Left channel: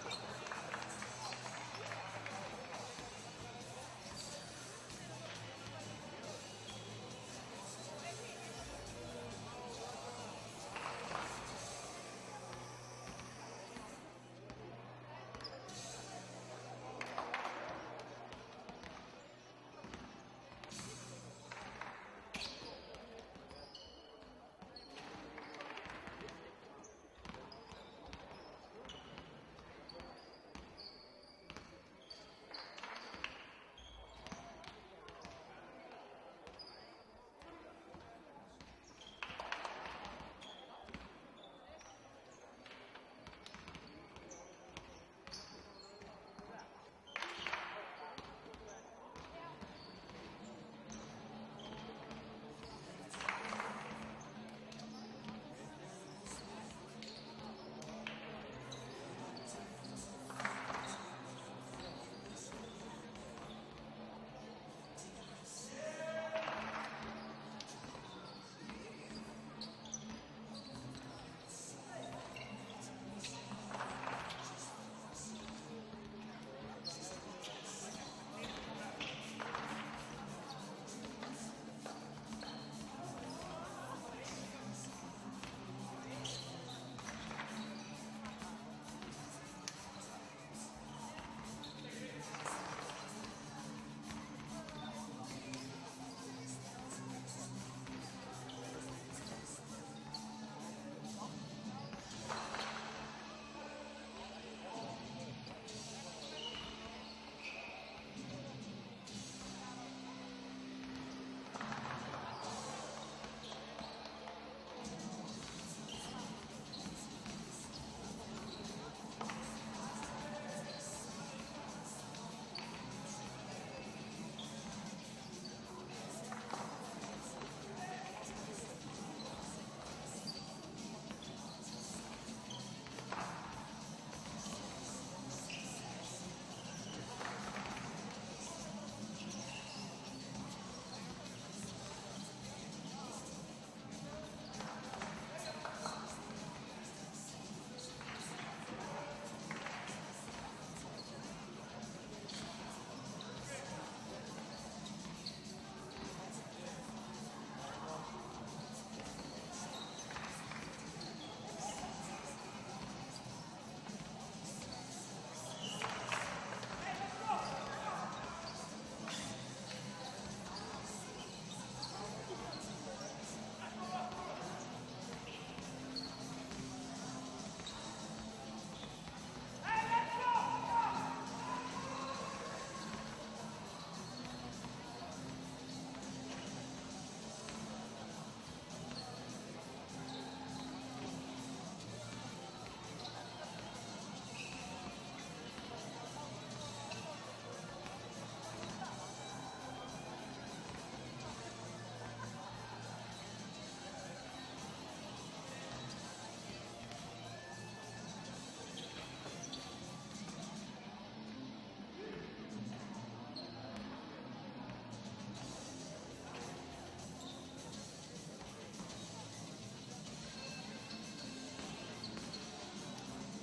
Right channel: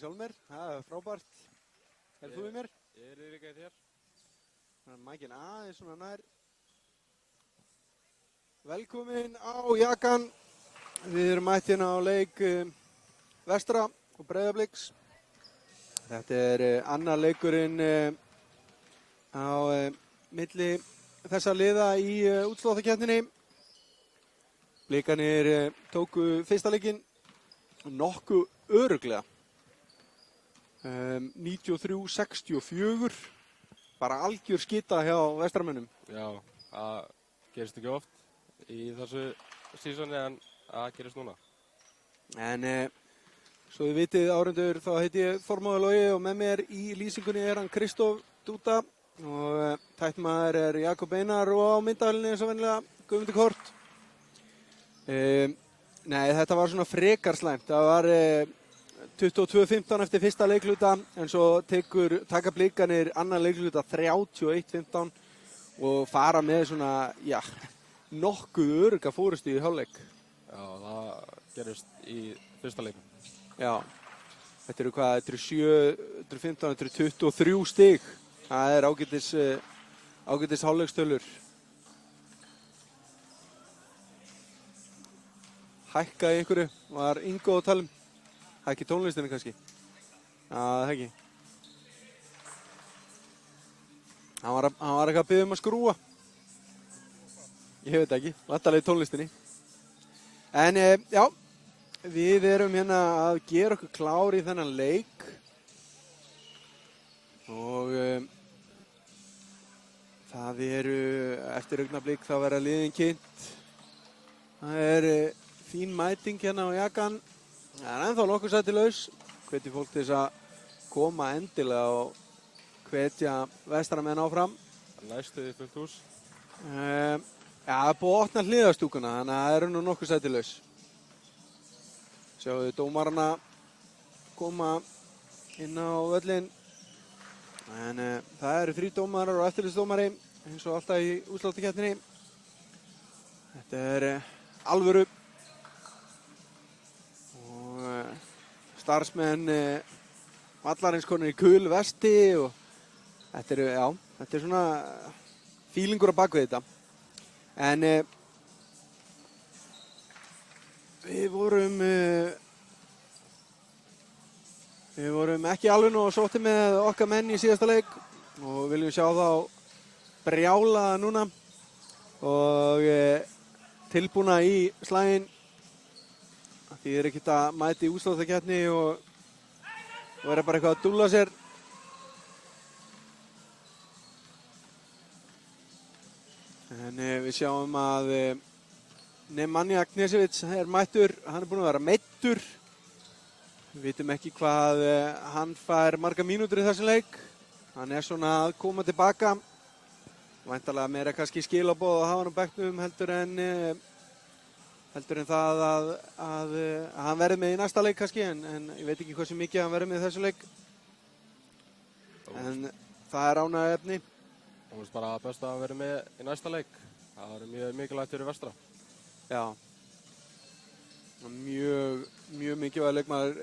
Sólmer, það er frábært. Það er Sólmer. Mækinn aðeins svona nær. Velkomin á Jakan. Við erum mætt hérna á leik Vestra og Breiðabliks. Þetta er annar leikurinn á milli þessa liða í útsláttarkeppninni. Blikarnir tóku fyrsta leikinn nokkuð örugglega. 93-64. Bara algjör skita hjá Vestramönnum. Já, það gerist ekki oft í þessu sísoni en það gerist núna. En svo þið vitið áhorfendur, þá heiti ég Þormóður Logi og með mér í lýsingunni er hann Kristóf Dúta og tæknimaður er Jakob Einar og á myndavélinni eins og venjulega Guðmundur Kort. Nei, þetta var svona frekar slæmt. Það var 22-15 eftir fyrsta leikluta en svo taka Blikarnir annan leikluta 31-15 og fara með svona, já, nokkuð örugga fórustu í hálfleik. Já, það gerist í fyrsta leik. Já, þetta eru hvað, þetta eru 7, þetta eru 23 stig. Það er ágætis hálfleikstölur. Hækkaði einhverju, var Ingo að tala um. Það er ekki tónlistinni kannski. Já, það er ekki. Hann var eitthvað að biðja um að skrúa. Ég veit ekki, vantarlega í tónlistinni. En já, við erum hérna að gera okkur klár í þennan leik. Og það eru, eftir augnablik þá verða liðin kynnt. Það er fín mæting hérna á Jakan. Það er ennþá nokkuð sæti laus. Hvetja fólk til þess að koma endilega og hvetja Vestramenn áfram. Læstu þið fullt hús? Já, það er búið að opna hliðarstúkuna, þannig að það eru nú nokkuð sæti laus. Sjáum við dómarana koma inn á völlinn. En það eru 3 dómarar og eftirlitsdómari eins og alltaf í útsláttarkeppninni. Þetta er alvöru. Starfsmenn vallarins konur í kul vesti og þetta er svona fílingur á bakvið þetta. En við vorum ekki alveg nú sótti með okkar menn í síðasta leik og viljum sjá þá brjála núna og tilbúna í slaginn. Því er ekkert að mæti í útsláttarkeppni og vera bara eitthvað að dúlla sér. En við sjáum að Nemanja Knežević er mættur, hann er búinn að vera meiddur. Við vitum ekki hvað hann fær marga mínútur í þessum leik. Hann er svona að koma tilbaka. Væntanlega meira kannski skilaboð að hafa hann á bekknum heldur en það að hann verði með í næsta leik kannski, en ég veit ekki hversu mikið hann verði með í þessu leik. En það er ánægjuefni. Það var bara best að vera með í næsta leik. Það var mjög mikilvægt fyrir Vestra. Já. Mjög mikilvæg leikmaður,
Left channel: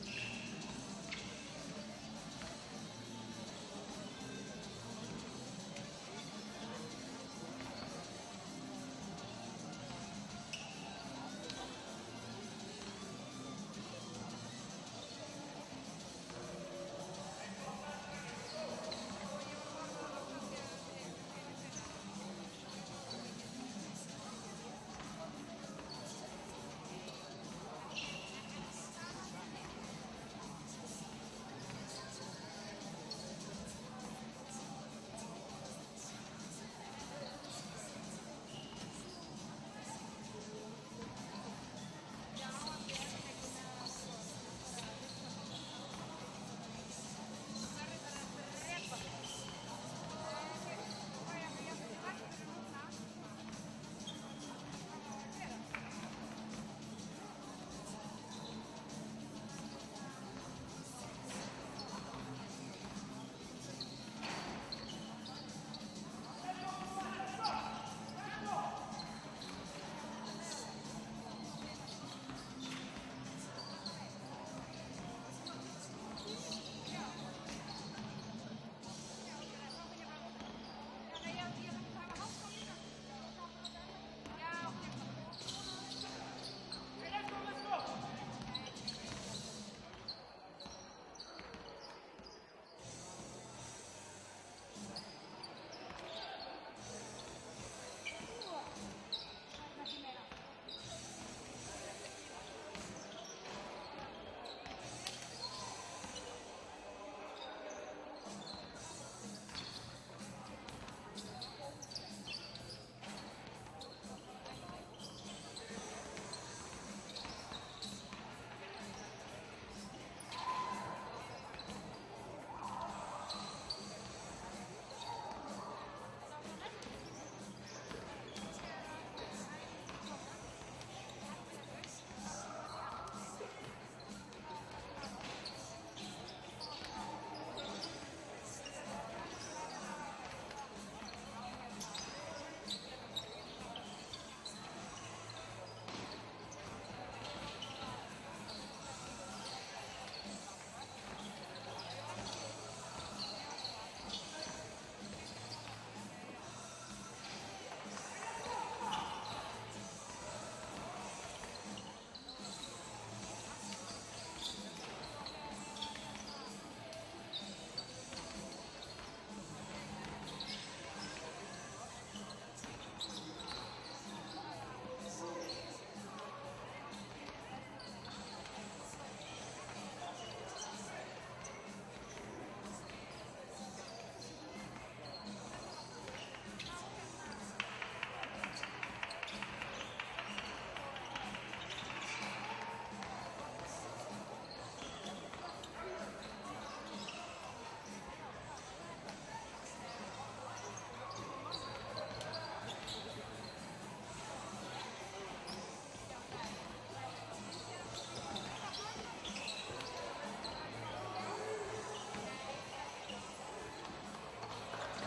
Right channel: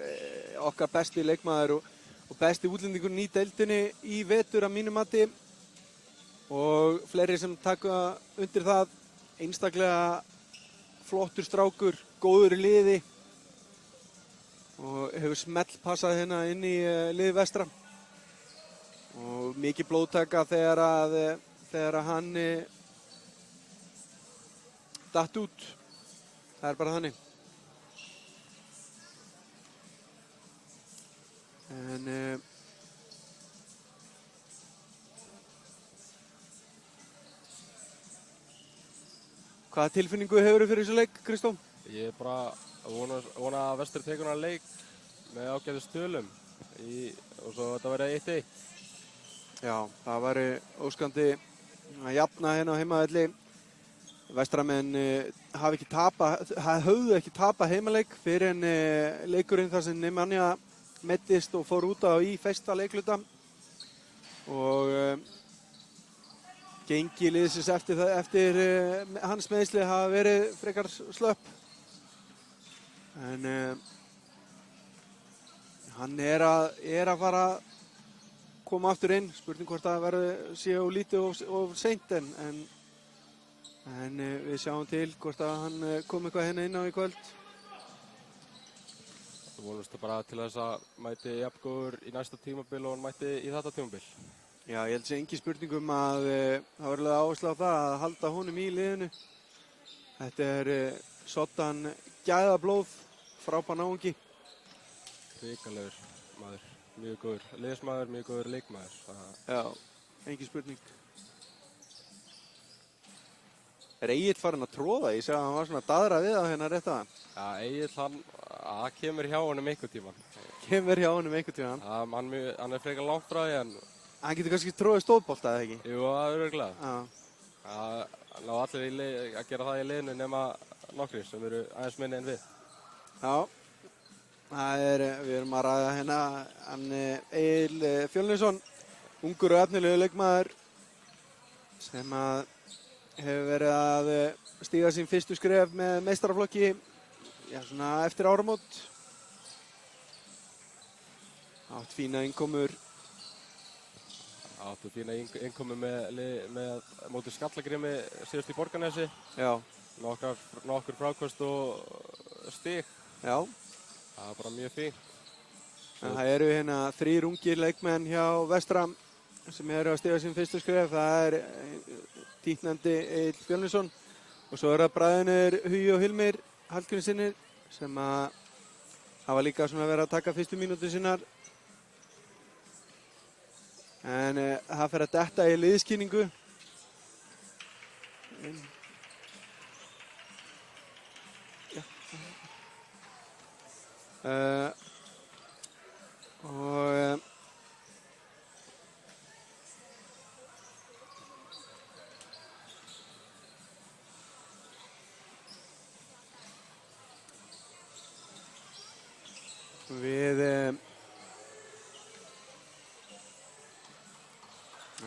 okkar besti leikmaður og besti útlendingurinn í deildinni í vetur að mínu mati. Og fleiri sem taka undir það, einstaklega flottur strákur, góður í liði og hefur smellpassað hérna inn í liði Vestra og mikið blóðtaka þegar hann datt út. Það er bara þannig. En hvaða tilfinningu hefur þið fyrir þessu leik, Kristó? Ég er bara að vona að Vestur tekur hann leik með ágætis tölum og svo þetta verði 1-1. Já, það væri óskandi að jafna hérna á heimavelli. Vestramenn höfðu ekki tapað heimaleik fyrir en leikurinn þar sem Nemanja meiddist og fór út á í fyrsta leikluta og gengi liðsins eftir hans meiðsli hafa verið frekar slöpp. En Hann er að fara að koma aftur inn. Spurning hvort það sé of lítið of seint en við sjáum til hvort að hann kom eitthvað hérna inn á í kvöld. Það vonumst bara til þess að mæti jafngóður í næsta tímabil og hann mæti í þetta tímabil. Já, ég held sé engin spurningum að það var alveg áherslu á það að halda honum í liðinu. Þetta er soddan gæðablóð, frábær náungi. Ríkalegur maður, mjög góður liðsmaður, mjög góður leikmaður. Já, engin spurning. Er Egill farinn að tróða? Ég segi að hann var svona að daðra við á hérna rétt að hann. Já, Egill það kemur hjá honum einhvern tíma. Kemur hjá honum einhvern tíma. Hann er frekar langt frá því en hann getur kannski tróðið stóðbolta eða ekki? Jú, það er örugglega. Já. Það ná allir að gera það í liðinu nema nokkrir sem eru aðeins minni en við. Já. Við erum að ræða hérna hann Egill Fjölnisson, ungur og efnilegu leikmaður sem að hefur verið að stíga sín fyrstu skref með meistaraflokki svona eftir áramót. Átt fína innkomur. Áttu fína innkomu með móti Skallagrimi síðust í Borgarnesi. Já. Nokkur fráköst og stig. Já. Það var bara mjög fínt. En það eru hérna 3 ungir leikmenn hjá Vestra sem eru að stíga sín fyrstu skref. Það er títtnefndi Egill Fjölnisson og svo eru það bræðurnir Hugi og Hilmir Hallgrímssynir sem að hafa líka svona verið að taka fyrstu mínútur sínar. En það fer að detta í liðskynningu.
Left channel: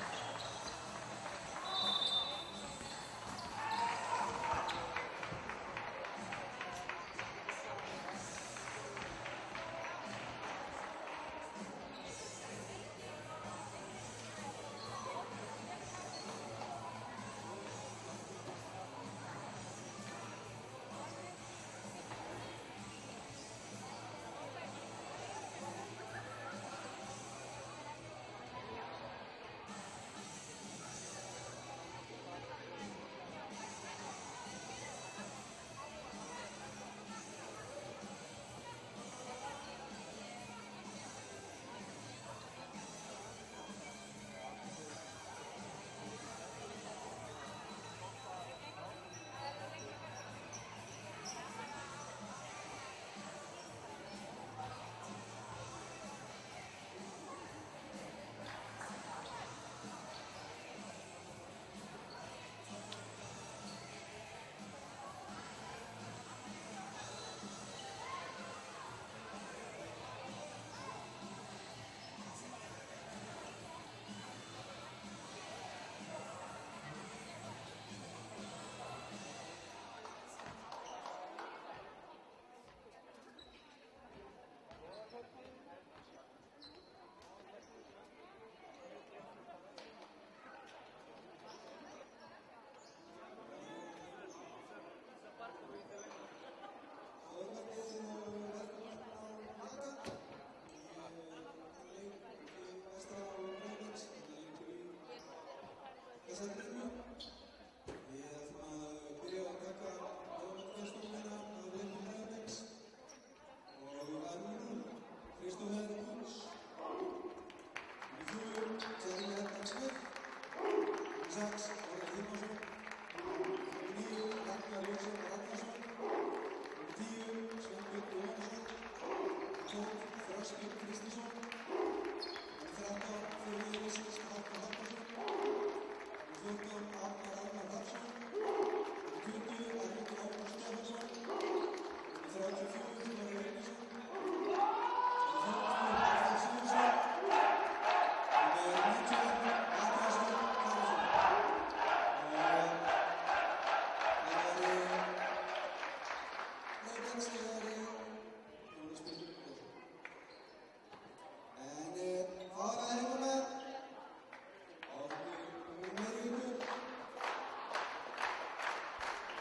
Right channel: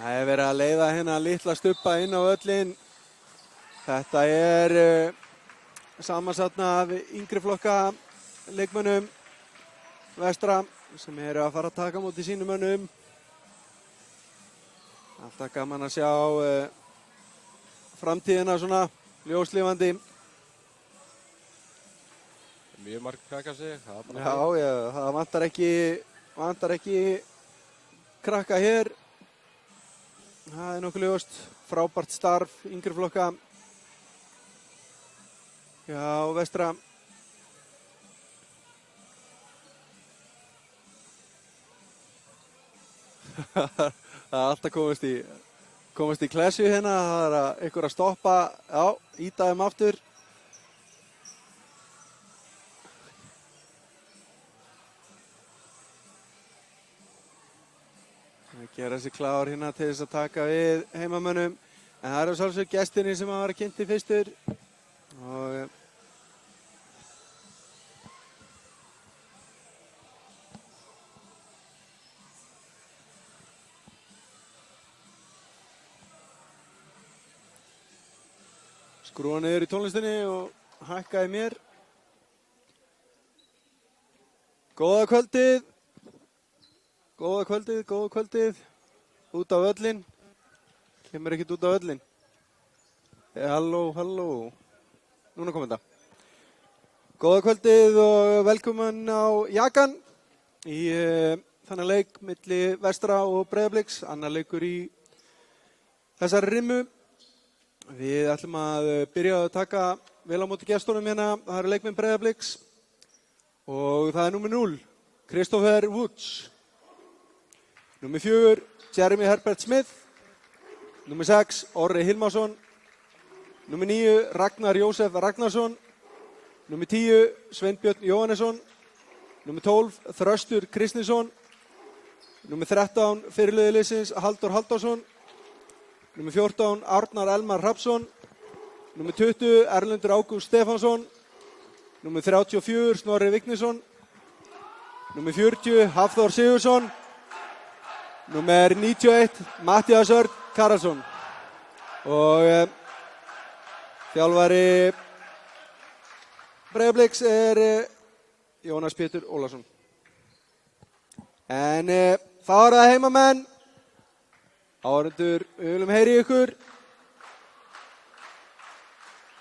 Það er verið að leiða hérna litla stubba inn á völlinn. Þetta er samansatna af yngri flokka leikmönnum Vestra sem eru að fara að taka á móti sínum mönnum. Alltaf gaman að sjá framtíðina svona ljóslifandi. Mjög margir krakka sig. Já, það vantar ekki krakka hér. Það er nokkuð ljóst. Frábært starf yngri flokka. Já, Vestra. Það er alltaf komast í klessu hérna. Það er einhver að stoppa. Já, íta þeim aftur. Gera sig klár hérna til þess að taka við heimamönnum. En það eru sjálfsög gestinni sem að vera kynnti fyrstur. Og skrúa niður í tónlistinni og hækka í mér. Góða kvöldið. Góða kvöldið, góða kvöldið. Út á völlinn. Kemur ekkert út á völlinn. Halló, halló. Núna kom þetta. Góða kvöldið og velkomin á Jakan í þannig leik milli Vestra og Breiðabliks. Annar leikur í þessari rimmu. Við ætlum að byrja að taka vel á móti gestunum hérna. Það eru leikmenn Breiðabliks og það er númer 0, Christopher Woods. Númer 4, Jeremy Herbert Smith. Númer 6, Orri Hilmarsson. Númer 9, Ragnar Jósef Ragnarsson. Númer 10, Sveinbjörn Jóhannesson. Númer 12, Þröstur Kristinsson. Númer 13, fyrirliði liðsins Halldór Halldórsson. Númer 14, Árnar Elmar Hrafnsson. Númer 20, Erlendur Ágúst Stefánsson. Númer 34, Snorri Vignisson. Númer 40, Hafþór Sigurðsson. Númer 91, Matthías Örn Karlsson. Og þjálfari Breiðabliks er Jónas Pétur Ólafsson. En þá er það heimamenn. Áhorfendur, við viljum heyri ykkur.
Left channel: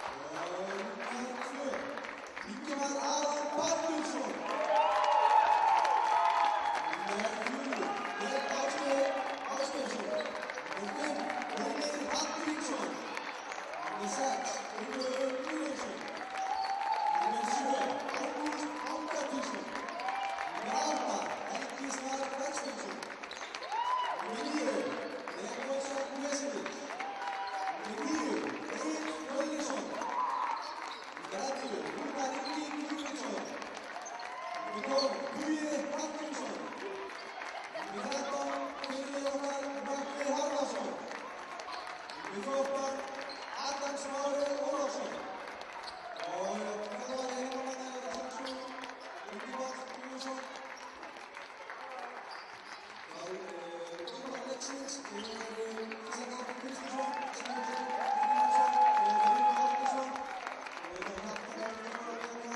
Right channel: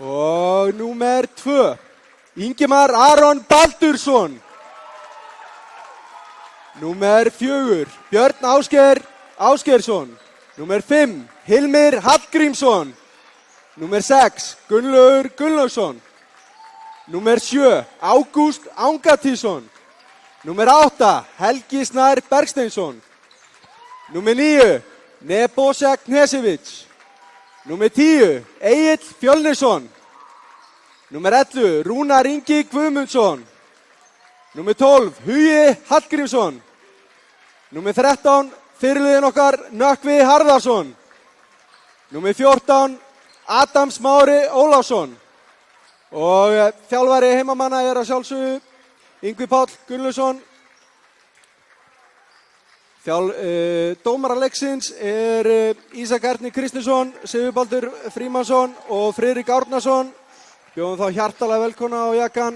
Og númer 2, Ingimar Aron Baldursson. Númer 4, Björn Ásgeir Ásgeirsson. Númer 5, Hilmir Hallgrímsson. Númer 6, Gunnlaugur Gunnlaugsson. Númer 7, Ágúst Angatísson. Númer 8, Helgi Snær Bergsteinsson. Númer 9, Nebojša Knežević. Númer 10, Egill Fjölnisson. Númer 11, Rúnar Ingi Guðmundsson. Númer 12, Hugi Hallgrímsson. Númer 13, fyrirliðinn okkar, Nökkvi Harðarsson. Númer 14, Adam Smári Ólafsson. Og þjálfari heimamanna er að sjálfsögðu Yngvi Páll Gunnlaugsson. Dómarar leiksins er Ísak Erni Kristinsson, Sigurbaldur Frímannsson og Friðrik Árnason. Bjóðum þá hjartalega velkomna á jakkan.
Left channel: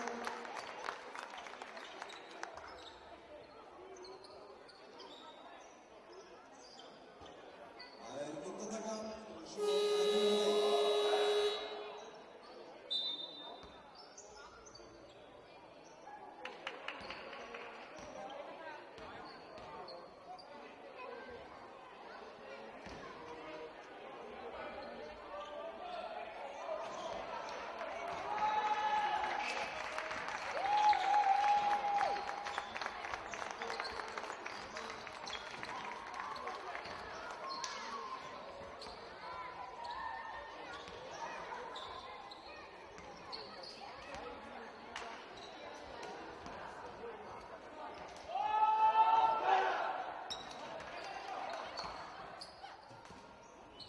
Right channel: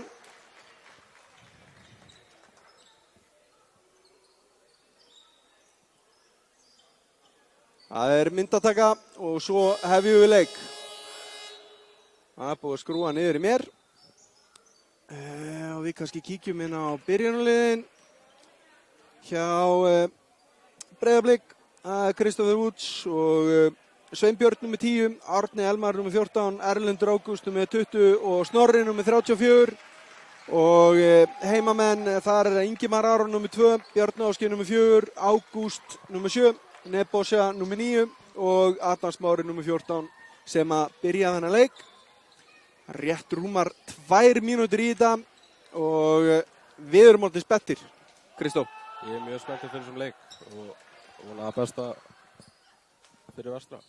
Það er myndataka og svo hefjum við leik. Það er búið að skrúa niður í mér. Og við kannski kíkjum inn á byrjunarliðin hjá Breiðablik. Það er Kristoffer Woods og Sveinbjörn nr. 10, Árni Elmar nr. 14, Erlendur Ágúst nr. 20 og Snorri nr. 34. Og heimamenn, þar er Ingimar Aron nr. 2, Björn Ásgeir nr. 4, Ágúst nr. 7, Nebojša nr. 9 og Adam Smári nr. 14 sem að byrja þennan leik. Rétt rúmar 2 mínútur í þetta og við erum orðið spenntir, Kristó. Ég er mjög spenntur fyrir þessum leik og vona það besta fyrir Vestra.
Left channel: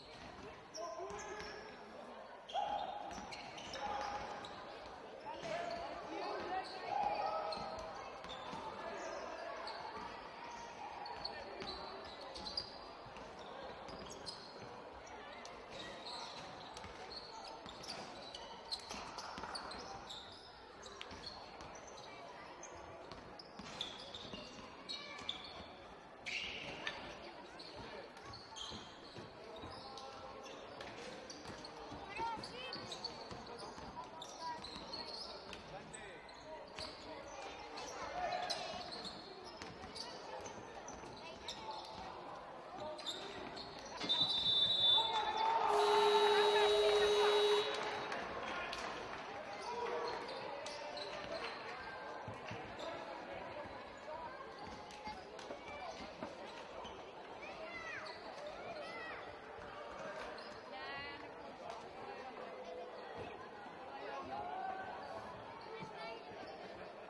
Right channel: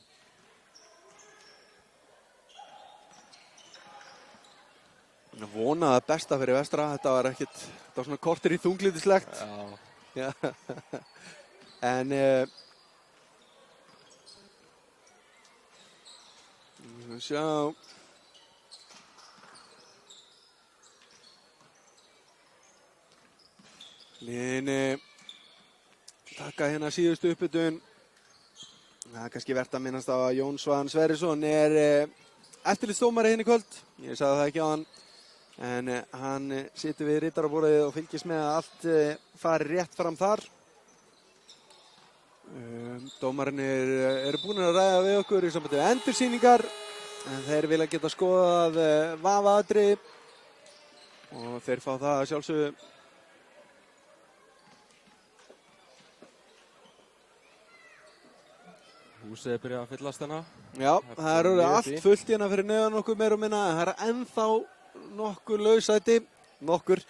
Vona það besta fyrir Vestra, þetta var ekkert, þetta var svona korter í þunglitislegt. Já. En sjá. Liðin taka hérna síðustu uppbytun. Það er kannski vert að minnast á að Jón Svan Sverrisson er eftirlitsdómari hérna í kvöld. Ég sagði það ekki á hann. En hann situr við ritaraborðið og fylgist með að allt fari rétt fram þar. Dómararnir eru búin að ræða við okkur í sambandi við endursýningar. Þeir vilja geta skoðað vafaatriði og þeir fá það að sjálfsögðu. Húsið er byrjað að fyllast hérna. Já, það er orðið allt fullt hérna fyrir neðan okkur meira og minna. En það er ennþá nokkur lausæti, nokkur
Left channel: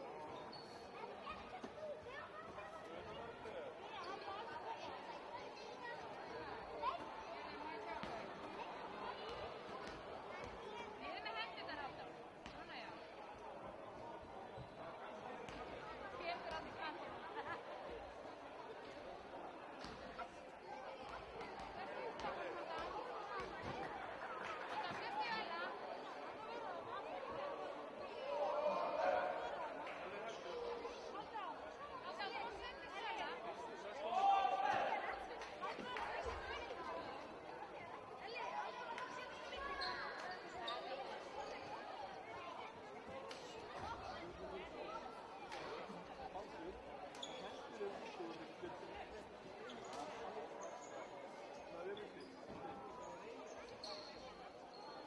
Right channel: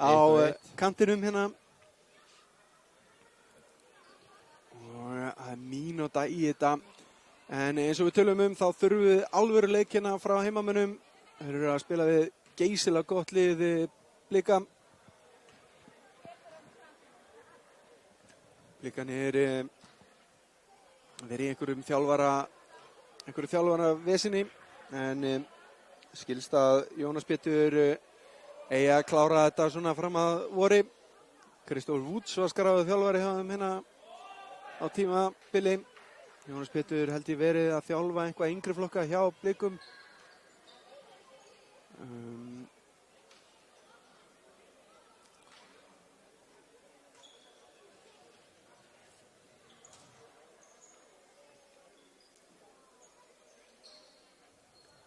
á kantinum hérna. Og það er mínúta í þetta. En eins og við tölum þá þurfum við alvöru leik hérna frá heimamönnum. Þeir eru að spila við geysilega gott lið Blika. Blikan er í einhverju þjálfara vesinni, en skilst að Jónas Pétur eigi að klára þetta svona fram að vori. Kristoffer Woods var skráður þjálfari hjá þeim hérna á tímabili. Jónas Pétur held ég verið að þjálfa einhvað yngri flokka hjá Blikum.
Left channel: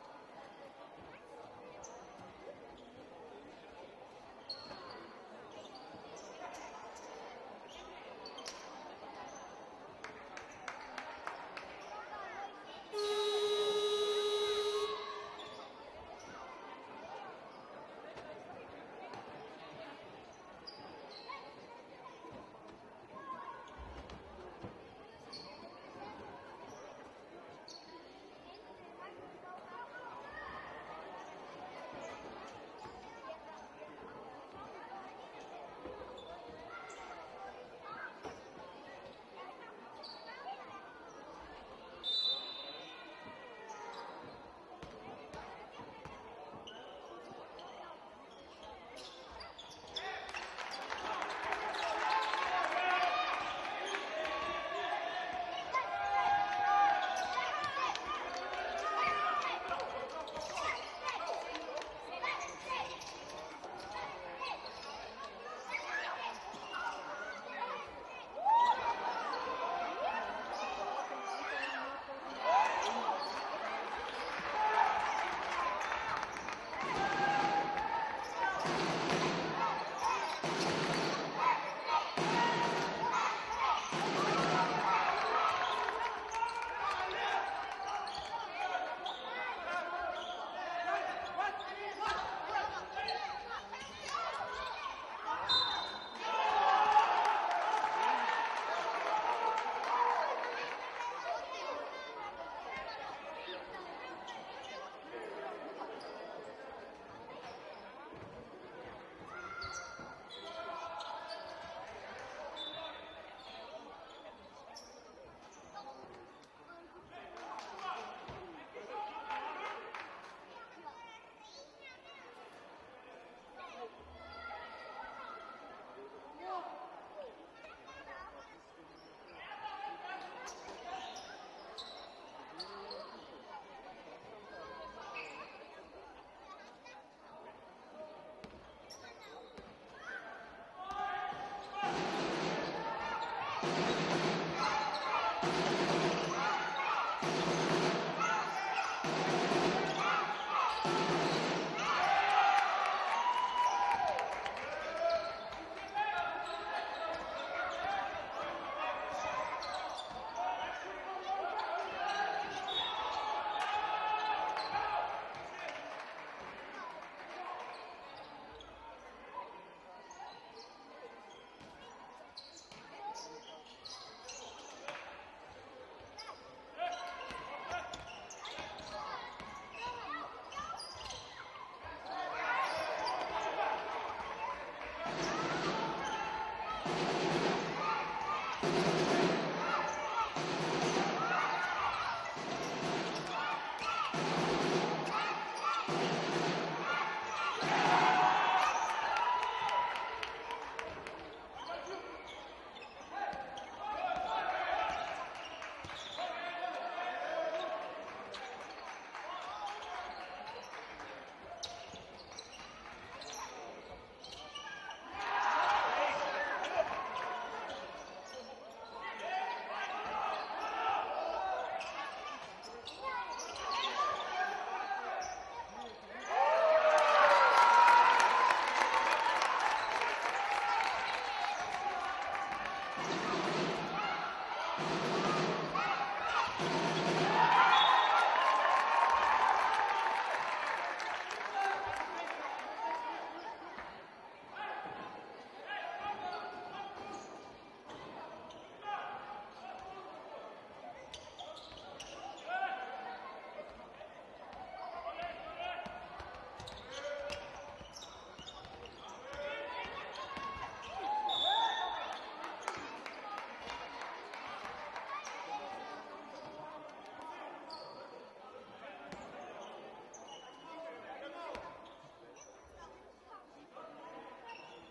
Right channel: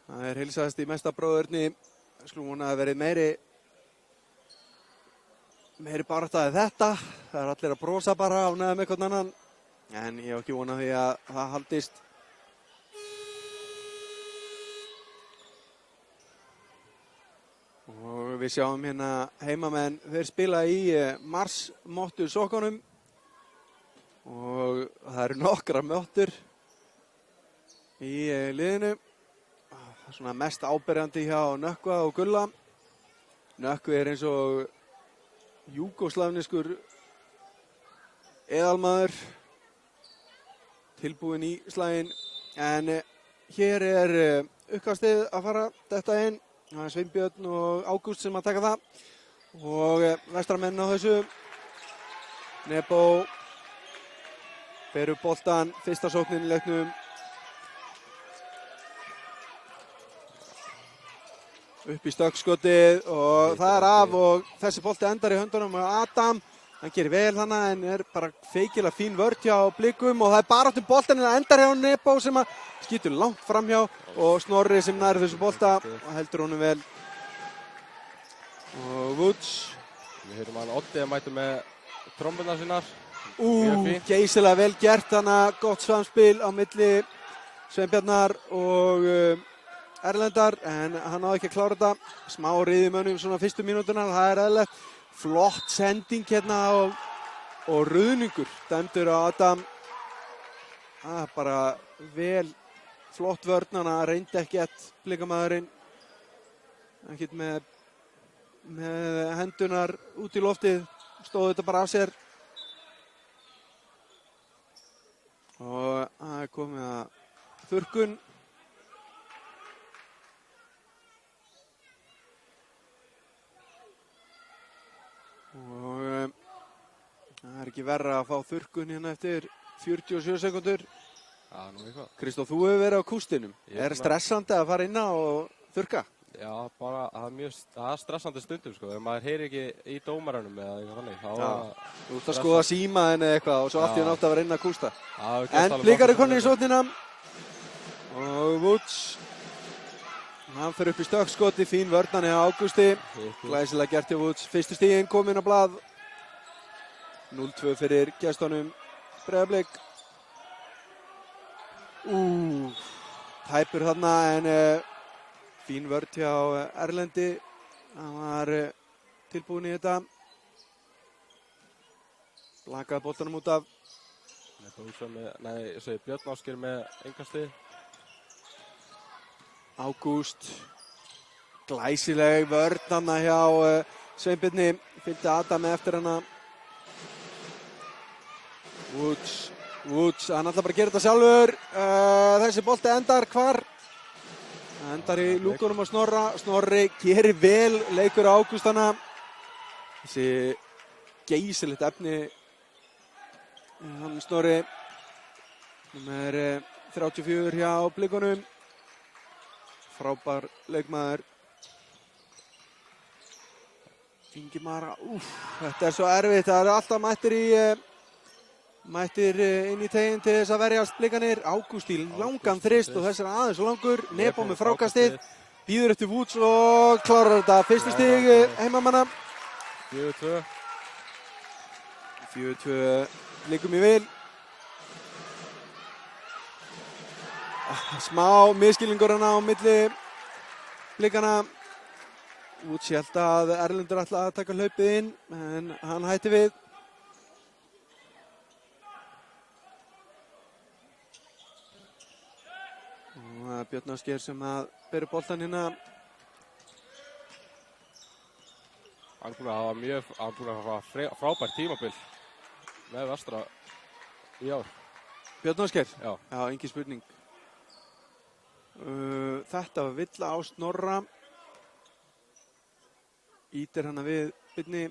Það er heilsaðast í mesta bróðurni. Skulum vona að verið meiri barátta en þetta. Það er allir að brosa bara ánægðir með hvern annan. En ég hef ekki vonað því að það haldist. Og við sjáum hérna heimamenn, þeir spila í Mars-mottu sokkunum. Og það eru nokkra mottur í liðinu. Svona mest áberandi hjá Nökkva og Gulla. Nökkvi er eins og júgóslavneskur eðalmaður, tilbúinn í slaginn. En hér er uppkastið að fara þetta inn. Það er Sveinbjörn og Ágúst sem að taka það. Og vestramenn á þessu Nebo fer upp boltan, fyrsta sóknin í leiknum. Upp í stökkskotið og það er af og þessi bolti endar í höndunum á Adam. Hann gerir vel þannig en er bara feikilega fín vörn hjá Blikum og það er baráttu boltan en það endar hjá Nebo sem að skýtur langt framhjá og Snorri sem nær þessu bolta og heldur honum vel. Og Woods. Við höfum hann Oddið mæti með trommuna sínar. Geysilega vel gert þannig að gott samspil á milli Sveinbjarnar og Erlendar en hann náði ekki að klára þetta. Smá riðimönnum svona fyrstu mínúturnar, það er eðlilegt. Flott sending hérna og ruðningur dæmdur á Adam. Það er bara vel flott vörn, hann reyndi ekkert Blikamaðurinn. Ekkert með hendunar út í loftið, stóð þetta bara af sér. Og það er komið að þurrkun. Og það er ekki verra að fá þurrkun hérna eftir 47 sekundur. Já, nú eitthvað. Kristóf, þú hefur verið á kústinum. Er stressandi að fara inn á og þurrka? Já, bara það er stressandi stundum sko. Ef maður heyrir ekki í dómaranum eða eitthvað þannig, þá Þú ert að skoða símaðinn eða eitthvað og svo allt í nátt að vera inn að kústa. Já, En Blikar er konur í sóknina. Og Woods. Hann fer upp í stökkskoti, fín vörn hjá Ágústi. Glæsilega gert hjá Woods. Fyrstu stiginn komin á blað. 0-2 fyrir gestunum Breiðablik. Tæpur þarna en fín vörn hjá Erlendi. Hann var tilbúinn í þetta. Blakaði boltanum út af. Björn Ásgeir með engastið. Ágúst. Glæsileg vörn þarna hjá Sveinbirni. Fylgdi Adam eftir hana. Woods, hann ætlar bara að gera þetta sjálfur. Þessi bolti endar hvar? Endar í lúkunum á Snorra. Snorri gerir vel, leikur á Ágúst hana. Þessi geysilegt efni. Hann Snorri. Hann er 34 hjá Blikunum. Frábær leikmaður. Ingimara, þetta er svo erfitt. Það eru alltaf mættir inn í teginn til þess að verjast Blikanir. Ágúst í langan þrist og þess er aðeins langur. Nebo með frákastið. Býður eftir Woods og klárar þetta. Fyrstu stig heimamanna. 4-2. 4-2 Blikum í vil. Smá miskilningur hana á milli Blikana. Woods held að Erlendur ætlaði að taka hlaupið inn en hann hætti við. Það er Björn Ásgeir sem að bera boltan hérna. Hann var frábært tímabil með Vestra í ár. Björn Ásgeir? Já. Já, engin spurning. Þetta var villa á Snorra. Ítir hana við Birni.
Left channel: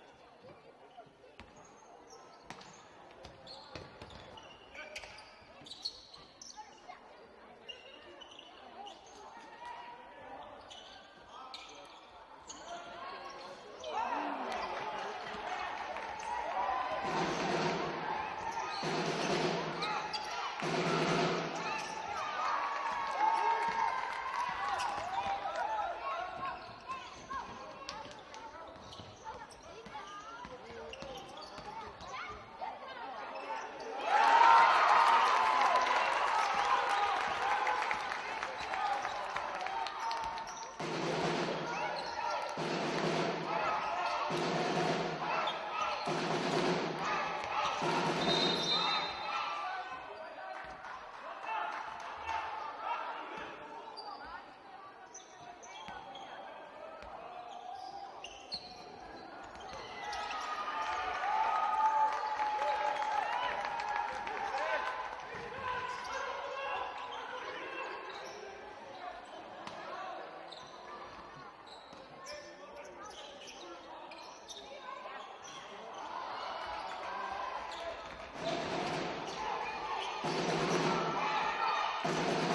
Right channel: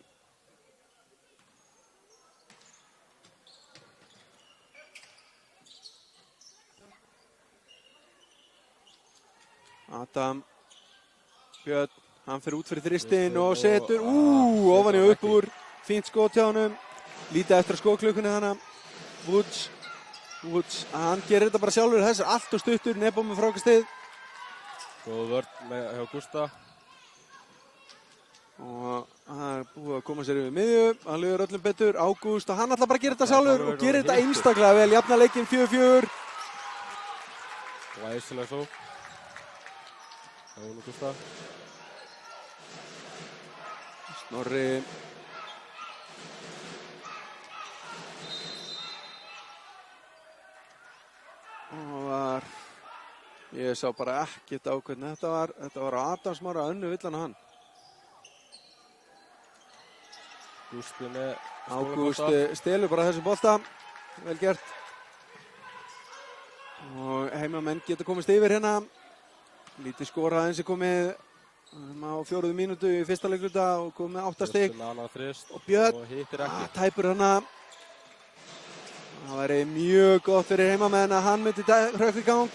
Adam. Björn, hann fer út fyrir þristinn og setur ofan í og upp úr. Fínt skot hjá honum. Lítið eftir skotklukkunni hana. Woods, hann gerir þetta bara sjálfur. Þessi er allt og stuttur, Nebo með frákastið. Góð vörn hjá Gústa. Og það er búið að koma sér yfir miðju. Hann líður öllum betur. Ágúst, og hann ætlar bara að gera þetta sjálfur og gerir þetta einstaklega vel. Jafna leikinn 4-4. Glæsilega svo. Snorri. Ég sá bara ekkert á hvernig þetta var. Þetta var Adam Smára önnu villan á hann. Ágúst stelur bara þessu bolta. Vel gert. Og heimamenn geta komist yfir hérna. Lítið skora aðeins er komið á 4. mínútu í fyrsta leikluta og komið með 8 stig. Nana þrist Og Björn, og hittir ekki. tæpur hana. Það væri mjög gott fyrir heimamenn að hann myndi hrökk í gang.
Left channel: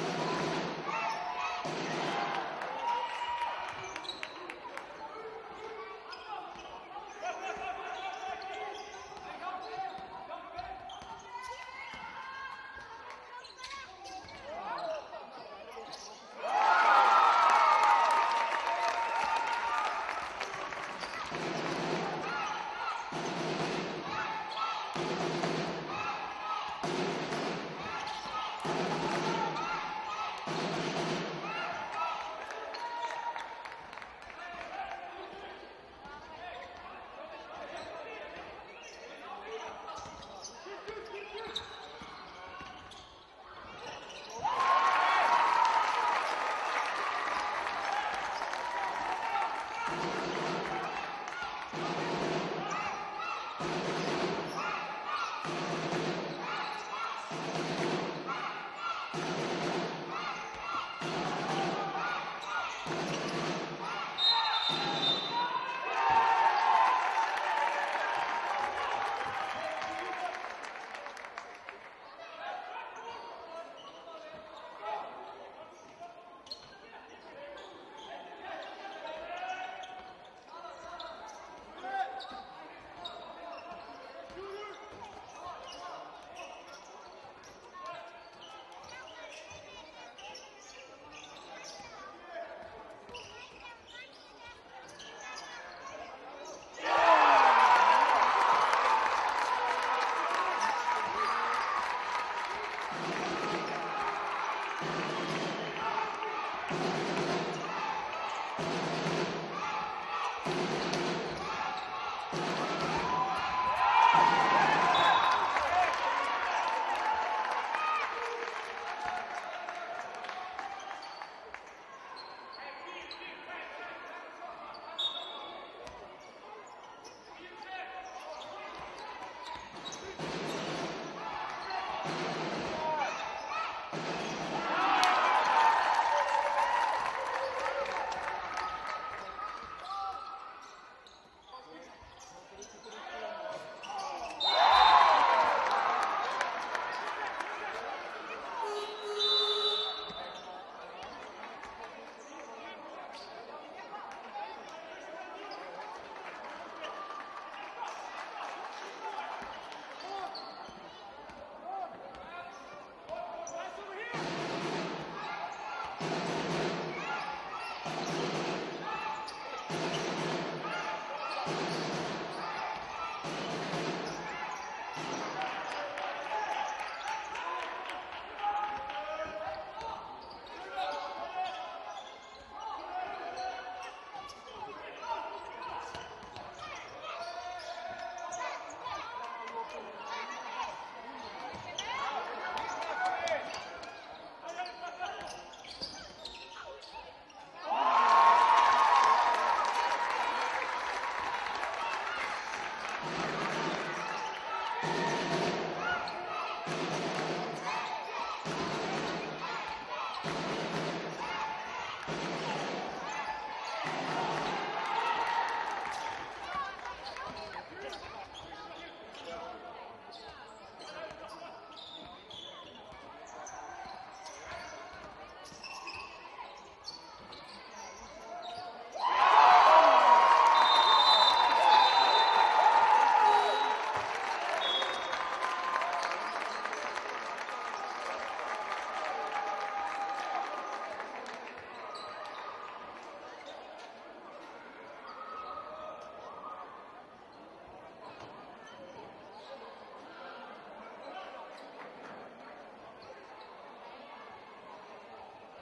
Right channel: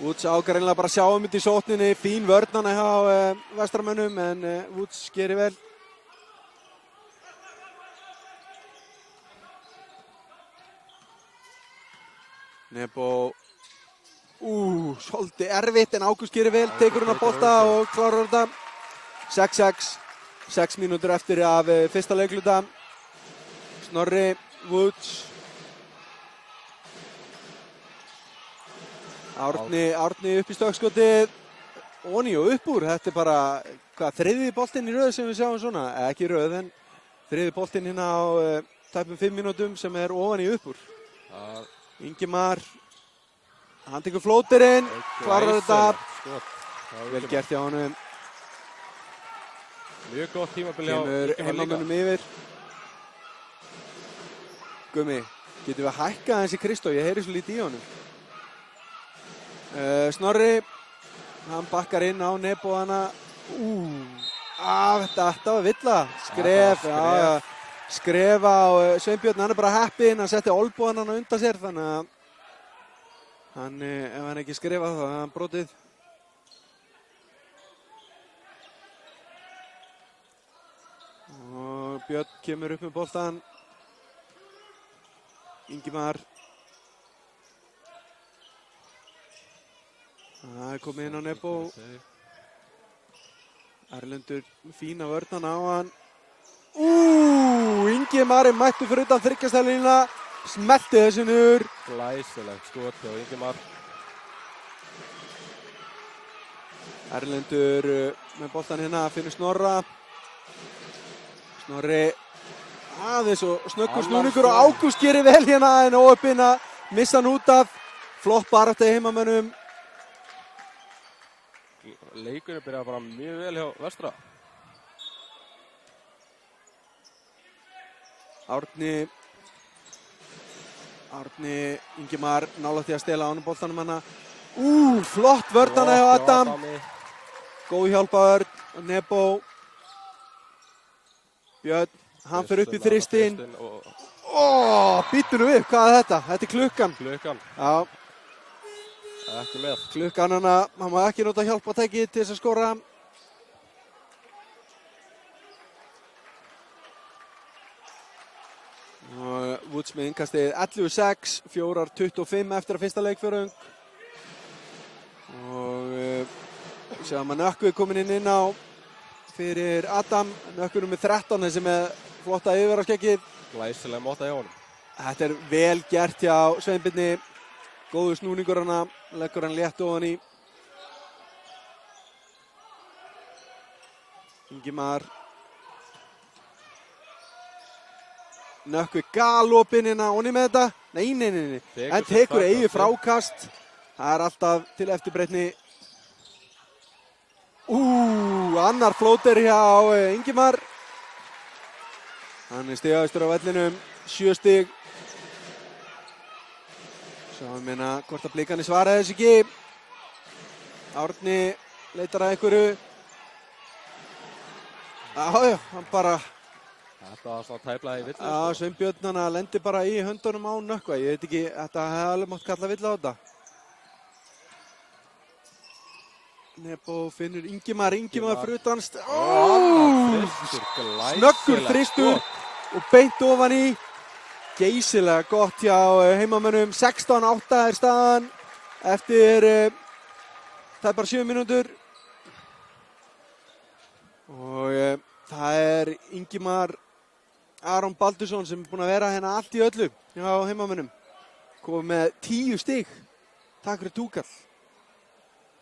Woods ágærilega bara að sjá um þetta í sókninni. Fín vörnana hjá Vestramönnum en Woods gerir vel. Nebo, svolítið erfitt en Ágúst gerir vel, tekur hann að bolta og klárar þetta. 6-6, 6 mínútur eftir af fyrsta leikluta. Snorri, Woods. Árni upp í stökkskotið. Oni og upp úr, þetta er bara, þriðji boltinn í röð sem við sjáum svona. Ekki röð, en þriðji boltinn hérna á tæpum 5 mínútum sem er ofan í upp úr. Ingimar, hann tekur flóterinn, klárar þetta. Vel gert hjá honum. Mjög gott tímabil hjá Kemur heimamönnum yfir. Gummi, getum við hækkað aðeins í Kristó, ég heyri svo lítið í honum. Snorri, hann bakkar inn á Nebo hana. Þetta var villa. Skref á Sveinbjörn, hann er bara heppinn, hann setti olnbogann hann undan sér, þannig að ef hann ekki skrifa þá er hann brotið. Og Björn kemur upp með boltann. Ingimar. Það er komið inn á Nebo. Erlendur fína vörn á hann. Ingimar er mættur fyrir utan þryggjastælínuna, smelti þessu niður. Glæsilegt skot og Ingimar. Erlendur með boltan hérna, finnur Snorra. Snorri aðeins og snöggur snúningur og Ágúst gerir vel hérna en óöppinn að missa hann út af. Flott barátta í heimamönnum. Leikurinn byrjaði bara mjög vel hjá Vestra. Árni, Ingimar nálægt því að stela ánum boltanum hana. Flott vörðana hjá Adam. Góð hjálpaður, Nebo. Björn, hann fer upp í þristinn. Býttu nú upp, hvað er þetta? Þetta er klukkan. Já. Ekki með. Klukkan hana, hann má ekki nota hjálpatæki til þess að skora. Woods með innkastið 11-6, 4:25 eftir að fyrsta leikfjörðung. Og sjáum að Nökkvi kominn inn á fyrir Adam. Nökkvi með 13, þessi með flotta yfirvaraskeggið. Glæsilega móta hjá honum. Þetta er vel gert hjá Sveinbirni. Góður snúningur hana, leggur hann létt ofan í. Ingimar. Nökkvi galopinn hérna, onni með þetta. Nei. En tekur eigi frákast. Það er alltaf til eftirbreytni. Annar flóter hjá Ingimar. Hann er stigaðistur á vellinum, 7 stig. Svo hann minna hvort að Blikarnir svara þessu ekki. Árni leitar að einhverju. Já, hann bara... Þetta var svona tæplaði í villu. Já, Sveinbjörn hana lendi bara í höndunum á Nökkva. Ég veit ekki, þetta hefði alveg mátt kalla villu á þetta. Nebo finnur Ingimar fyrir utan. Snöggur þristur og beint ofan í. Geysilega gott hjá heimamönnum. 16-8 er staðan eftir tæpar 7 mínútur. Og það er Ingimar Aron Baldursson sem er búinn að vera hérna allt í öllu hjá heimamönnum. Komið með 10 stig. Takk fyrir túkall.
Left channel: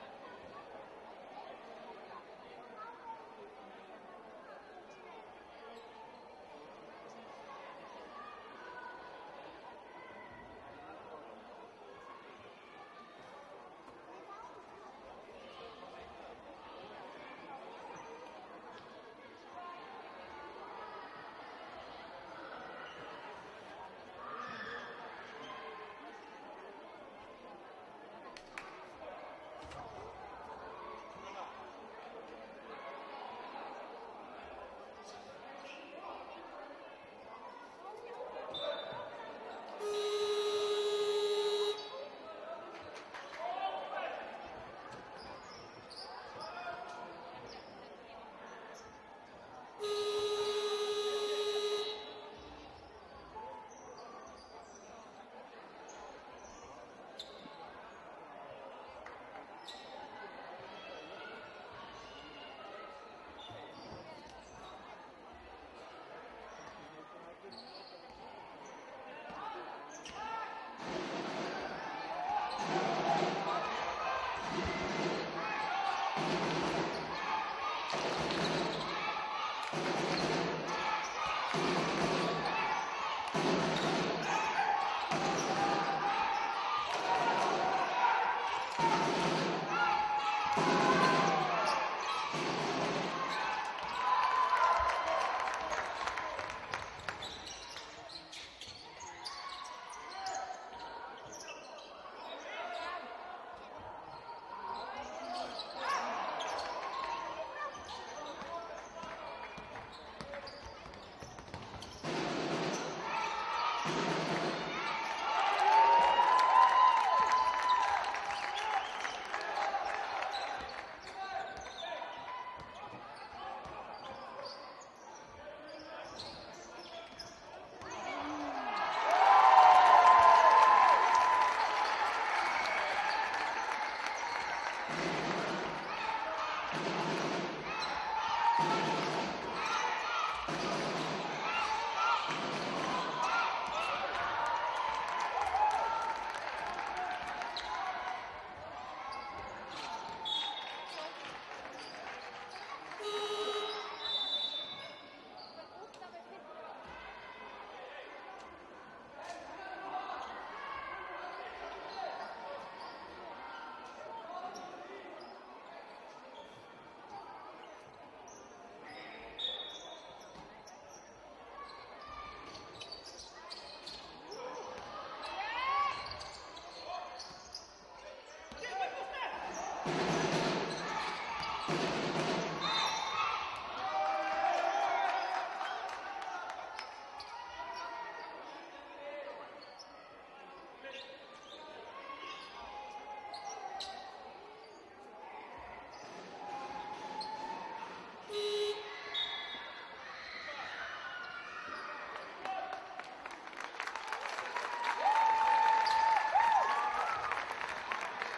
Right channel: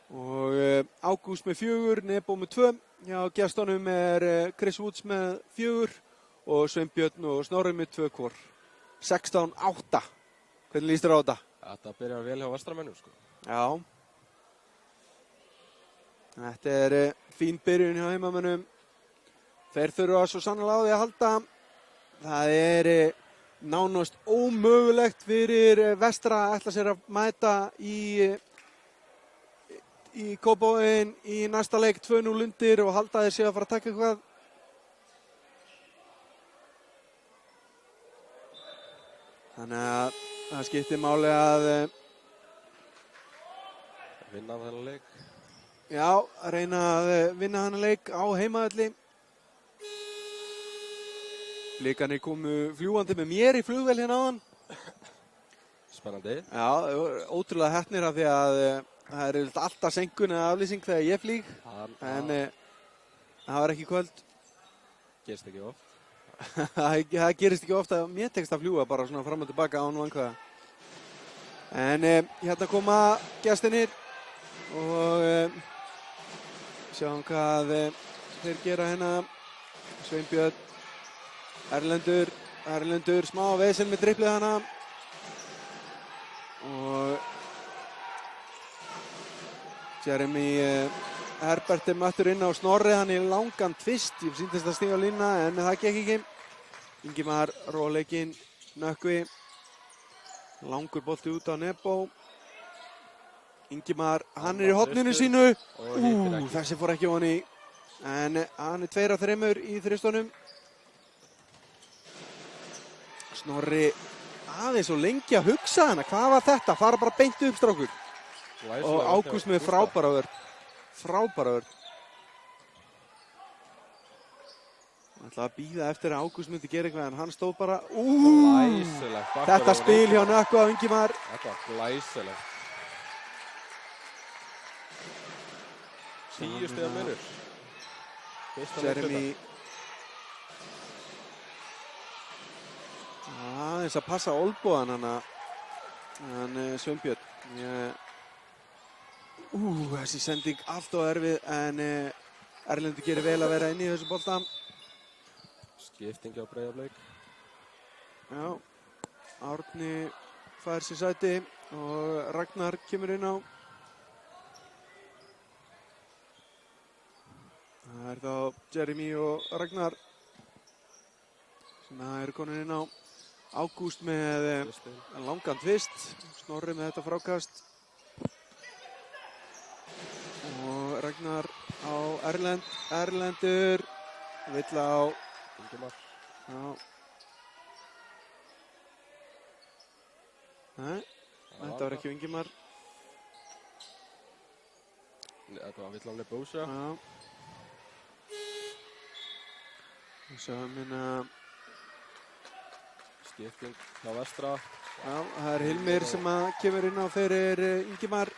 Og Ágúst með 4, Nebo með 2. Hjá gestunum er Chris Woods með 4 og Sveinbjörn og Snorri með 2 hvor. 16-8. Hvernig líst þér á þetta? Þetta byrjar vel hjá Vestramönnum, sko. Já. Þetta er fín byrjun hjá heimamönnum. Þeir þurfa svo sannlega á því að halda. Það er nánast ómögulegt fyrir Vestra að ætla sér að mæta í Kópavoginn í næsta leik 2-0 undir og halda þeir séu að fara að taka eitthvað. Þannig að það skiptir máli að Vinna þennan leik. já, reyna að vinna þennan leik á heimavelli. Blikarnir komu fljúgandi með mér í flugvél hérna áðan. Spennandi. Já, ótrúlega heppnir af því að það er alltaf senkun eða aflýsing þegar ég flýg. En það var ekki í kvöld. Gerist ekki oft. Það gerist ekki ofta að mér tekst að fljúga bara svona fram og tilbaka án vankvæða. En hérna koma gestirnir og sjáum hvað þeir gera hérna. Sveinbjörn, Erlendur, smá vesen með driblið hana. Og Jeremy Herbert mættur inn á Snorri, hann í langan tvist. Ég sýndist að stíga á línuna en það gekk ekki. Ingimar róleikinn, Nökkvi. Langur bolti út á Nebo. Ingimar, hann er í horninu sínu. Þessi fór ekki ofan í. En hann er 2 af 3 í þristunum. Snorri, það er svo lengi að hugsa hana. Hvað var þetta? Fara bara beint upp, strákur. Og Ágúst með frábæra vörn. Frábæra vörn. Ég ætla að bíða eftir að Ágúst myndi gera eitthvað en hann stóð bara. Þetta spil hjá Nökkvi á Ingimar. Þetta er glæsilegt. 10 stiga munur. Jeremy. Aðeins að passa olnbogann hann Sveinbjörn. Þessi sending allt og erfið en Erlendur gerir vel að vera inn í þessu bolta. Skipting á Breiðablik. Já, Árni fær sér sæti og Ragnar kemur inn á. Það er þá Jeremy og Ragnar sem eru konin inn á. Ágúst með langan tvist, Snorri með þetta frákast. Og Ragnar á Erlendur, vill á Ingimar. Nei, þetta var ekki Ingimar. Þetta var vill á Lebósa. Sjáum hérna skipting á vestra. Já, það er Hilmir sem kemur inn á fyrir Ingimar.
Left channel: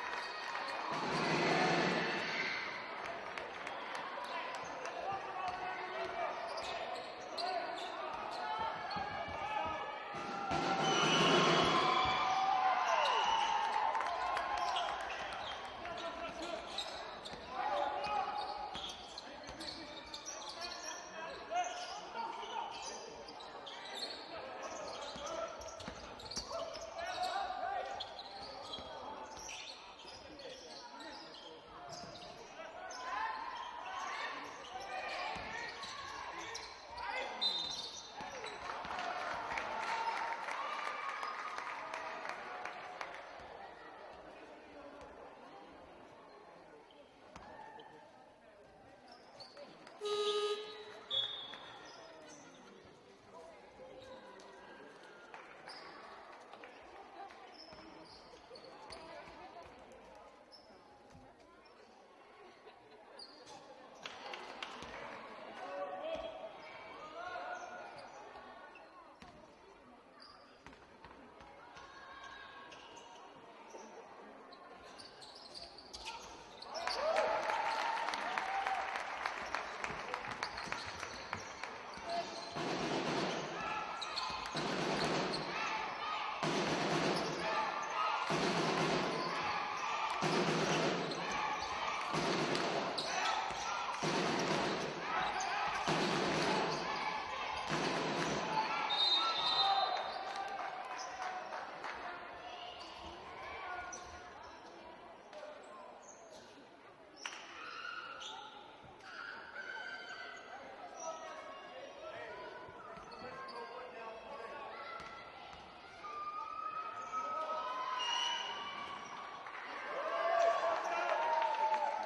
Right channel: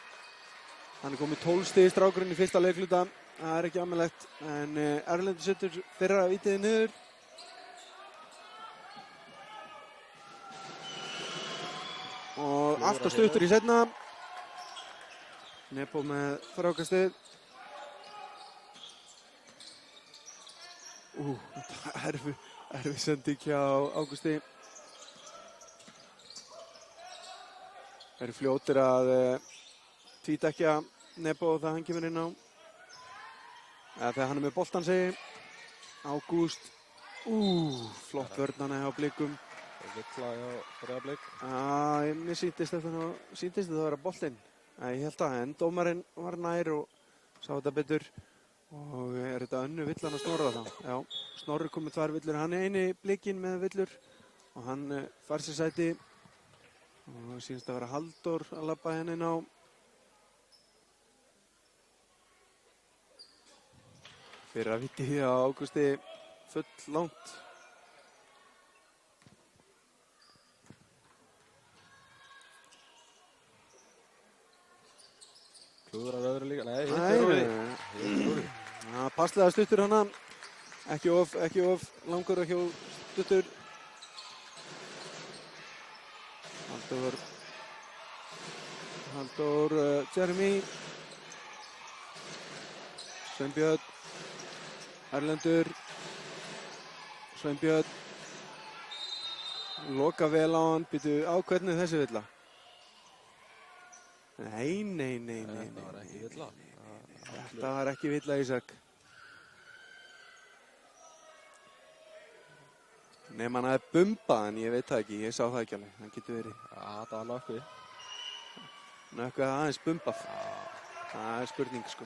Hann er komið 12 stig í strákurinn í fyrsta leikluta. Það er ekki ámælegt en Erlendur setur fyrra vítiði niður. Og alltaf stuttur í seinna. Nebo með frákastið. Erfið sending hjá Ágústi. Þeir eru fljótir að tvítekja Nebo þegar hann kemur inn á. Eða þegar hann er með boltan segi. Ágúst. Flott vörn hjá Blikum. Vill á Breiðablik. Mér sýndist þetta að vera boltinn. Ég held að en dómarinn var nær og sá þetta betur. Og er þetta önnu villan að Snorra það? Já, Snorri kom með 2 villur. Hann er eini Blikinn með villur og hann fær sér sæti. Og það sýnst að vera Halldór að labba henni inn á. Fyrra viti á Ágústi full langt. Klúðrar öðru líka. Nei. Passlega stuttur hana. Ekki of langur, ekki of stuttur. Halldór, Jeremy. Sveinbjörn. Erlendur. Sveinbjörn. Loka vel á hann. Býtu á hvernig þessi villa? Nei. Þetta var ekki villa. Þetta var ekki villa, Ísak. Nefn hann hafði bumbað en ég veit það ekki, ég sá það ekki alveg, það getur verið. Já, þetta var Nökkvi. Nökkvi aðeins bumbað. Það er spurning, sko.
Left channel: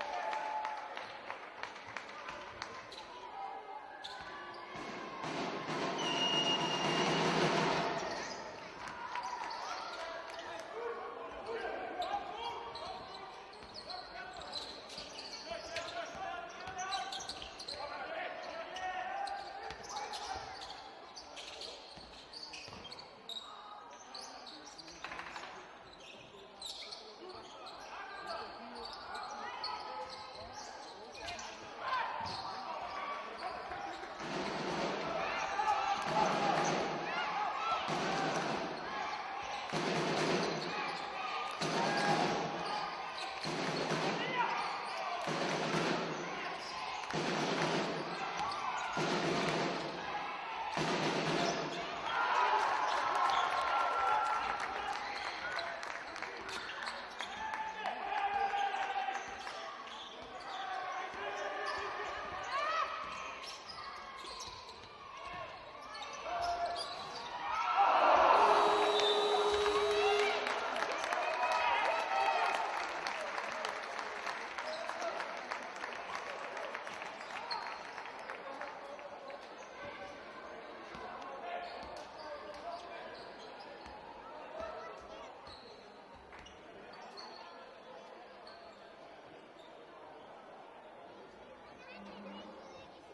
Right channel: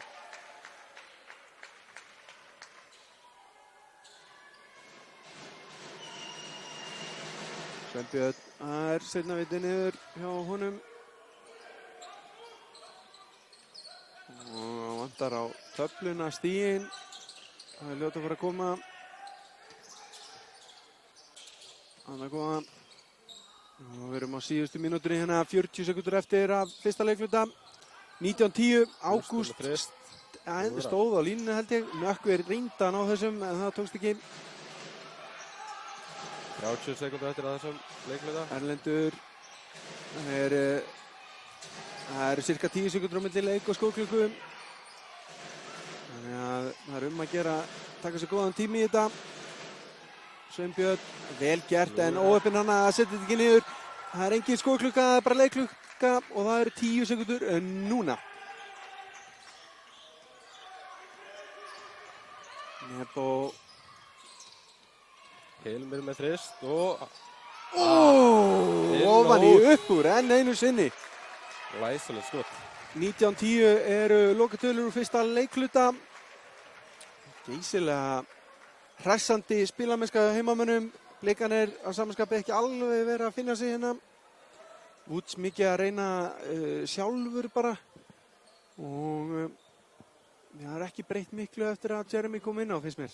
Sveinbjörn, það er seinna vitið niður hjá honum. Og vantar á töfluna stíginn. Það er ljótt að fara að koma. Þannig að góða. Og við erum á síðustu mínútur hérna, 40 sekundur eftir af fyrsta leikluta. 19:10, Ágúst stóð á línunni held ég. Nökkvi reynda að ná þessum, en það tókst ekki. 30 sekundur eftir að þessum leikluta. Erlendur það eru cirka 10 sekundur á milli leik og skóklíku. Þannig að það er að gera, taka sér góðan tími í þetta. Sveinbjörn, vel gert en óöppin hann að setja þetta ekki niður. Það er engin skóklukka, það er bara leikklukka og það eru 10 sekundur núna. Nebo Hilmir með þrist og ofan í upp úr enn einu sinni. Læsilegt skot. 19:10 eru lokatölur úr fyrsta leikluta. Geysilega hressandi spilamennska hjá heimamönnum. Leikarnir á samanskapi ekki alveg verið að finna sig hérna. Woods mikið að reyna sjálfur bara. Og það er ekki breytt miklu eftir að Jeremy kom inn á, finnst mér.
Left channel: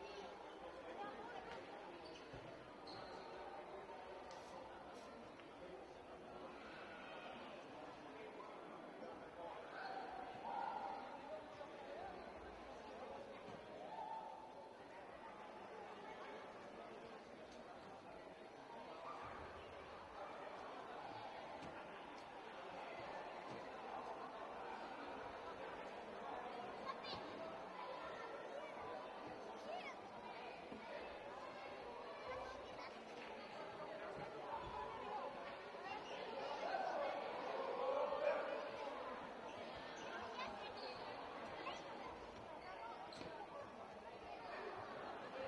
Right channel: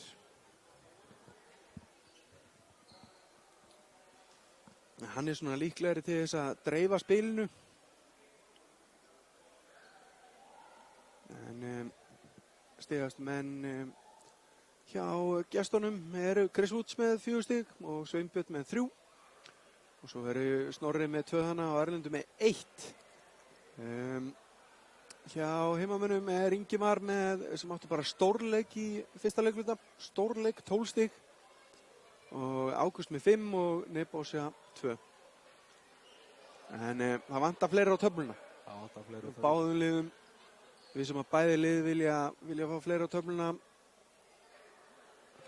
Hann er svona líklegri til þess að dreifa spilinu. En stigast menn hjá gestunum eru Chris Woods með 4 stig og Sveinbjörn með 3. Og svo verður Snorri með 2 hana og Erlendur með 1. Hjá heimamönnum er Ingimar með, sem áttu bara stórleik í fyrsta leikluta. Stórleik, 12 stig. Og Ágúst með 5 og Nebosja 2. En það vantar fleiri á töfluna. Báðum liðum. Við sem að bæði lið vilja fá fleiri á töfluna.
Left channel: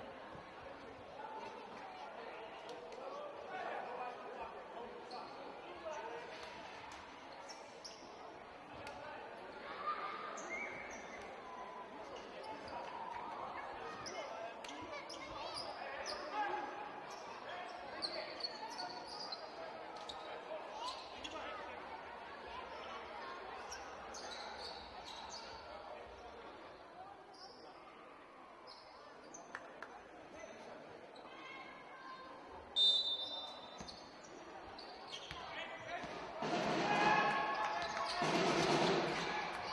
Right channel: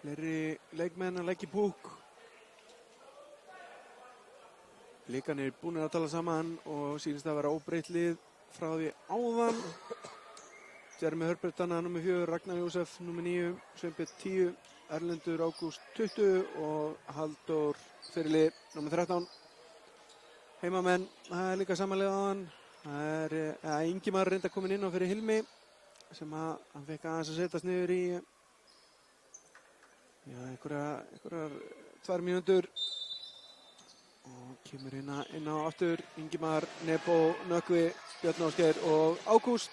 Fleiri leikmenn að leggja í púk. Leikarnir er búin að tala saman og sýnist að vera óbreytt lið frá því áðan. Jeremy Herbert annað nummer 4, Ragnar Jósef nummer 9, Sveinbjörn 10, Erlendur Ágúst 20 og Halldór fyrirlið nummer 13. Heimamenn, það er líka samanlega áðan. Það er Ingimar reynda komin inn á fyrir Hilmi sem hann fekk aðeins að setjast niður í einhverjar 2 mínútur. Kemur inn á aftur Ingimar, Nebo, Nökkvi, Björn Ásgeir og Ágúst.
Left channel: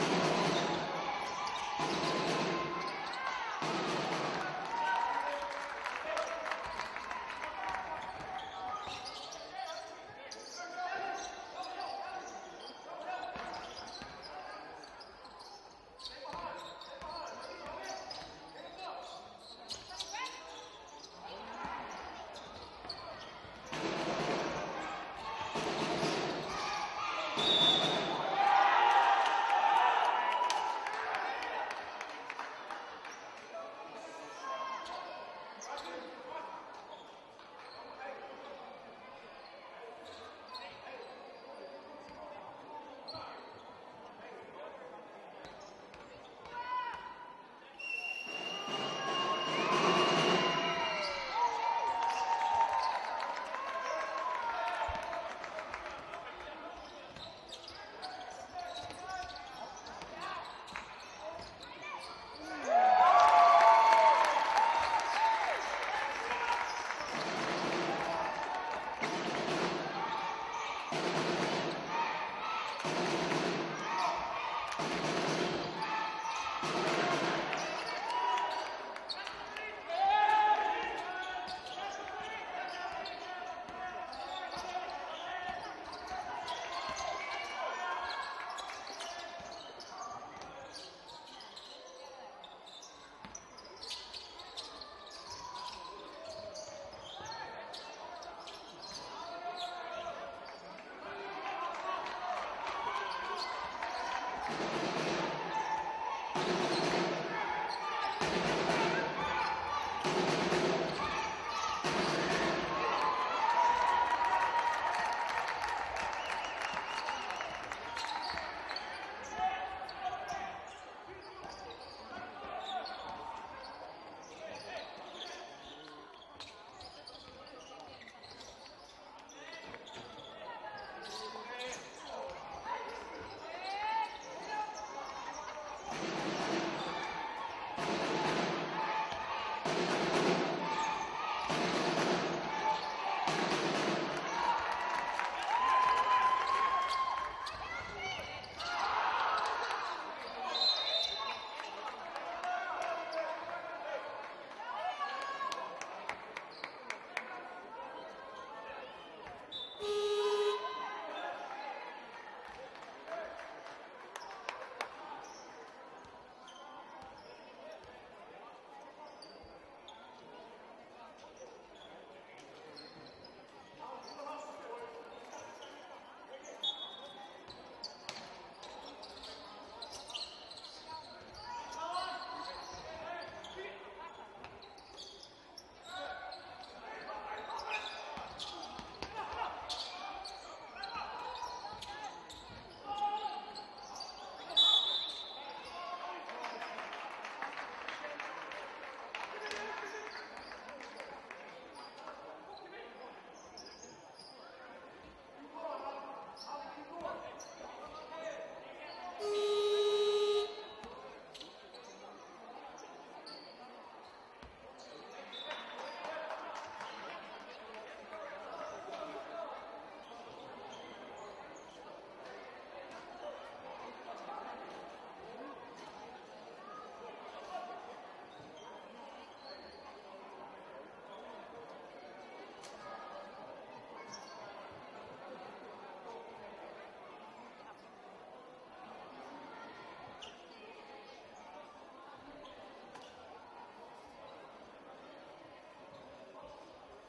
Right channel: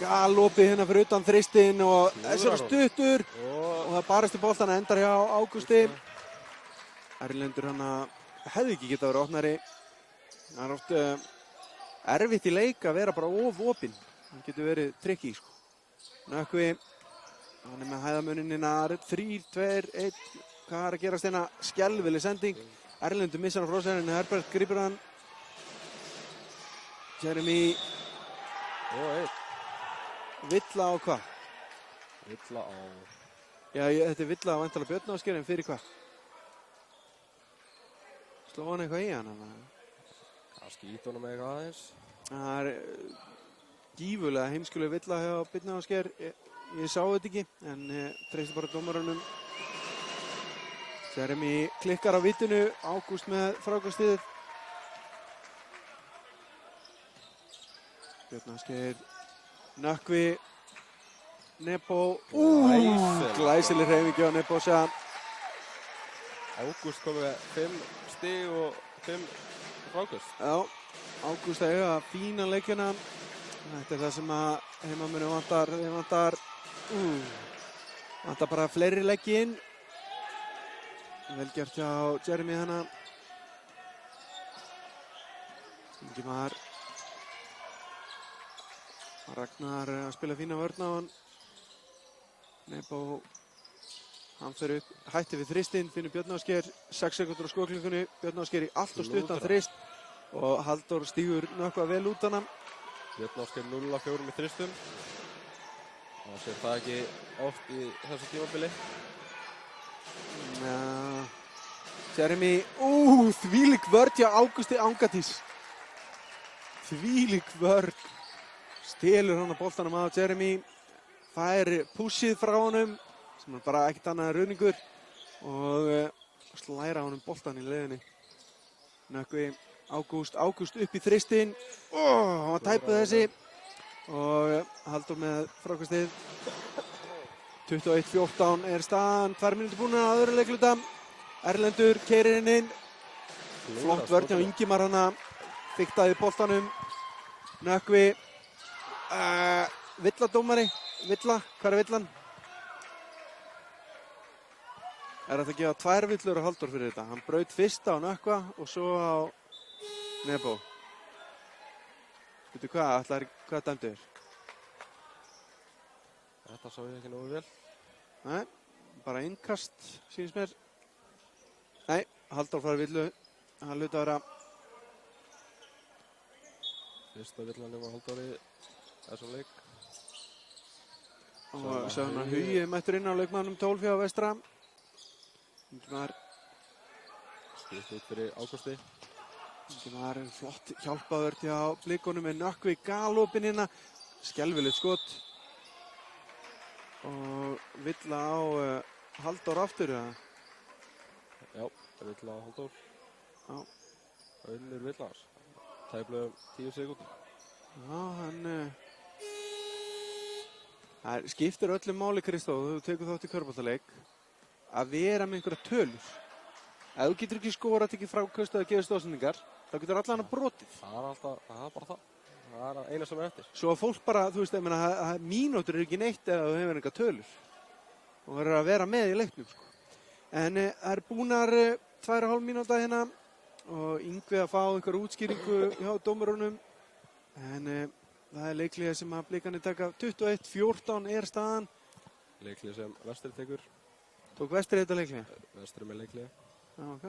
Galopið hérna fyrir utan þristinn og þessari stuttur. Og það barist í boltan endar hjá Ágústi. Erlendur hann hefði ekki getað verið opnari. Það er oft erfitt í leik að vera bara opinn. Það getur verið tricky, sko. Nökkvi, hann með hæðamunina 3, 2, 1. Hvað er að gerast hérna? Skelfileg sending. Erlendur missar hann frá sér en Herbert grípur hann. Jeremy. Villa á hvað? Villa á... Já, þetta er villa á væntanlega Björn Ásgeir en fyrir hvað? Sló hann eitthvað í hann? Skýt honum eitthvað aðeins. Það er gífurlega heimskuleg villa hjá Björn Ásgeir. Ég sá þetta ekki, en treysti bara dómaranum. Jeremy klikkar á vitinu, Ágúst með frákastið. Björn Ásgeir, Nökkvi, Nebo. Glæsileg hreyfingi á Nebosja. Ágúst kom með 5 stig og 5 frákast. Já, Ágúst að eiga fína leikina. Þetta er það sem að vantar bara fleiri leiki inn. Vel gert hjá Jeremy hana. Ingimar. Ragnar að spila fína vörn á hann. Nebo, hann fer upp, hætti við þristinn, finnur Björn Ásgeir, 6 sekundur á skoklingunni. Björn Ásgeir í allt og stuttan þrist og Halldór stígur nokkuð vel út hana. Björn Ásgeir 0-4 með þristum. Það er ekki oft í þessu tímabili. Jeremy, þvílík vörn hjá Ágústi Angatís. þvílík vörn. Stelur hann á boltanum á Jeremy. Fær pússið frá honum, sem er bara ekkert annað en ruðningur. Og slæra honum boltan í leiðinni. Nökkvi, Ágúst upp í þristinn. Hann var tæpuð þessi. Og Halldór með frákastið. 21-14 er staðan, 2 mínútur búnar á öðru leikluta. Erlendur keyrir inn. Flott vörn hjá Ingimar hana. Fiktaði boltanum. Nökkvi. Villa dómari. Villa, hvað er villan? Er þetta að gefa 2 villur á Halldór fyrir þetta? Hann braut fyrsta á Nökkva og svo á Nebo. Veitu hvað, hvað dæmdi þér? Þetta sá ég ekki nógu vel. Nei, bara innkast, sýnist mér. Nei, Halldór fær villu. Hann hluti að vera. Fyrsta villanum á Halldóri þessum leik. Og svo hann að Hugi mættur inn á leikmannum 12 hjá Vestra. Það var Skipst út fyrir Ágústi. sem var flott hjálpaður hjá Blikunum með Nökkvi galopinn hérna. Skelfilegt skot. Og villa á Halldór aftur eða? Já, villa á Halldór. Já. Unnur villar. Tæplega 10 sekúndur. Já, hann það skiptir öllu máli, Kristóf, þú tekur þátt í körfuboltaleik, að vera með einhverja tölur. Ef þú getur ekki skorað, tekið frákast eða gefið stóðsendingar, þá getur allan að brotið. Það er bara það. Það er eina sem er eftir. Svo að fólk bara, þú veist, ég meina, mínútur er ekki neitt ef þú hefur einhverja tölur. Þú verður að vera með í leiknum. En það er búnar 2,5 mínúta hérna og Yngvi að fá einhverja útskýringu hjá dómarunum. En það er leikliða sem að Blikarnir taka 21-14 er staðan. Leiklið sem Vestur tekur. Tók Vestri þetta leikliða? Vestur með leiklið. Já, ok.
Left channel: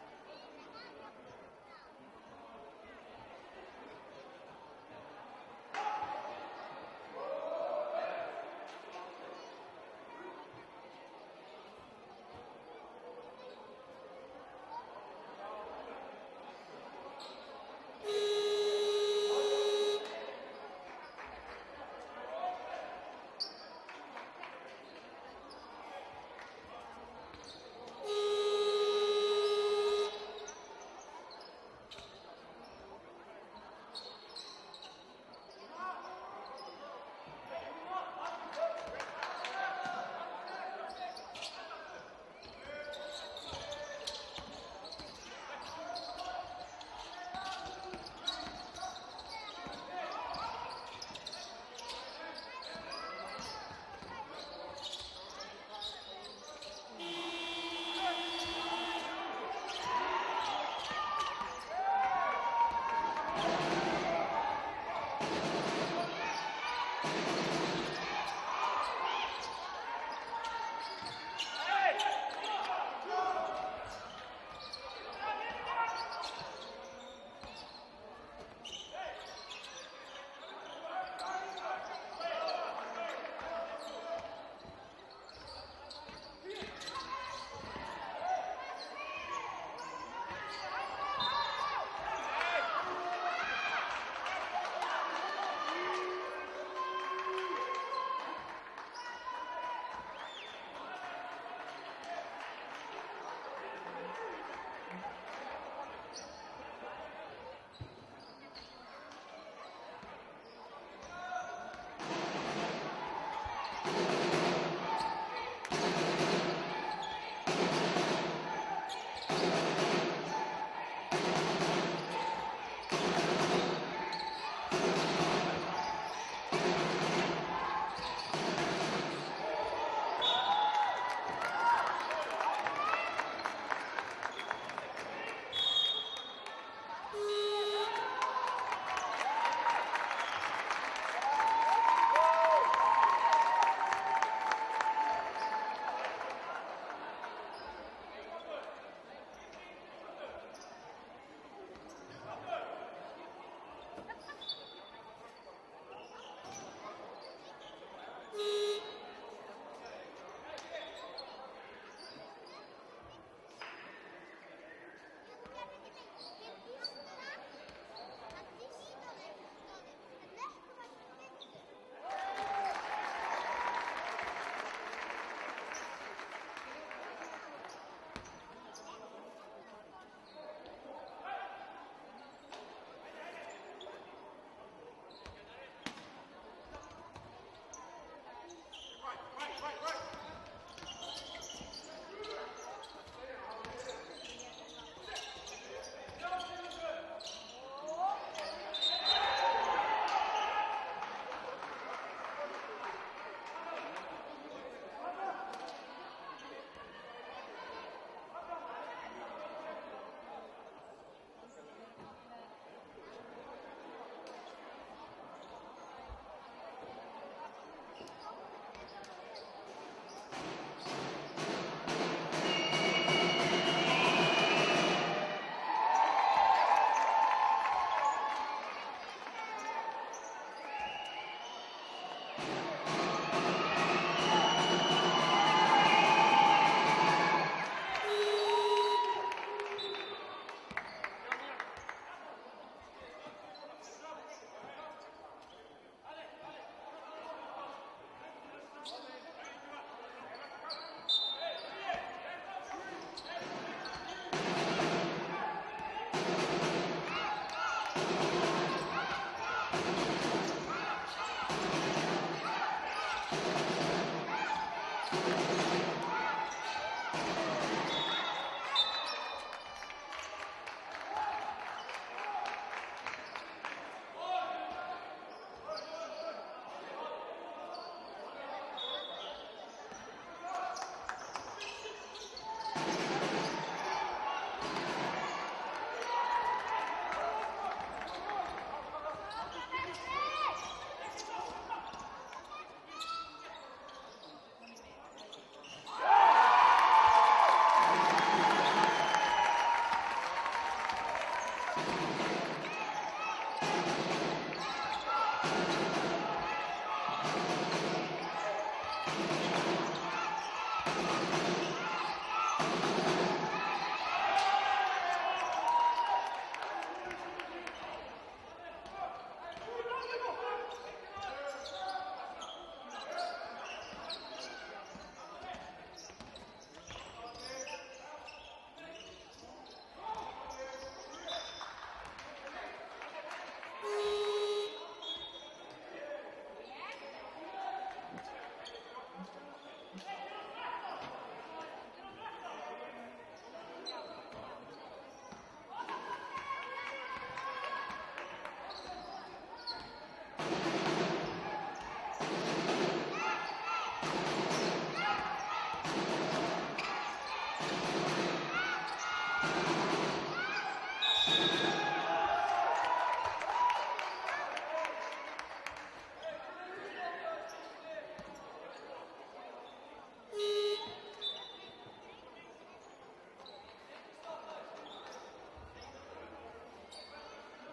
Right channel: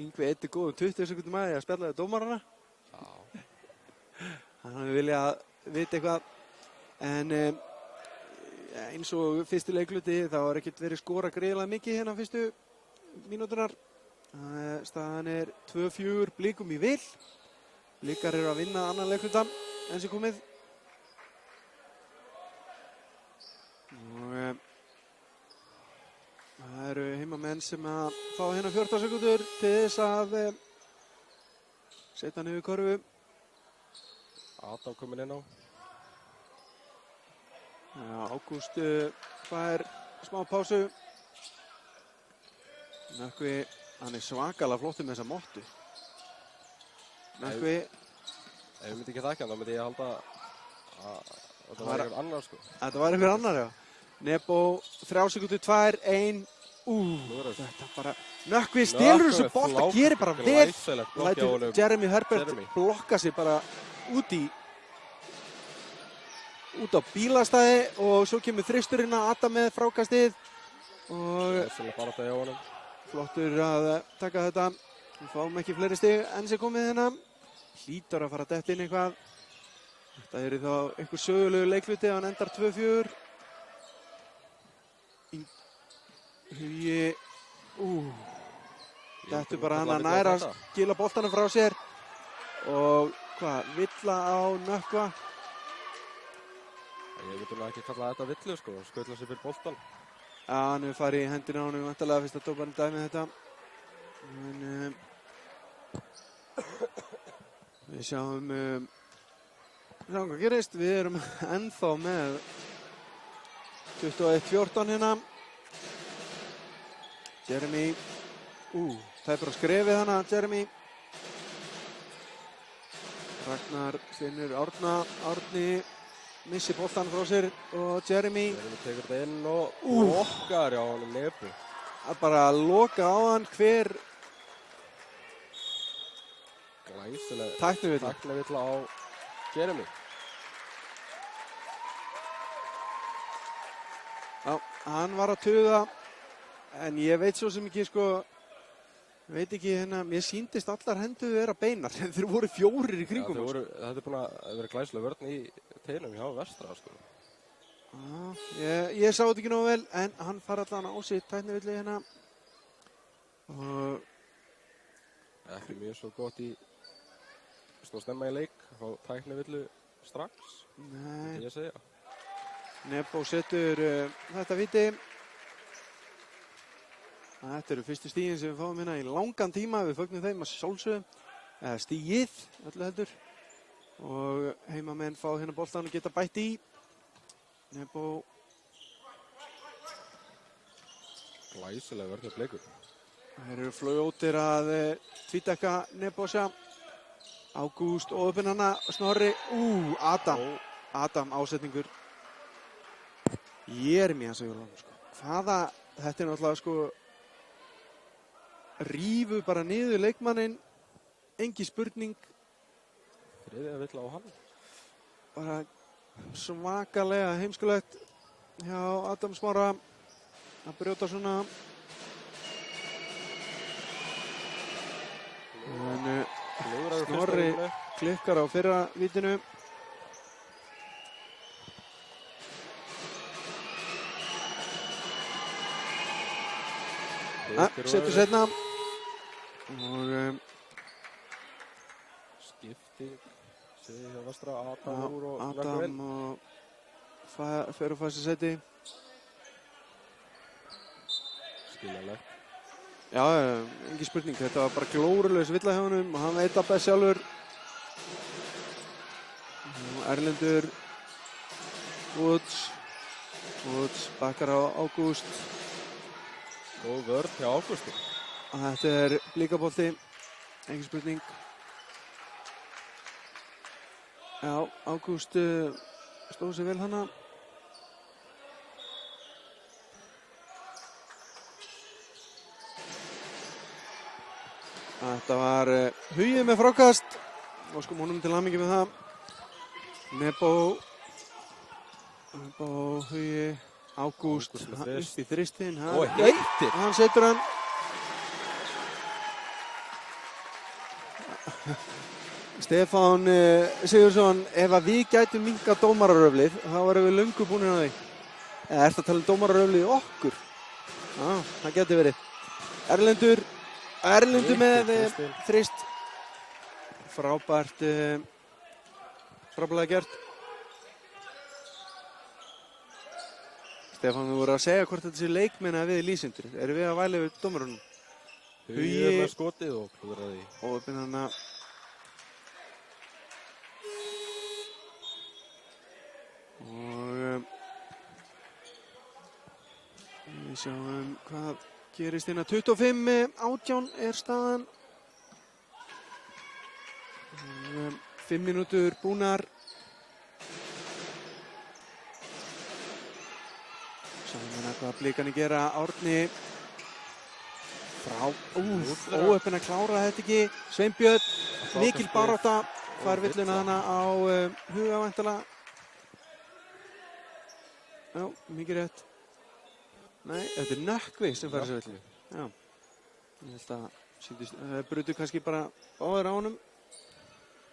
Yngvi eitthi góðum 20 sekúndum að því að spjalla við dómarana. Þannig að við vilja vita eitthvað. En eins og fyrsti leikluti þá er ekkert verið skora greiðlega mikið hérna fyrstu mínútunar. Staðan er 2-4 Blikum í vil. Blikar eru að vinna annan leikluta enn sem komið. Og það eru heimamenn sem að fá hérna 14 sekúndur til þess að setja niður körfu. Adam komin inn á. Ágúst fær smá pásu. Nökkvi, hann er svakalega flottur með þessa mottu. Nökkvi. Ef ég myndi ekki þakka, þá myndi ég halda að þetta var einhver annar sko. Þetta var einhver annar, já. Nebo, 3 sekúndur, 2, 1. Þetta bara... Nökkvi stelur þessu bolta, gerir bara vel. Lætur Jeremy Herbert blokka sig bara út á bílastæði og svo kemur þristurinn að Adam með frákastið. Og flottur að taka þetta. Við fáum ekki fleiri stig enn sem komið hérna. Hlýtur að fara að detta inn eitthvað. Þetta er þá einhver sögulegu leikluti að hann endar 2-4. Hugi. Þetta er bara hann að næra að skila boltanum frá sér. Og hvað, villa á Nökkva. Ég myndi ekki kalla þetta villu sko, skutla sér fyrir boltan. Já, hann hefur farið í hendina á honum vantarlega fyrst að dómarinn dæmi þetta. Við sjáum hvað gerist. Við erum ennþá með 21-14 hérna. Jeremy. Þetta er skrefið hana, Jeremy. Arnar finnur Árni. Missir boltan frá sér og Jeremy. Þegar inn og lokkar á hann Nebo. Það er bara að loka á hann hver tæknivilla á Jeremy. Já, hann var að tuða en ég veit svo sem ekki sko, veit ekki hérna, mér sýndist allar hendur vera beinar en þeir voru 4 í kringum. Þetta er búin að vera glæsileg vörn í teilum hjá Vestra sko. Já, ég sá þetta ekki nógu vel en hann fara allan á sig tæknivillu hérna. Og ekki mjög svo gott í svona snemma í leik þá tæknivillu strax, Nei, ég segja. Nebo setur þetta víti. Þetta eru fyrstu stígin sem við fáum hérna í langan tíma. Við fögnum þeim að sjálfsögum. Stígið, öllu heldur. Og heimamenn fá hérna boltan og geta bætt í. Nebo. Glæsilega vörðarleikur. Þeir eru fljótir að tvítekka Nebosja. Ágúst og uppinn hana Snorri. Adam ásetningur. Jeremías þetta er náttúrulega sko rífu bara niður leikmanninn, engin spurning. Þriðja vill á hann. Bara svakalega heimskulegt hjá Adam Smára að brjóta svona. Snorri klikkar á fyrra vítinu. Setur setna. Og skipti sér hjá vestra Adam úr og Adam og fer á fæsta seti. Skiljanlegt. Já, engin spurning. Þetta var bara glórulaus villa hjá honum og hann veit að best sjálfur. Erlendur Woods bakkar á Ágúst. Og vörn hjá Ágúst. Og þetta er blíkabolti, engin spurning. Já, Ágúst stóð sig vel hana. Þetta var Hugi með frákast. Óskum honum til hamingju með það. Nebo, Hugi, Ágúst upp í þristinn. Hann setur hann. Stefán Sigurðsson, ef að við gætum minnkað dómararöflið, þá varum við löngu búin að því. Eða ertu að tala um dómararöflið okkur? Já, það getur verið. Erlendur með þrist. Frábærlega gert. Stefán, við vorum að segja hvort þetta sé leikmenn að við lýsendur. Erum við að væla við dómarunum? Hugi með skotið og fóraði. Og uppinn hana. Og við sjáum hvað gerist hérna. 25-18 er staðan. 5 mínútur búnar. Hvað Blikarnir gera, Árni. Óöppin að klára þetta ekki. Sveinbjörn, mikil barátta. Fær villuna hana á Huga væntanlega. Já, mikið rétt. Nei, þetta er Nökkvi sem fær þessu villinu. Já. Ég held að það brutu kannski bara báðir á honum.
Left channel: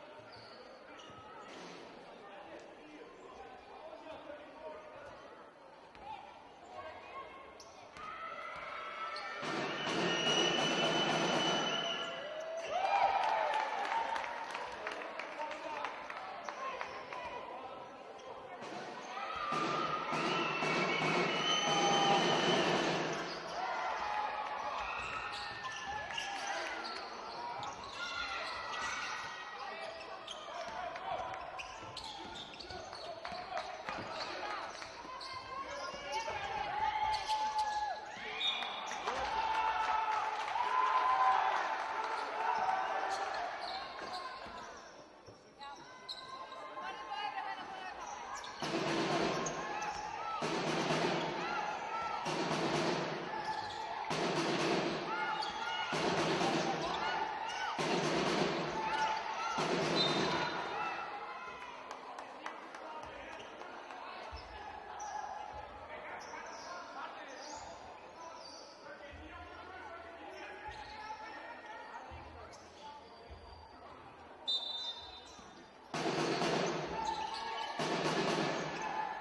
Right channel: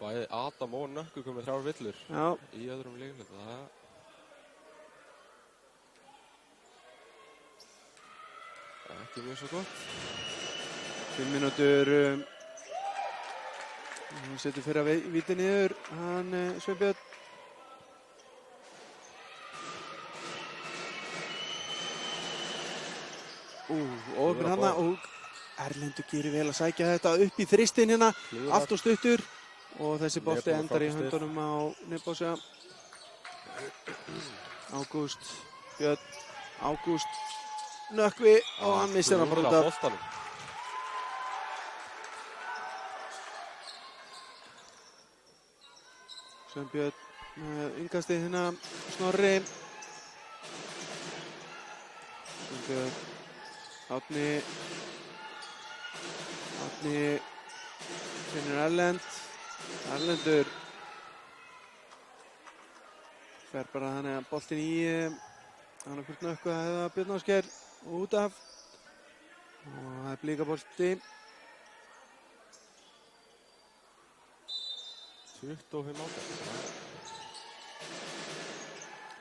Bæði Adam og Nökkvi komið 3 villur í öðrum leikum. Ekki mjög svo gott. 5 mínútur. Hann setur fyrir að víti niður. Hann Sveinbjörn. Óöppin hana og Erlendur gerir vel að sækja þetta upp í þristinn hérna. Allt og stuttur. Og þessi bolti endar í höndunum á Nebosja. Ágúst, Björn, Ágúst, Nökkvi og hann missir hann bara út af. Sveinbjörn með innkastið hérna, Snorri. Árni. Erlendur fer bara þannig að boltinn í annarkvort Nökkvi eða Björn Ásgeir út af og það er blíkabolti 25.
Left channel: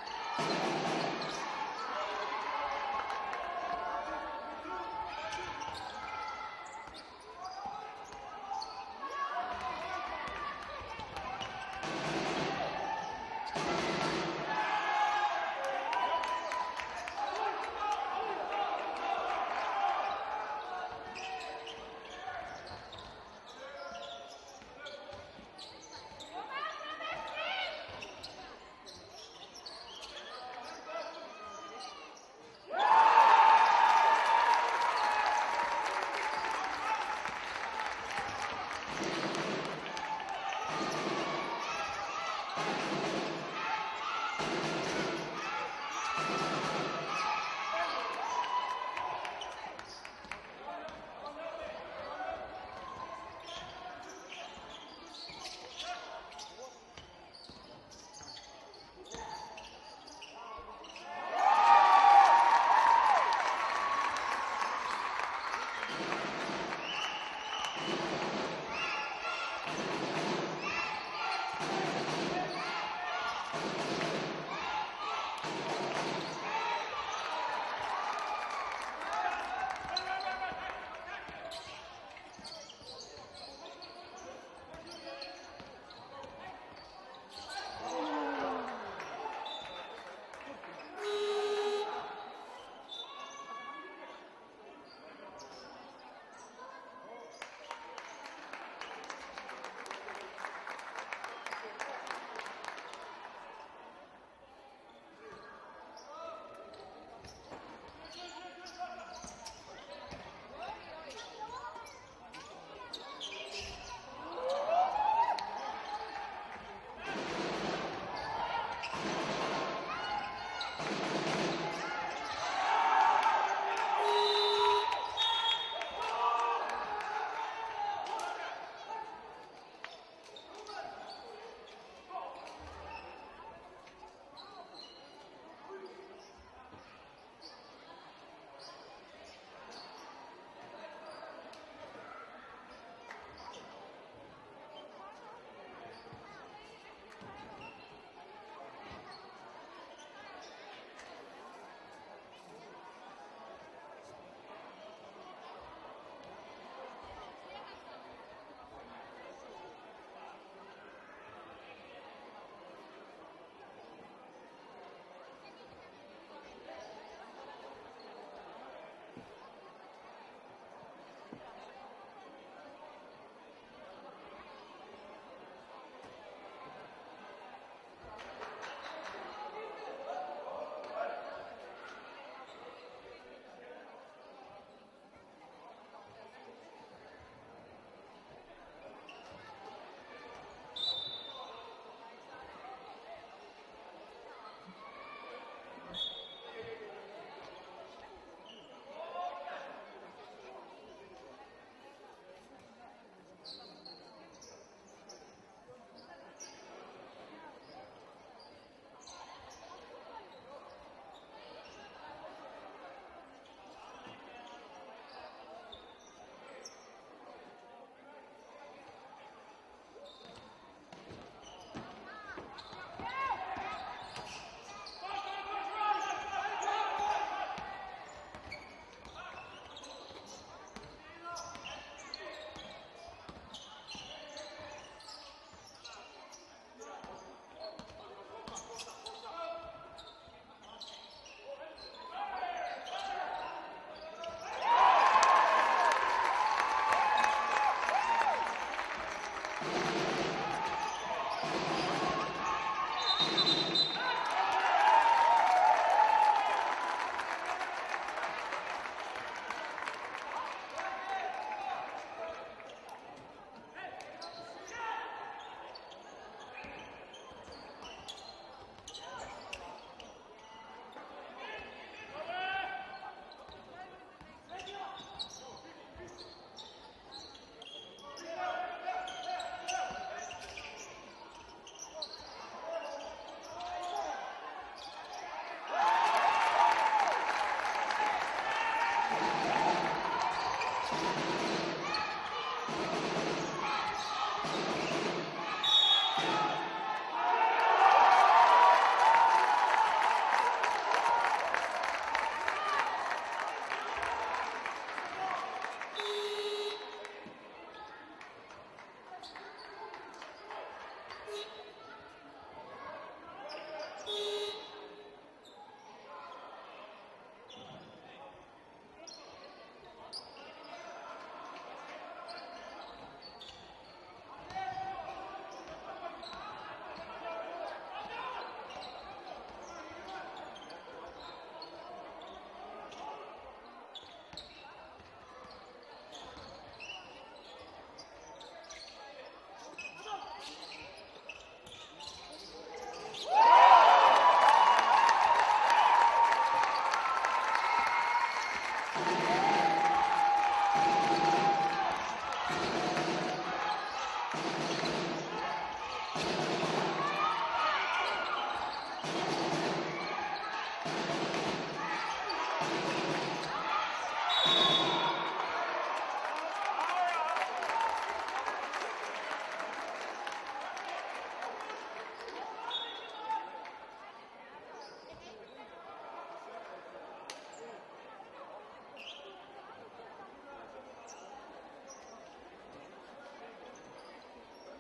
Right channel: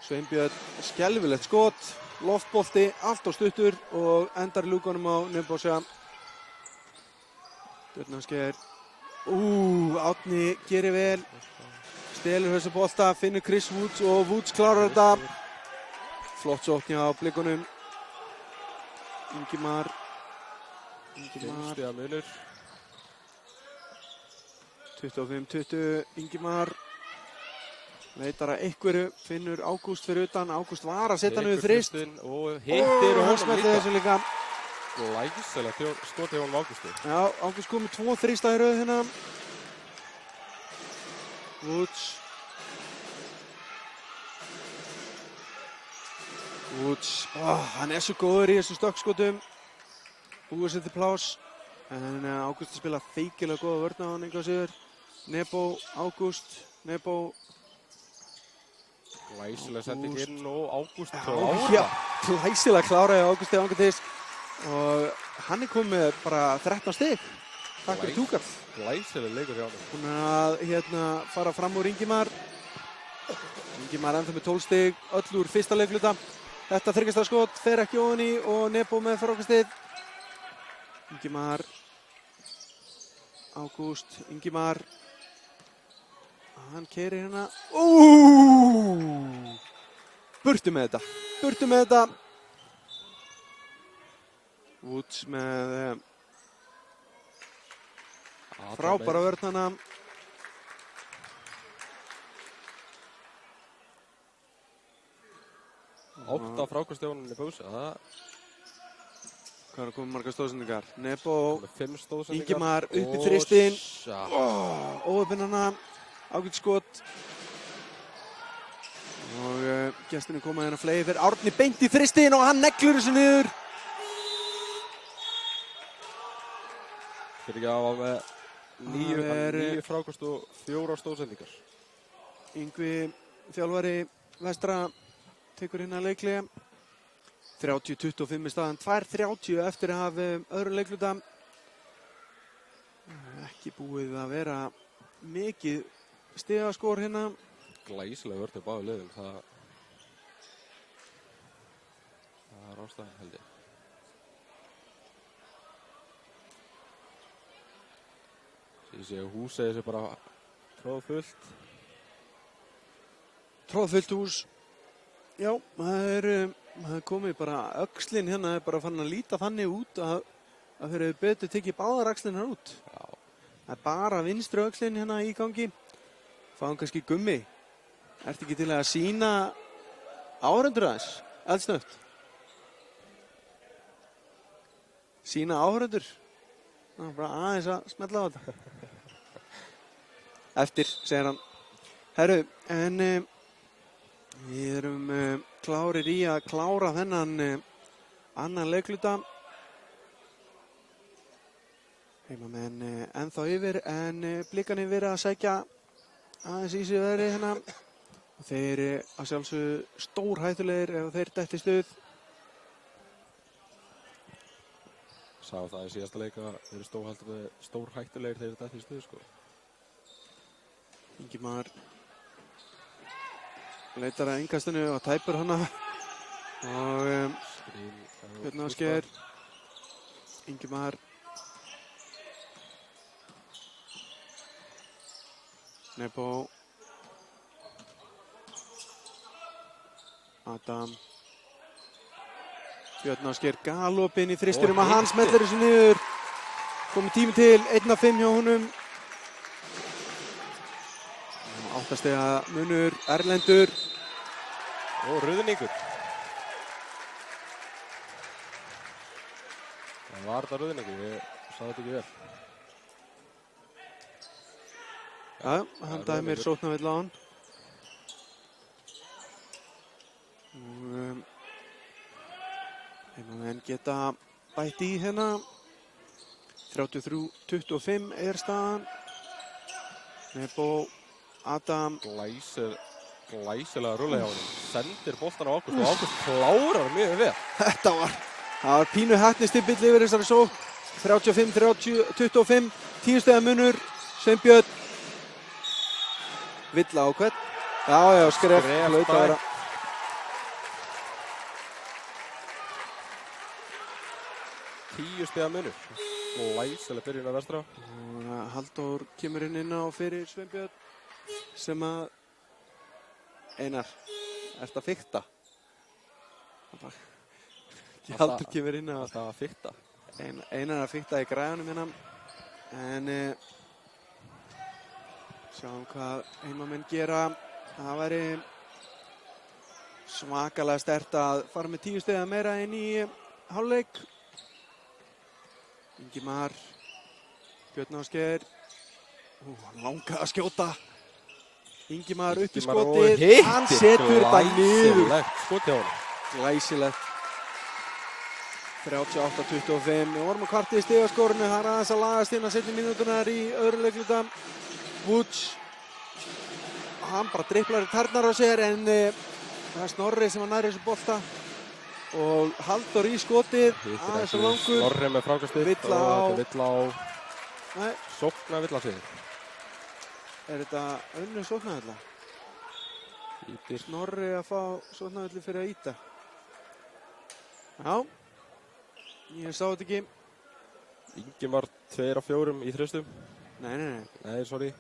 Sveinbjörn, skelfilegt skot, loftbolti, allt og stuttur og endar í lúkunum á Nebosja. Björn Ásgeir. Árni gerir vel. Stelur þessa bolta, finnur Chris Woods og Woods klárar þetta. Flott sókn hjá Blikunum. Ingimar. 5 stiga munur. 25-20, Ingimar. Leitar að einhverju, finnur Ágúst fyrir utan. Ágúst var að setja hann við þrist. Og hittir og hann hann smellir þessu líka. Glæsilega skot hjá Ágústi. Já, Ágúst kom með 2 þrista í röð hérna. Woods. Hann er svo góður í þessum stökkskotum. Búið sér til plás. En Ágúst spila feikilega góða vörn á hann einhvað síður. Nebo, Ágúst, Nebo. Glæsilega sending inn og Ágúst Já, glæsilega kláraði Ágústi Angurtís. Og hann er komið bara 13 stig. Takk fyrir túkall. Glæsilega leikur hjá. Þannig að fara fram úr Ingimar. Ingimar enda með 12 stig, öll úr fyrsta leikluta. Þetta þryggjasta skot fer ekki ofan í og Nebo með frákastið. Ingimar. Ágúst, Ingimar. Hann keyrir hérna. Burtu með þetta. Burtu með þetta. Woods með frábæra vörnana. Átta frákastjónunni búsa. Hvað er að koma margar stóðsendingar? Nebo, 5 stóðsendingar. Ingimar upp í þristinn. Óöfnina, ágætt skot. Og gestinni koma hérna fleiri. Árni beint í þristinn og hann neglur þessu niður. Fyrir ekki að hafa með 9 frákast og 4 stóðsendingar. Yngvi, þjálfari vestra, tekur hérna leiklega. 30-25 í staðan, 2:30 eftir að hafa öðru leikluta. Ekki búið að vera mikið stigaskor hérna. Glæsilega vörn á báðum liðum. Það er ástæðan held ég. Ég sé að húsið þessu bara tróðfullt. Tróðfullt hús. Já, það er komið bara öxlin hérna, er bara farin að líta þannig út að þeir eru betur tekið báðar öxlin hérna út. Já. Það er bara vinstri öxlin hérna í gangi. Fáum kannski Gummi. Ertu ekki til að sýna áhorfendur aðeins? Eldsnögt. Sýna áhorfendur. Bara aðeins að smella á þetta. Eftir, segir hann. Herru, en við erum klárir í að klára þennan annan leikluta. Heimamenn ennþá yfir en Blikarnir verið að sækja aðeins í sig veðri hérna. Þeir að sjálfsögðu stórhættulegir ef þeir detti í stuð. Sá það í síðasta leik að þeir eru stórhættulegir þegar detti í stuð sko. Ingimar leitar að innkastinu og tæpur hana. Og Björn Ásgeir. Ingimar. Nebo. Adam. Björn Ásgeir galopinn í þristinum að hann smellir þessu niður. Komið tími til, 1-5 hjá honum. 8 stiga munur, Erlendur. Og Rauðningur. Það var þetta Rauðningur, ég sá þetta ekki vel. Já, hann dæmir sóknarvill á hann. En geta bætt í hérna. 33-25 er staðan. Nebo, Adam. Glæsilega rúlega hjá honum. Sendir boltan á Ágúst og Ágúst klárar mjög vel. Þetta var pínu heppnistimpill yfir þessari sókn. 35-25, 10 stiga munur. Sveinbjörn. Villa á hvern. Já, skref. Hlaut að vera. Stiga munur. Glæsileg byrjun á vestra. Halldór kemur inn á fyrir Sveinbjörn sem að Einar, ertu að fikta? Halldór kemur inn á Alltaf að fikta. Einar að fikta í græðunum innan en sjáum hvað heimamenn gera. Það væri svakalega sterkt að fara með 10 stiga meira inn í hálfleik. Ingimar, Björn Ásgeir, langar að skjóta. Ingimar upp í skotið, hann setur þetta niður. Glæsilegt skotið á hann. Glæsilegt. 38-25 og vorum að kvarta í stigaskorinu. Hann aðeins að lagast inn að setja mínútunar í öðrum leikluta. Woods, hann bara dribblar í tærnar á sér en það er Snorri sem var nær þessu bolta. Og Halldór í skotið, aðeins og langur. Snorri með frákastið. Villa á. Villa á. Sókna Villa sig. Er þetta önnur sóknarvilla? Snorri að fá sóknarvilli fyrir að ýta. Já, ég sá þetta ekki. Ingimar 2 af 4 í þristum. Nei. Nei, sorry.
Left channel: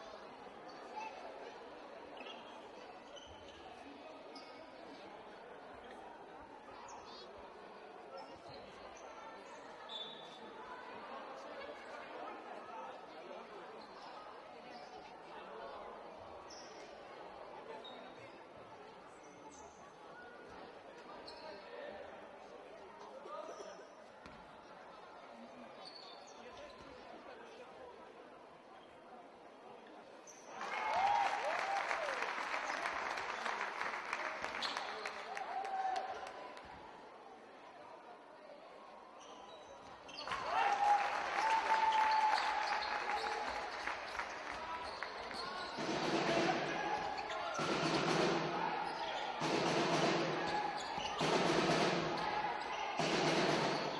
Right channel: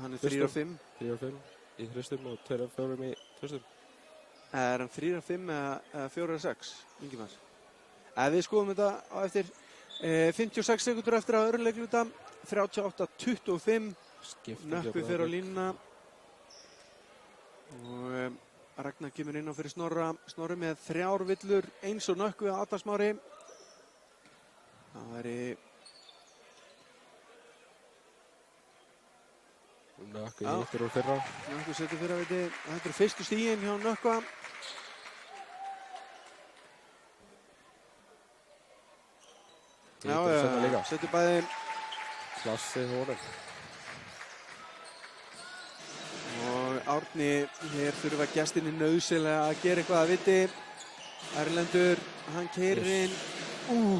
Hann er 3 af 5. 3 af 5 í þristum og 2 af 4 í þristum. Er hann 3 af 5 eða 4 af 6, Ingimar? Við skoðum þetta á eftir 56 sekundur eftir að öðrum leikluta. 38-25. Nökkvi fer á línuna. Og Ragnar kemur inn á fyrir Snorra. Snorri með 3 villur, eins og Nökkvi á Adam Smári. Það væri Nökkvi yfir og fyrra. Nökkvi setur fyrra viti. Þetta er fyrstu stíginn hjá Nökkva. Já, setur bæði. Klassi hefur. Og Árni er þurfa gestinni nauðsynlega að gera eitthvað að viti. Erlendur, hann keyrir inn.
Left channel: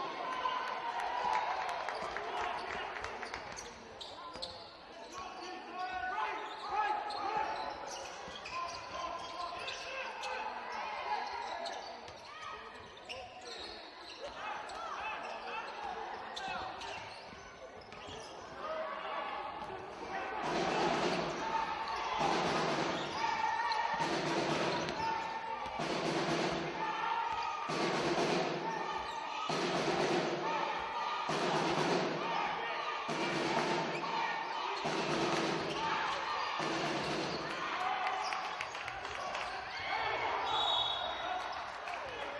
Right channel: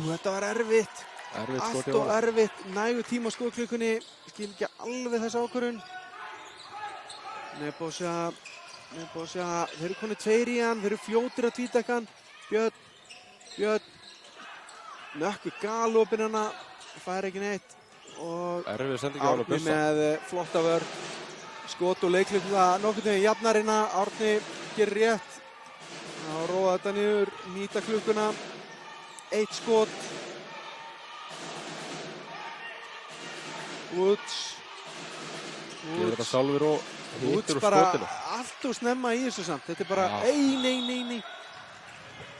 Þetta var erfitt. Allt og erfitt. Nægur tíma á skotklukkunni. Skil ekki alveg þessa ákvörðun. Nebosja. Þeir eru konið 2 í hann. Þeir eru fljótir að tvítekka hann. Björn. Nökkvi galopinn hana. Fær ekki neitt. Og Árni með flotta vörn. Skot og leikluta nokkurn veginn jafnarina. Árni gerir rétt. Að róa þetta niður, nýta klukkuna. 1 skot. Woods. Gjör þetta sjálfur og Woods bara allt og snemma í þessu samt. Þetta er bara nei.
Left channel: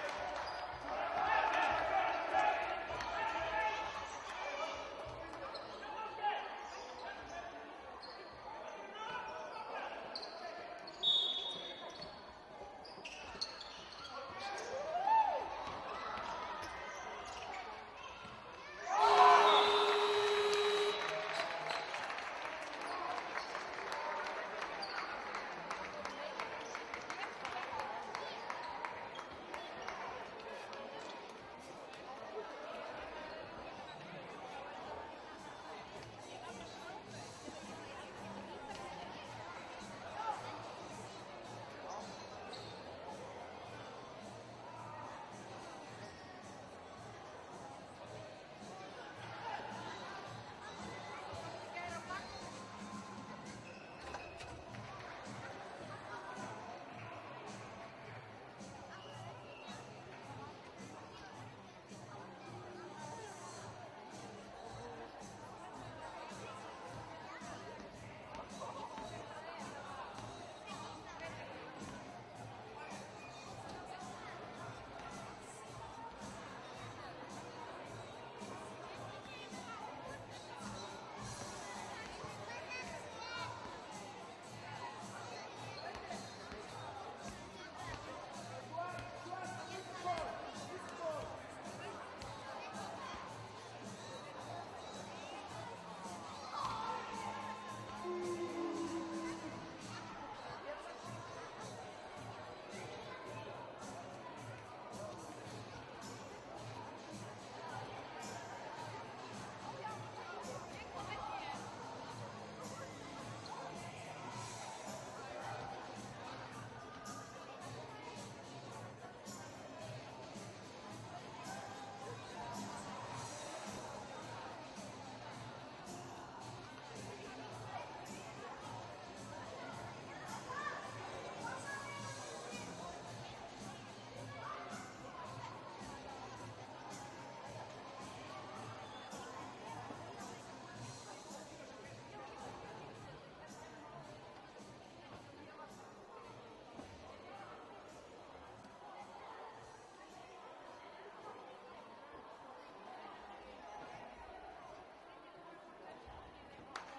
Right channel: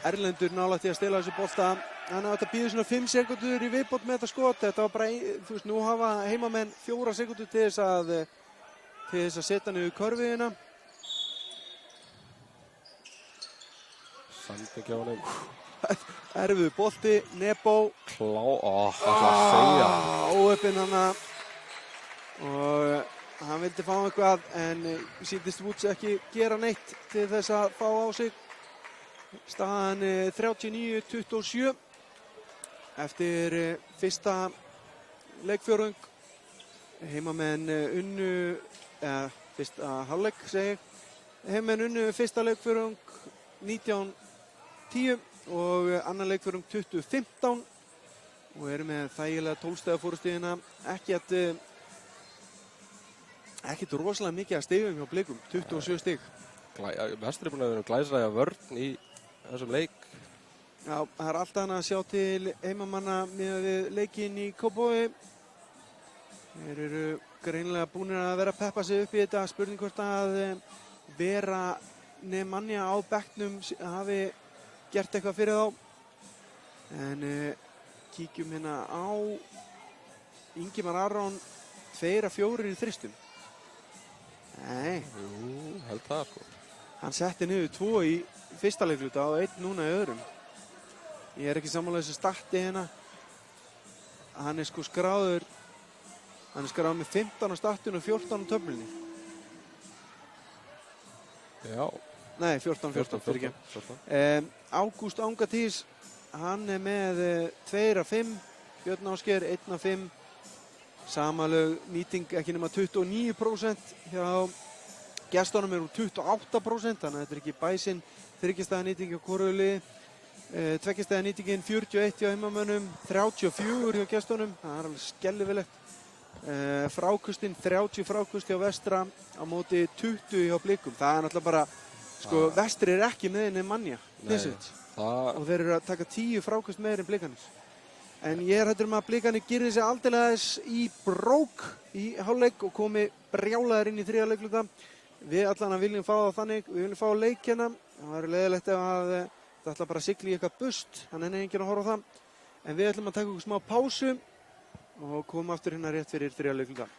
Erlendur nálægt því að stela þessu bolta. Þannig að þetta býður svona 5 sekundur í viðbót með þetta skot. Þetta var bara, þú veist, nú hafa heimamenn 4 sekundur til þess að setja niður körfiðina. Samtækja á honum. Erfiður bolti, Nebo. Þetta að segja. Óöppinn hana. Og hann vildi fá eitthvað en sýndist Woods ekki gera neitt til þess að fá á sig. Staðan 39-27 eftir fyrsta leikfjórðung. Heimamenn unnu, fyrsta hálfleik segi. Heimamenn unnu fyrsta leikfjórðung 19-10 og annan leikfjórðung 20-15 og eru með þægilega 12 stiga fórustíðina. Ekkert rosalega mikið að stigum hjá Blikum, 27 stig. Vestur er búin að vera glæsilega vörn í þessum leik. Já, það er alltaf hann að sjá til heimamanna með leikinn í Kópavogi. Þeir eru greinilega búinir að vera að peppa sig upp í þetta. Spurning hvort að Vera Nemanja á bekknum hafi gert eitthvað fyrir þá. En kíkjum hérna á Ingimar Aron 2 af 4 í þristum. Nei. Held það. Hann setti niður 2 í fyrsta leikluta og 1 núna í öðrum. Ég er ekki sammála þessu starti hérna. Hann er sko skráður með 15 á startinu og 14 á töflunni. Já. Nei, 14 fyrir ekki. Ágúst Angatís, hann er með 2 af 5. Björn Ásgeir 1 af 5. Samanlög nýting ekki nema 29%. Hjá gestunum eru 28%, þannig að þetta er ekki bæsinn þriggjastaða nýting á hvoru liði. Tveggjastæða nýtingin 41 hjá heimamönnum, 34 hjá gestunum, það er alveg skelfilegt. Frákustinn 30 frákust hjá Vestra á móti 20 hjá Blikum. Það er náttúrulega bara, sko, Vestri er ekki með Nemanja og þeir eru að taka 10 frákust meir en Blikanir. En ég er hættur að Blikanir girði sig aldeilega í brók í hálfleik og komi brjálaðir inn í 3. leikluta. Við allan að viljum fá það þannig, við viljum fá leikina. Það verður leiðilegt ef að það ætla bara að sigla í eitthvað bust, þannig er enginn að horfa á það. En við ætlum að taka okkur smá pásu og koma aftur hérna rétt fyrir 3. leikluta.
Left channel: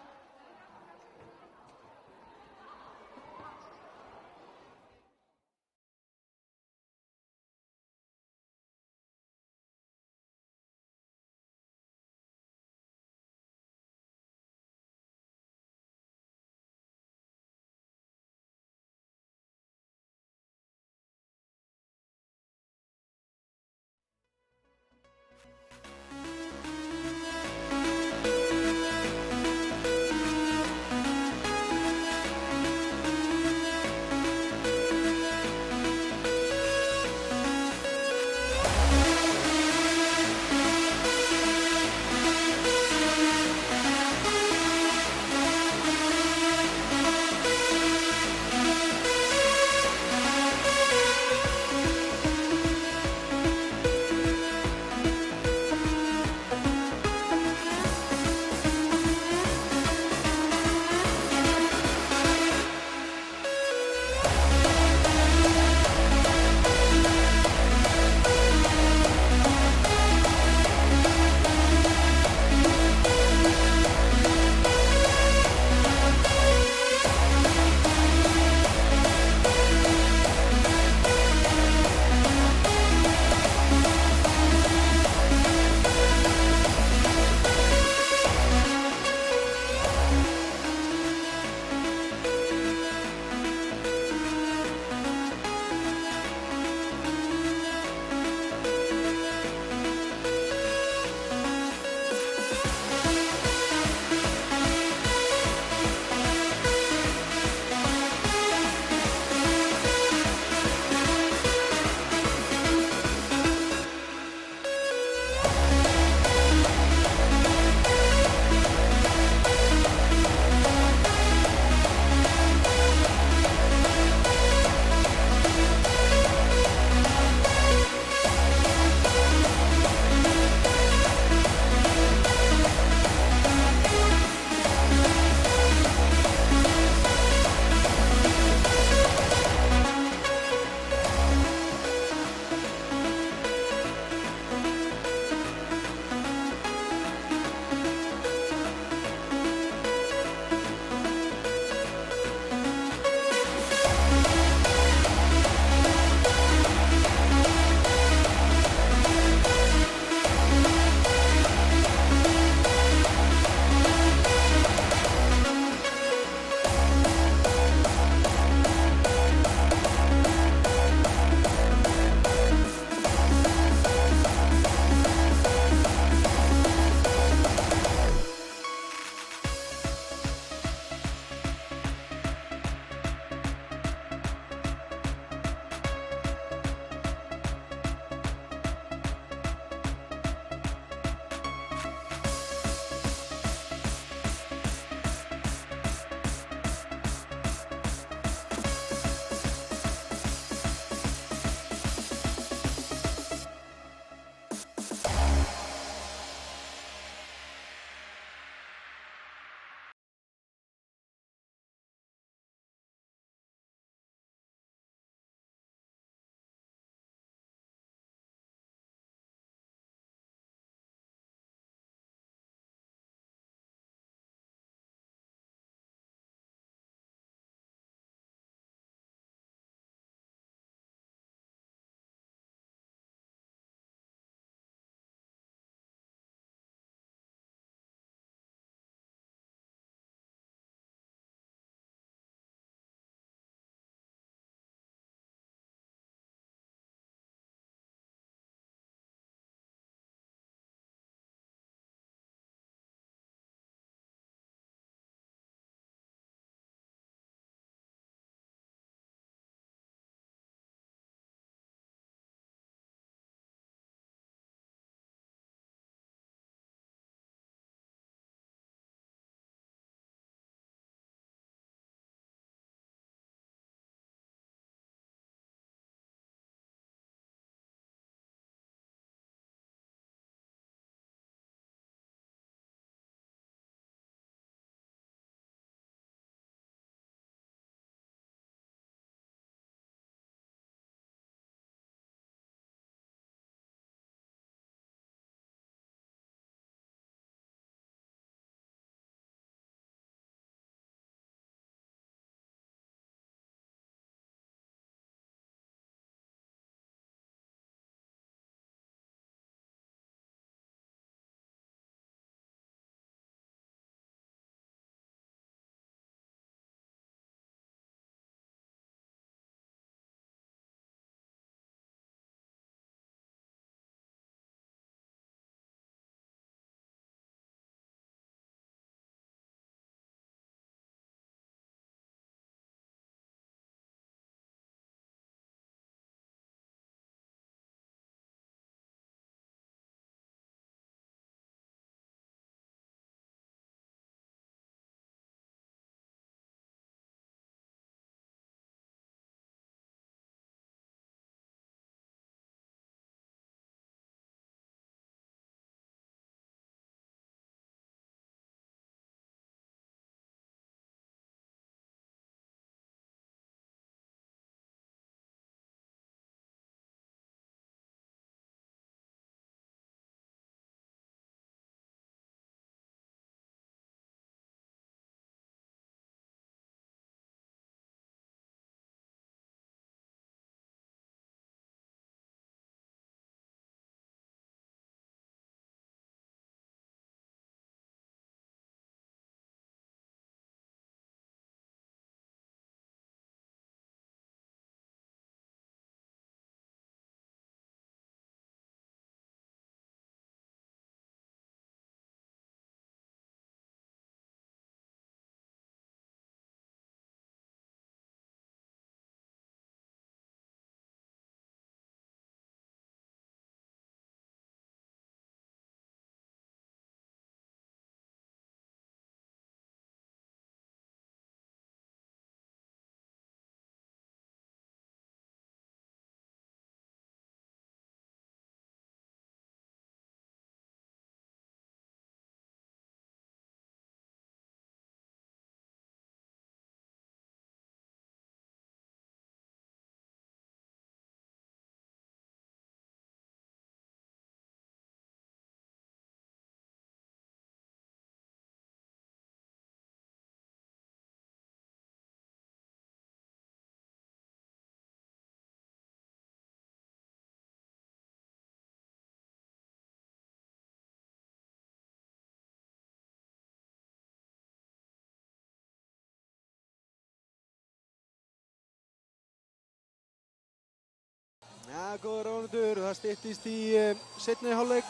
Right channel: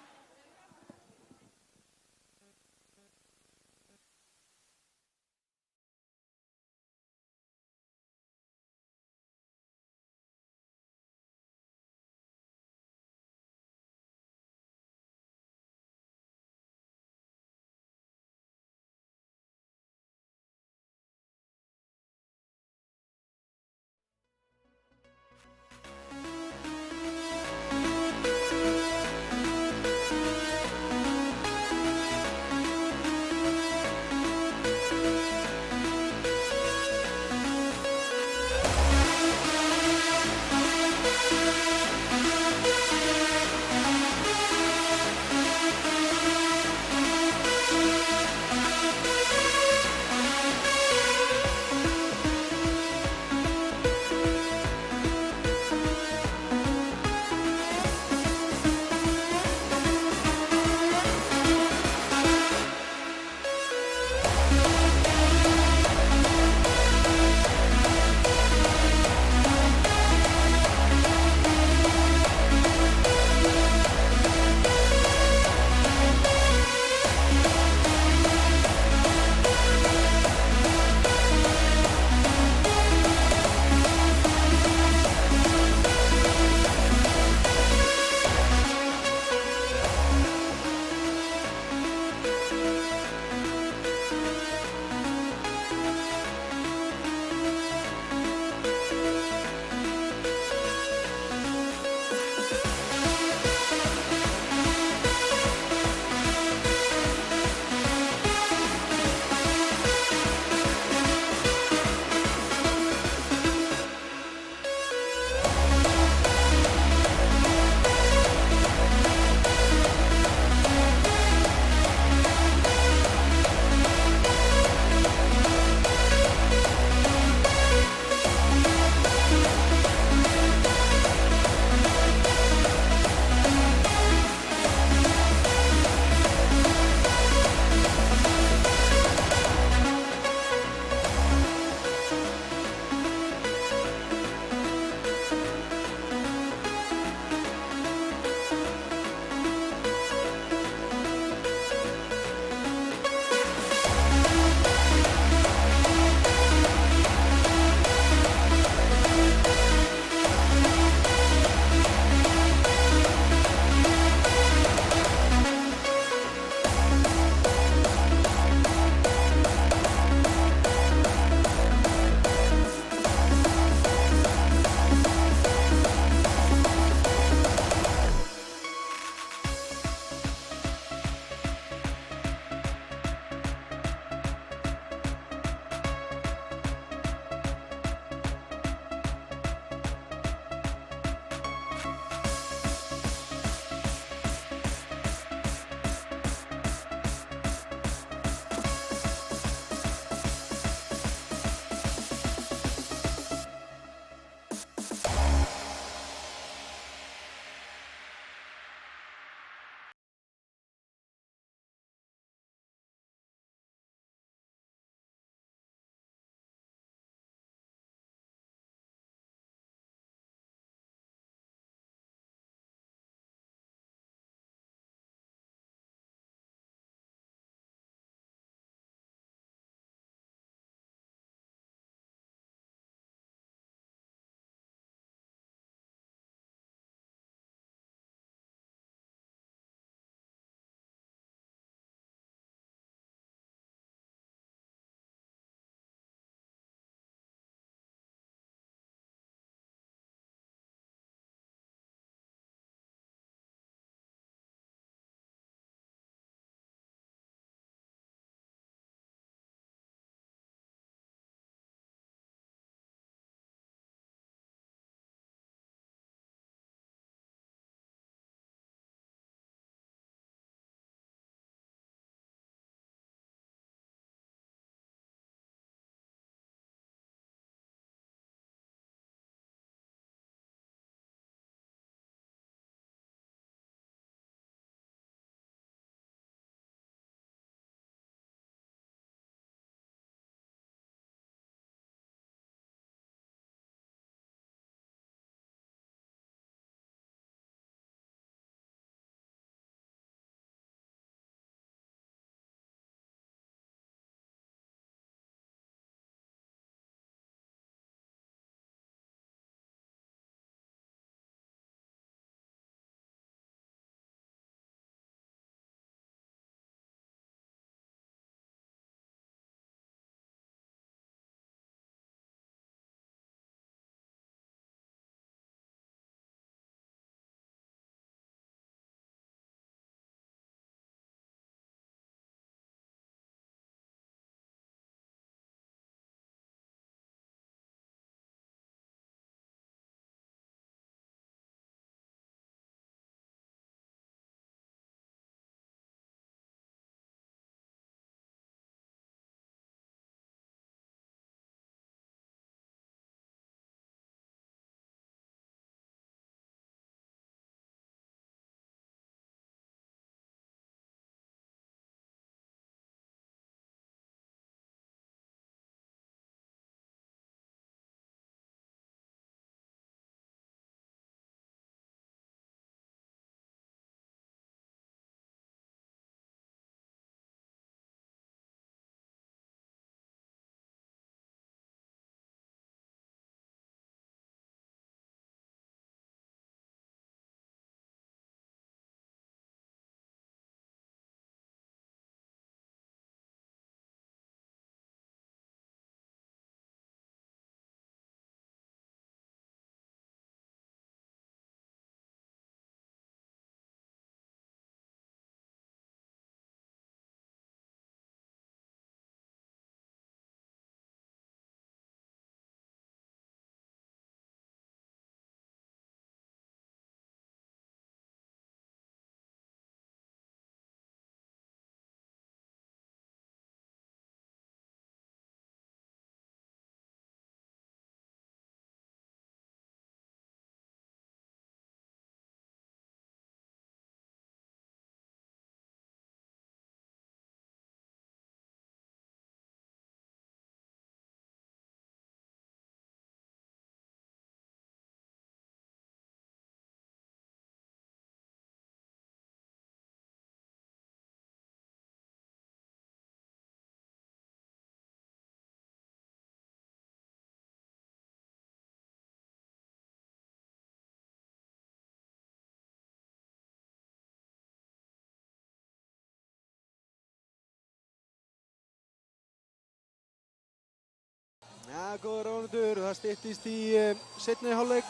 Ja, góður ánundur, það styttist í seinni hálfleik.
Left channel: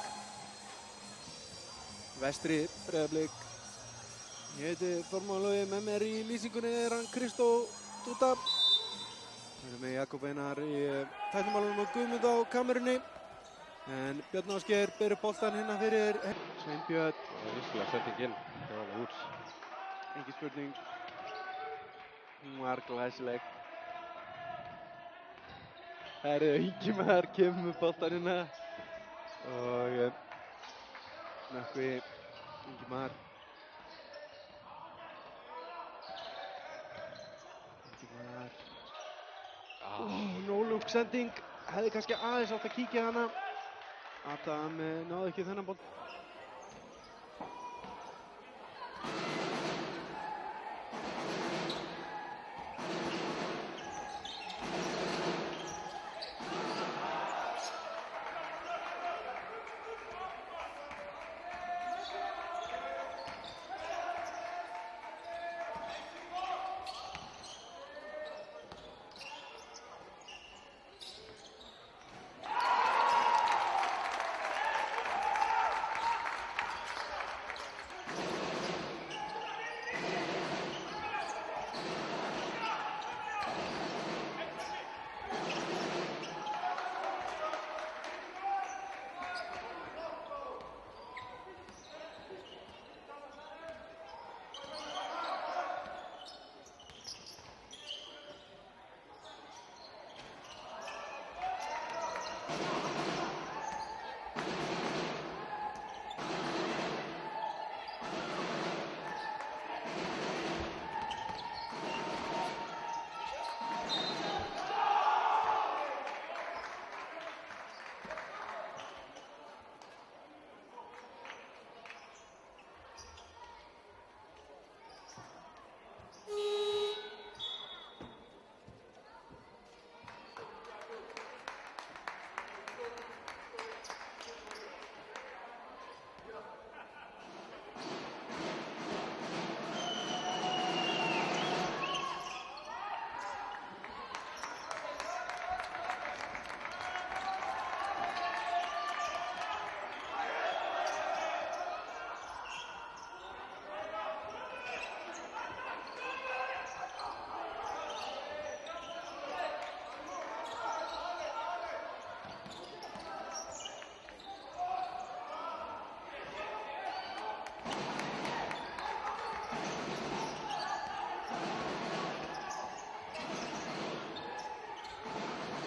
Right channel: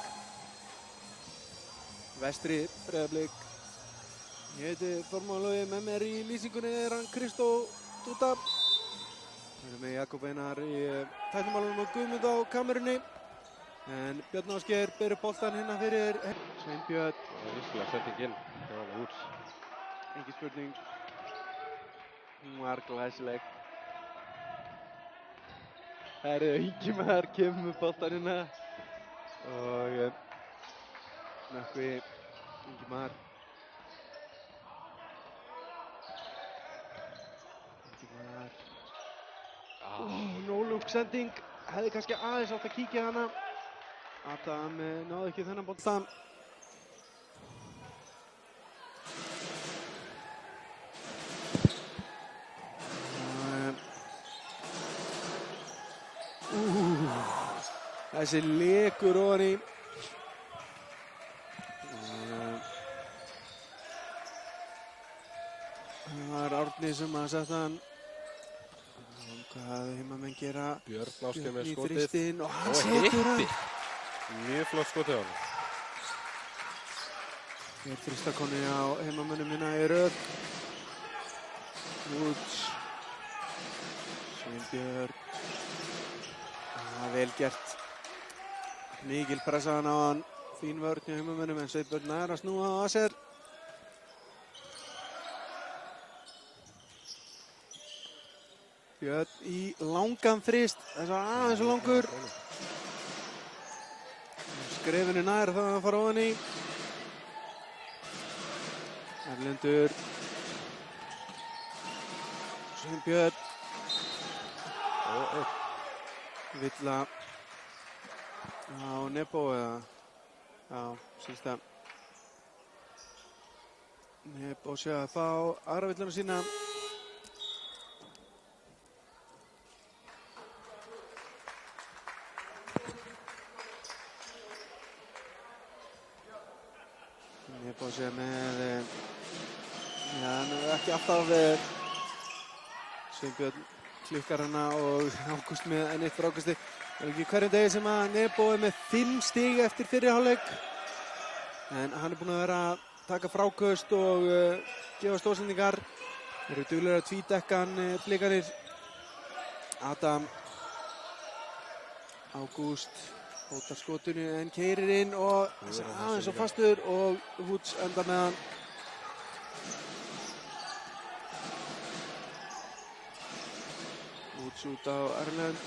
Vestri, Breiðablik. Ég heiti Þormóður, með mér í lýsingunni er hann Kristó Dúta. Við erum með Jakob Einar í tæknumálunum og Guðmund á kamerunni. En Björn Ásgeir ber upp boltann hérna fyrir Sveinbjörn. Það er virkilega sendinginn. Það var út. Engin spurning. Hún var glæsileg. Herðu, Ingimar kemur með boltann hérna. Og Nökkvi, Ingimar. No-look sending. Hefði kannski aðeins átt að kíkja hana. Adam náði ekki þennan bolta. Þessi lekur ofan í. Það var Árni sem að setja hann. Hvað heimamenn gera? Björn Ásgeir með í skotið. þristinn og hann setur hann. Mjög flott skotið á hann. Hér þristakonni á heimamennum minna í röð. Woods. Sveinbjörn. Það er vel gert. Mikil pressaðan á hann. Fín vörn í heimamennum en Sveinbjörn nær að snúa á sér. Björn í langan þrist, þess að aðeins langur. Skrefinu nær það að fara ofan í. Erlendur. Sveinbjörn. Villa á Nebo eða? Já, síðst það. Nebo sé að fá aðra villuna sína. Nebo sé með, já, ekki alltaf Sveinbjörn klikkar hana og Ágúst með enn eitt frákasti. Það er ekki hverjum degi sem að Nebo er með 5 stig eftir fyrri hálfleik. En hann er búinn að vera að taka fráköst og gefa stóðsendingar. Þeir eru duglegir að tvítdekka hann blikarnir. Adam. Ágúst. Hótar skotinu en keyrir inn og aðeins og fastur og Woods endar með hann. Woods út á Erlend.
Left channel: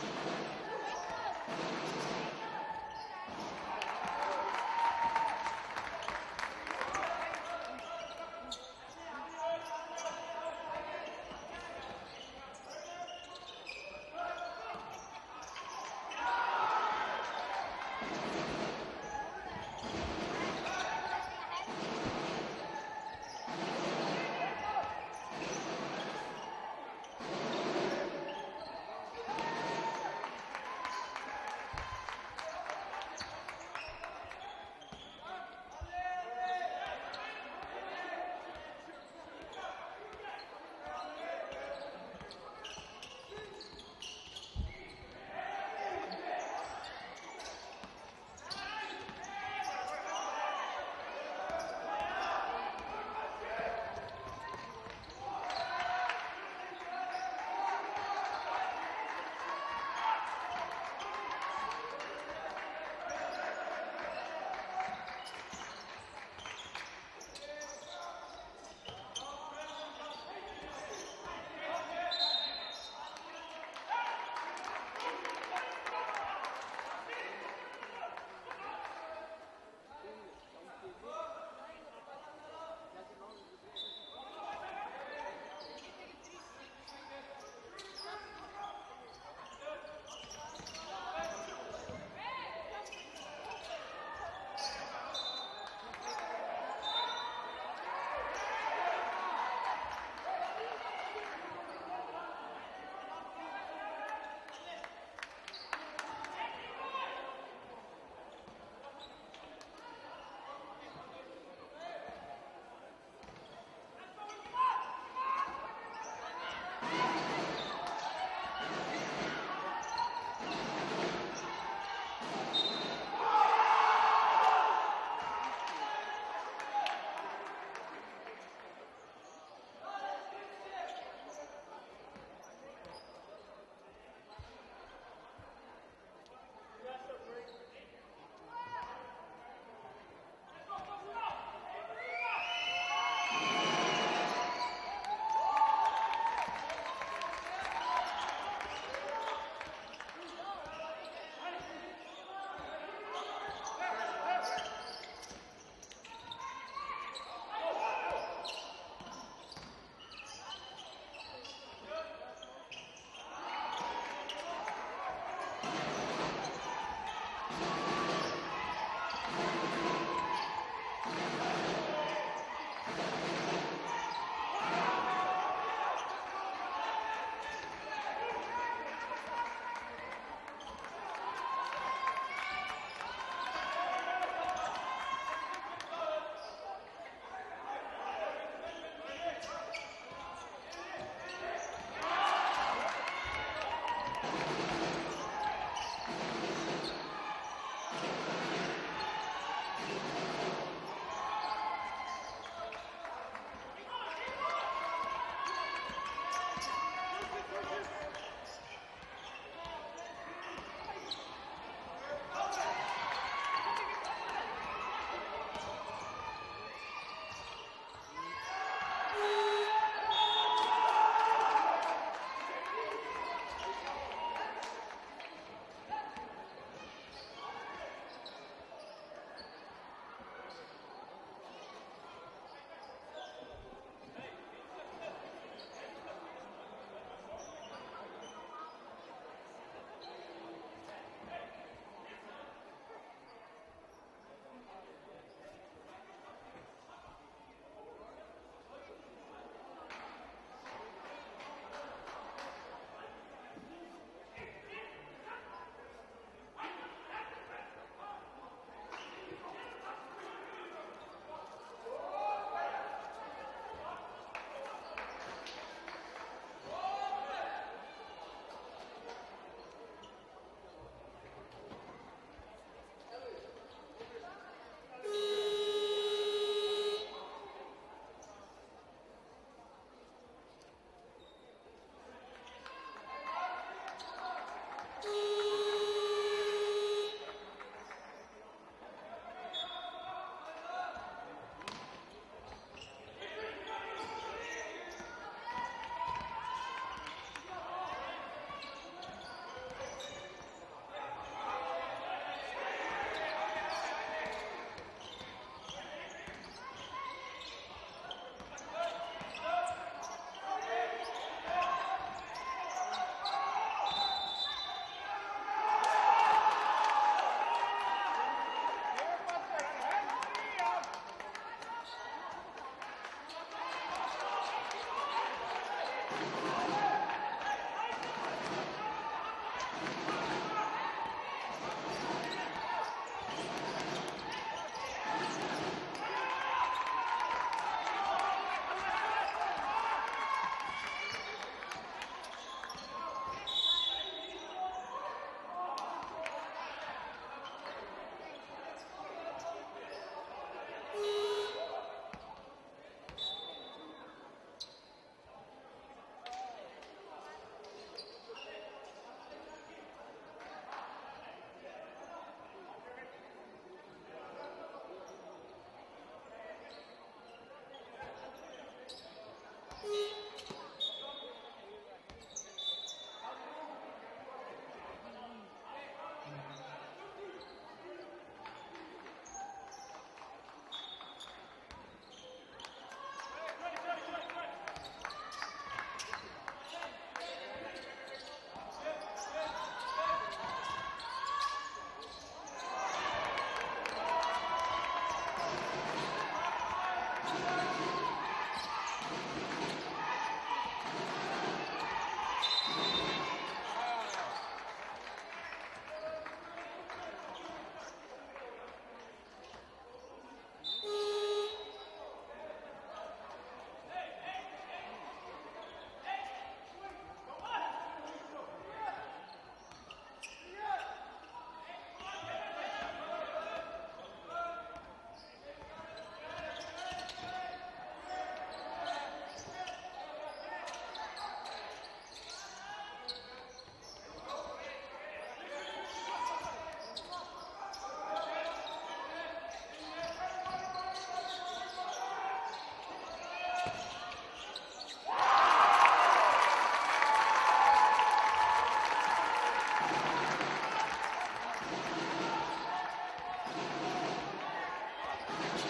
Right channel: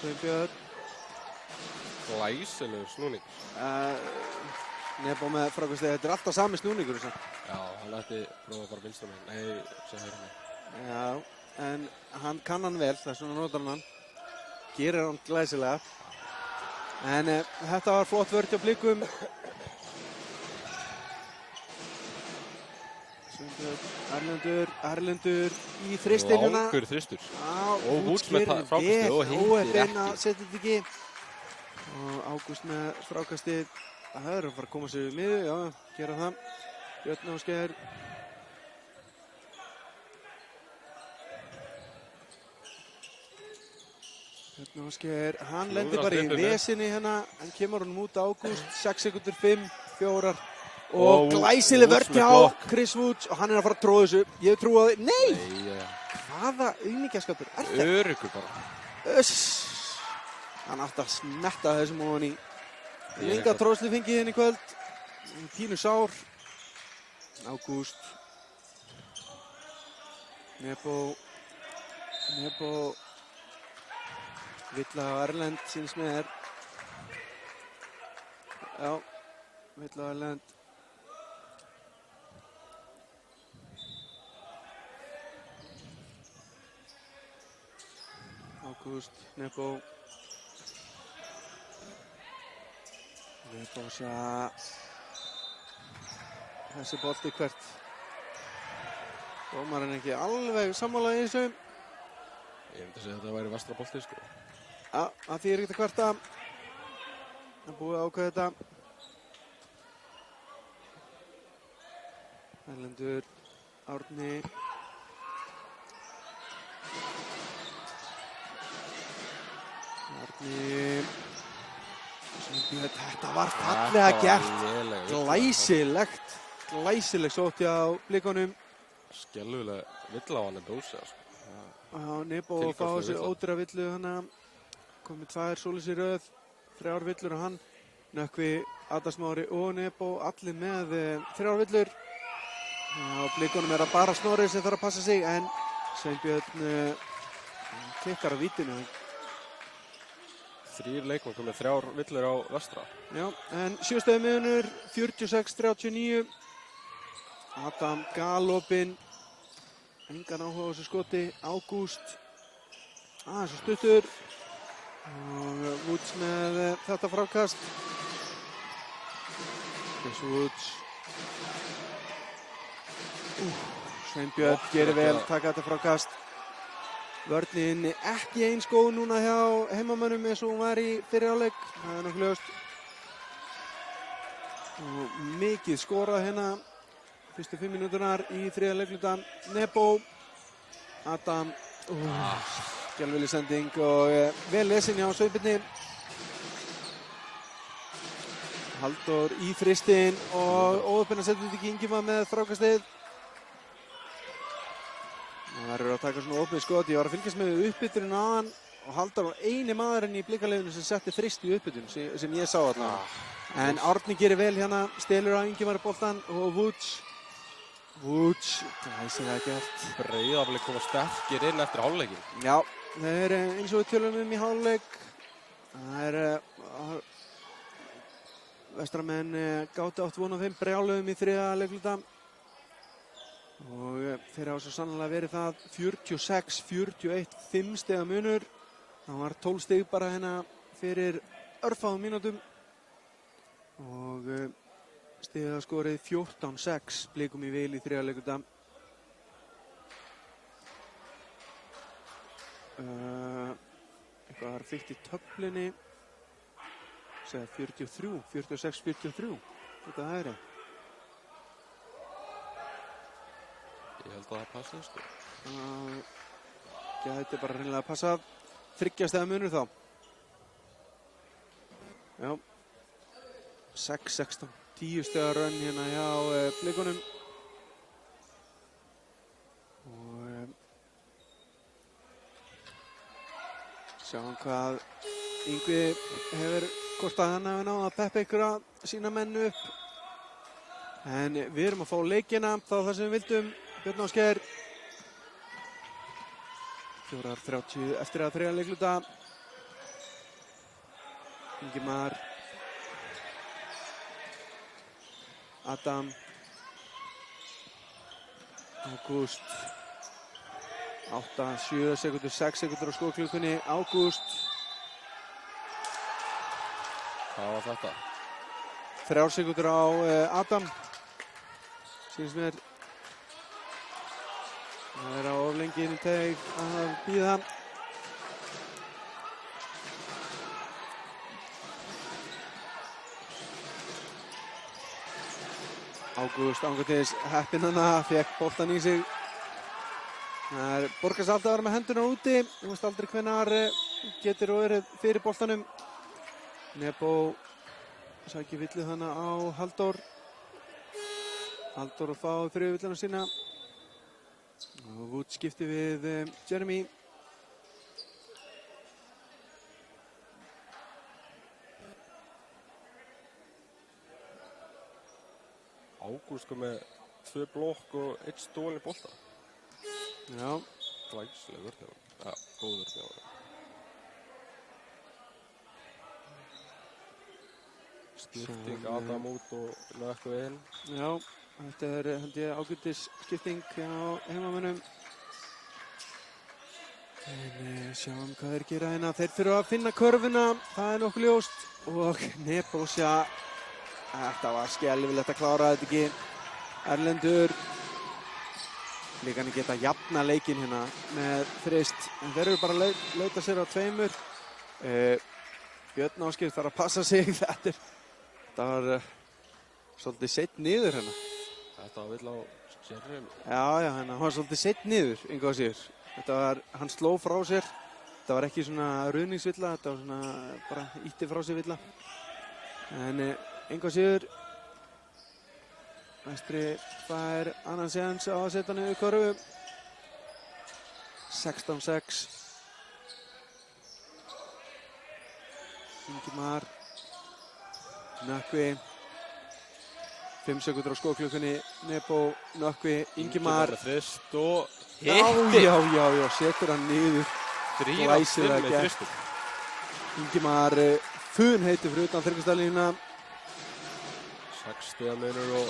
Sveinbjörn. Glæsilegur snúning. Nebo með frákvæmst, þetta er alltaf sami snúningur. Já, hann ætti nú að fara vinstunum. Nei, sem hérna. Já, en hann kann hann vel, þess vegna notar hann. Gerir hann glæsilega. En þetta var flott vörn hjá Blikum. Erlendur í þristinn hérna. Langur þristur. Og Woods með frákastið og hitti óheppinn að setja þetta ekki. Og Ágúst með frákastið. Það er að fara að koma sér við miðju, já, gera það. Björn Ásgeir. Björn Ásgeir, hann lendir bara í vesinni hérna. Hann kemur honum út Ágúst, 6 sekundur 5, 4. Og glæsileg vörn hjá Chris Woods og hann er að fara að tróða þessu. Ég trúi á því. Nei! Hvaða aumingjaskapur er þetta? Öruggur bara. Hann átti að smetta þessum ofan í. Lenga tróðslu fengið hérna í kvöld. Pínu sár. Ágúst. Nebo. Villa og Erlend síns með þér. Já, Villa og Erlend. Ágúst, Nebo. Nebo þessi bolti hvert. Dómarinn ekki alveg sammála í þessu. Ég myndi að segja að þetta væri vestra bolti, sko. Já, það þýðir ekkert að kvarta. Það er búið að ákveða þetta. Erlendur, Árni. Þetta var fallega gert. Glæsileg sóti á blikunum. Skelfileg villa á hann dósa, sko. Já, Nebo að fá þessi ódýra villu hana. Komið 2 svoleiðis í röð, 3 villur og hann. Nökkvi, Adam Smári og Nebo, allir með 3 villur. Blikunum að bara Snorri sem þarf að passa sig, en Sveinbjörn kikkar á vítinu. 3 leikmenn komið 3 villur á vestra. Já, en 7 stöðu miðunur, 46-39. Adam galopinn. Engan áhuga á þessu skoti. Ágúst. Þessi stuttur. Woods með þetta frákast. Woods. Sveinbjörn gerir vel, taka þetta frákast. Vörnin ekki eins góð núna hjá heimamönnum eins og hún var í fyrri hálfleik. Það er nokkuð ljóst. Mikið skorað hérna fyrstu 5 mínúturnar í þriðja leikluta. Nebo, Adam, skelfileg sending og vel lesin hjá Sveinbirni. Halldór í fristinn og óöppina setur ekki Ingimar með frákastið. Það eru að taka svona opið skot. Ég var að fylgjast með uppbytturinn á hann og Halldór var eini maðurinn í blikarliðinu sem setti frist í uppbyttun sem ég sá þarna. En Árni gerir vel hérna, stelur á Ingimar boltan og Woods, glæsilega gert. Breiðablik koma sterkir inn eftir hálfleikin. Já, það er eins og við tölum í hálfleik. Það er vestramenn gátu átt von á þeim brjáluðum í þriðja leikluta. Og þeir hafa svo sannlega verið það 46-41, 5 stiga munur. Það var 12 stig bara hérna fyrir örfáum mínútum. Og stigaskorið 14-6, blikum í vil í þriðja leikluta. Það var fyrst í töflunni. Segja 43, 46-43. Þetta er það. Það passa, sko. Gæti bara hreinlega að passa 3 stiga munur þá. Já. 6-16, 10 stiga rönn hérna hjá blikunum. Og sjáum hvað Yngvi hefur, hvort að hann hefur náð að peppa ykkur að sína menn upp. En við erum að fá leikina, þá það sem við vildum. Björn Ásgeir. 4:30 eftir að þriðja leikluta. Ingimar. Adam. Ágúst. 8, 7 sekundur, 6 sekundur á skóklukkunni. Ágúst. Það var þetta. 3 sekundur á Adam. Sýnist mér. Það er á oflengin teg að bíða. Ágúst ángurtis heppinn hana, fékk boltan í sig. Það er borgast alltaf að vera með hendurna úti. Þú veist aldrei hvenær getur verið fyrir boltanum. Nebo sækir villið hana á Halldór. Halldór að fá þriðju villina sína. Og Woods skipti við Jeremy. Ágúst kom með 2 blokk og 1 stólinn bolta. Já. Glæsilegur hjá hann. Ja, góður hjá hann. Skipting Adam út og Nökkvi inn. Já, þetta er held ég ágætis skipting á heimamönnum. En sjáum hvað þeir gera hérna. Þeir þurfa að finna körfuna, það er nokkuð ljóst. Og Nebósja, þetta var skelfilegt að klára þetta ekki. Erlendur. Líka hann geta jafna leikinn hérna með þrist. En þeir eru bara að leita sér á 2. Björn Ásgeir þarf að passa sig. Þetta var svolítið seitt niður hérna. Þetta var vill á Jeremy. Já, hann var svolítið seitt niður, engu að síður. Hann sló frá sér. Þetta var ekki svona ruðningsvilla, þetta var svona bara ítti frá sér villa. En engu að síður, Vestri fær annan séns á að setja niður körfu. 16-6. Ingimar, Nökkvi, 5 sekúndur á skóklukkunni, Nebo, Nökkvi, Ingimar. með frist og Já, setur hann niður. Drífa Glæsilega með gert. fristum. Ingimar fun heitir fyrir utan þryggjastælína. 6 stiga munur og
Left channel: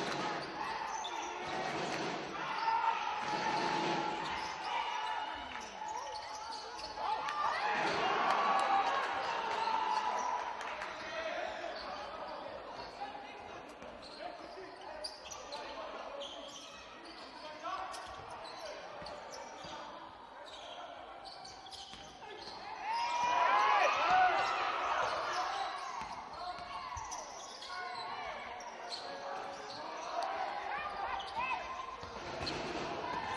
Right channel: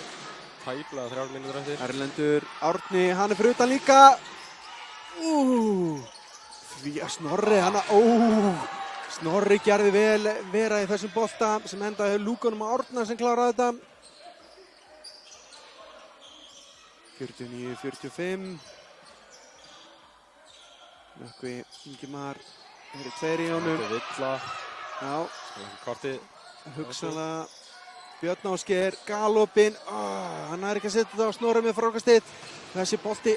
tæplega 3 mínútur eftir. Erlendur Árni, hann fyrir utan líka. Því að Snorri gerði vel vera í þessum bolta sem endaði lúkunum á Árna sem kláraði þetta. 49-45. Nökkvi, Ingimar, það eru 2 í honum. Og Villa, Já, kvarti. hugsanlega Björn Ásgeir, galopinn. Hann er ekki að setja þetta á Snorri með frákastið. Þessi bolti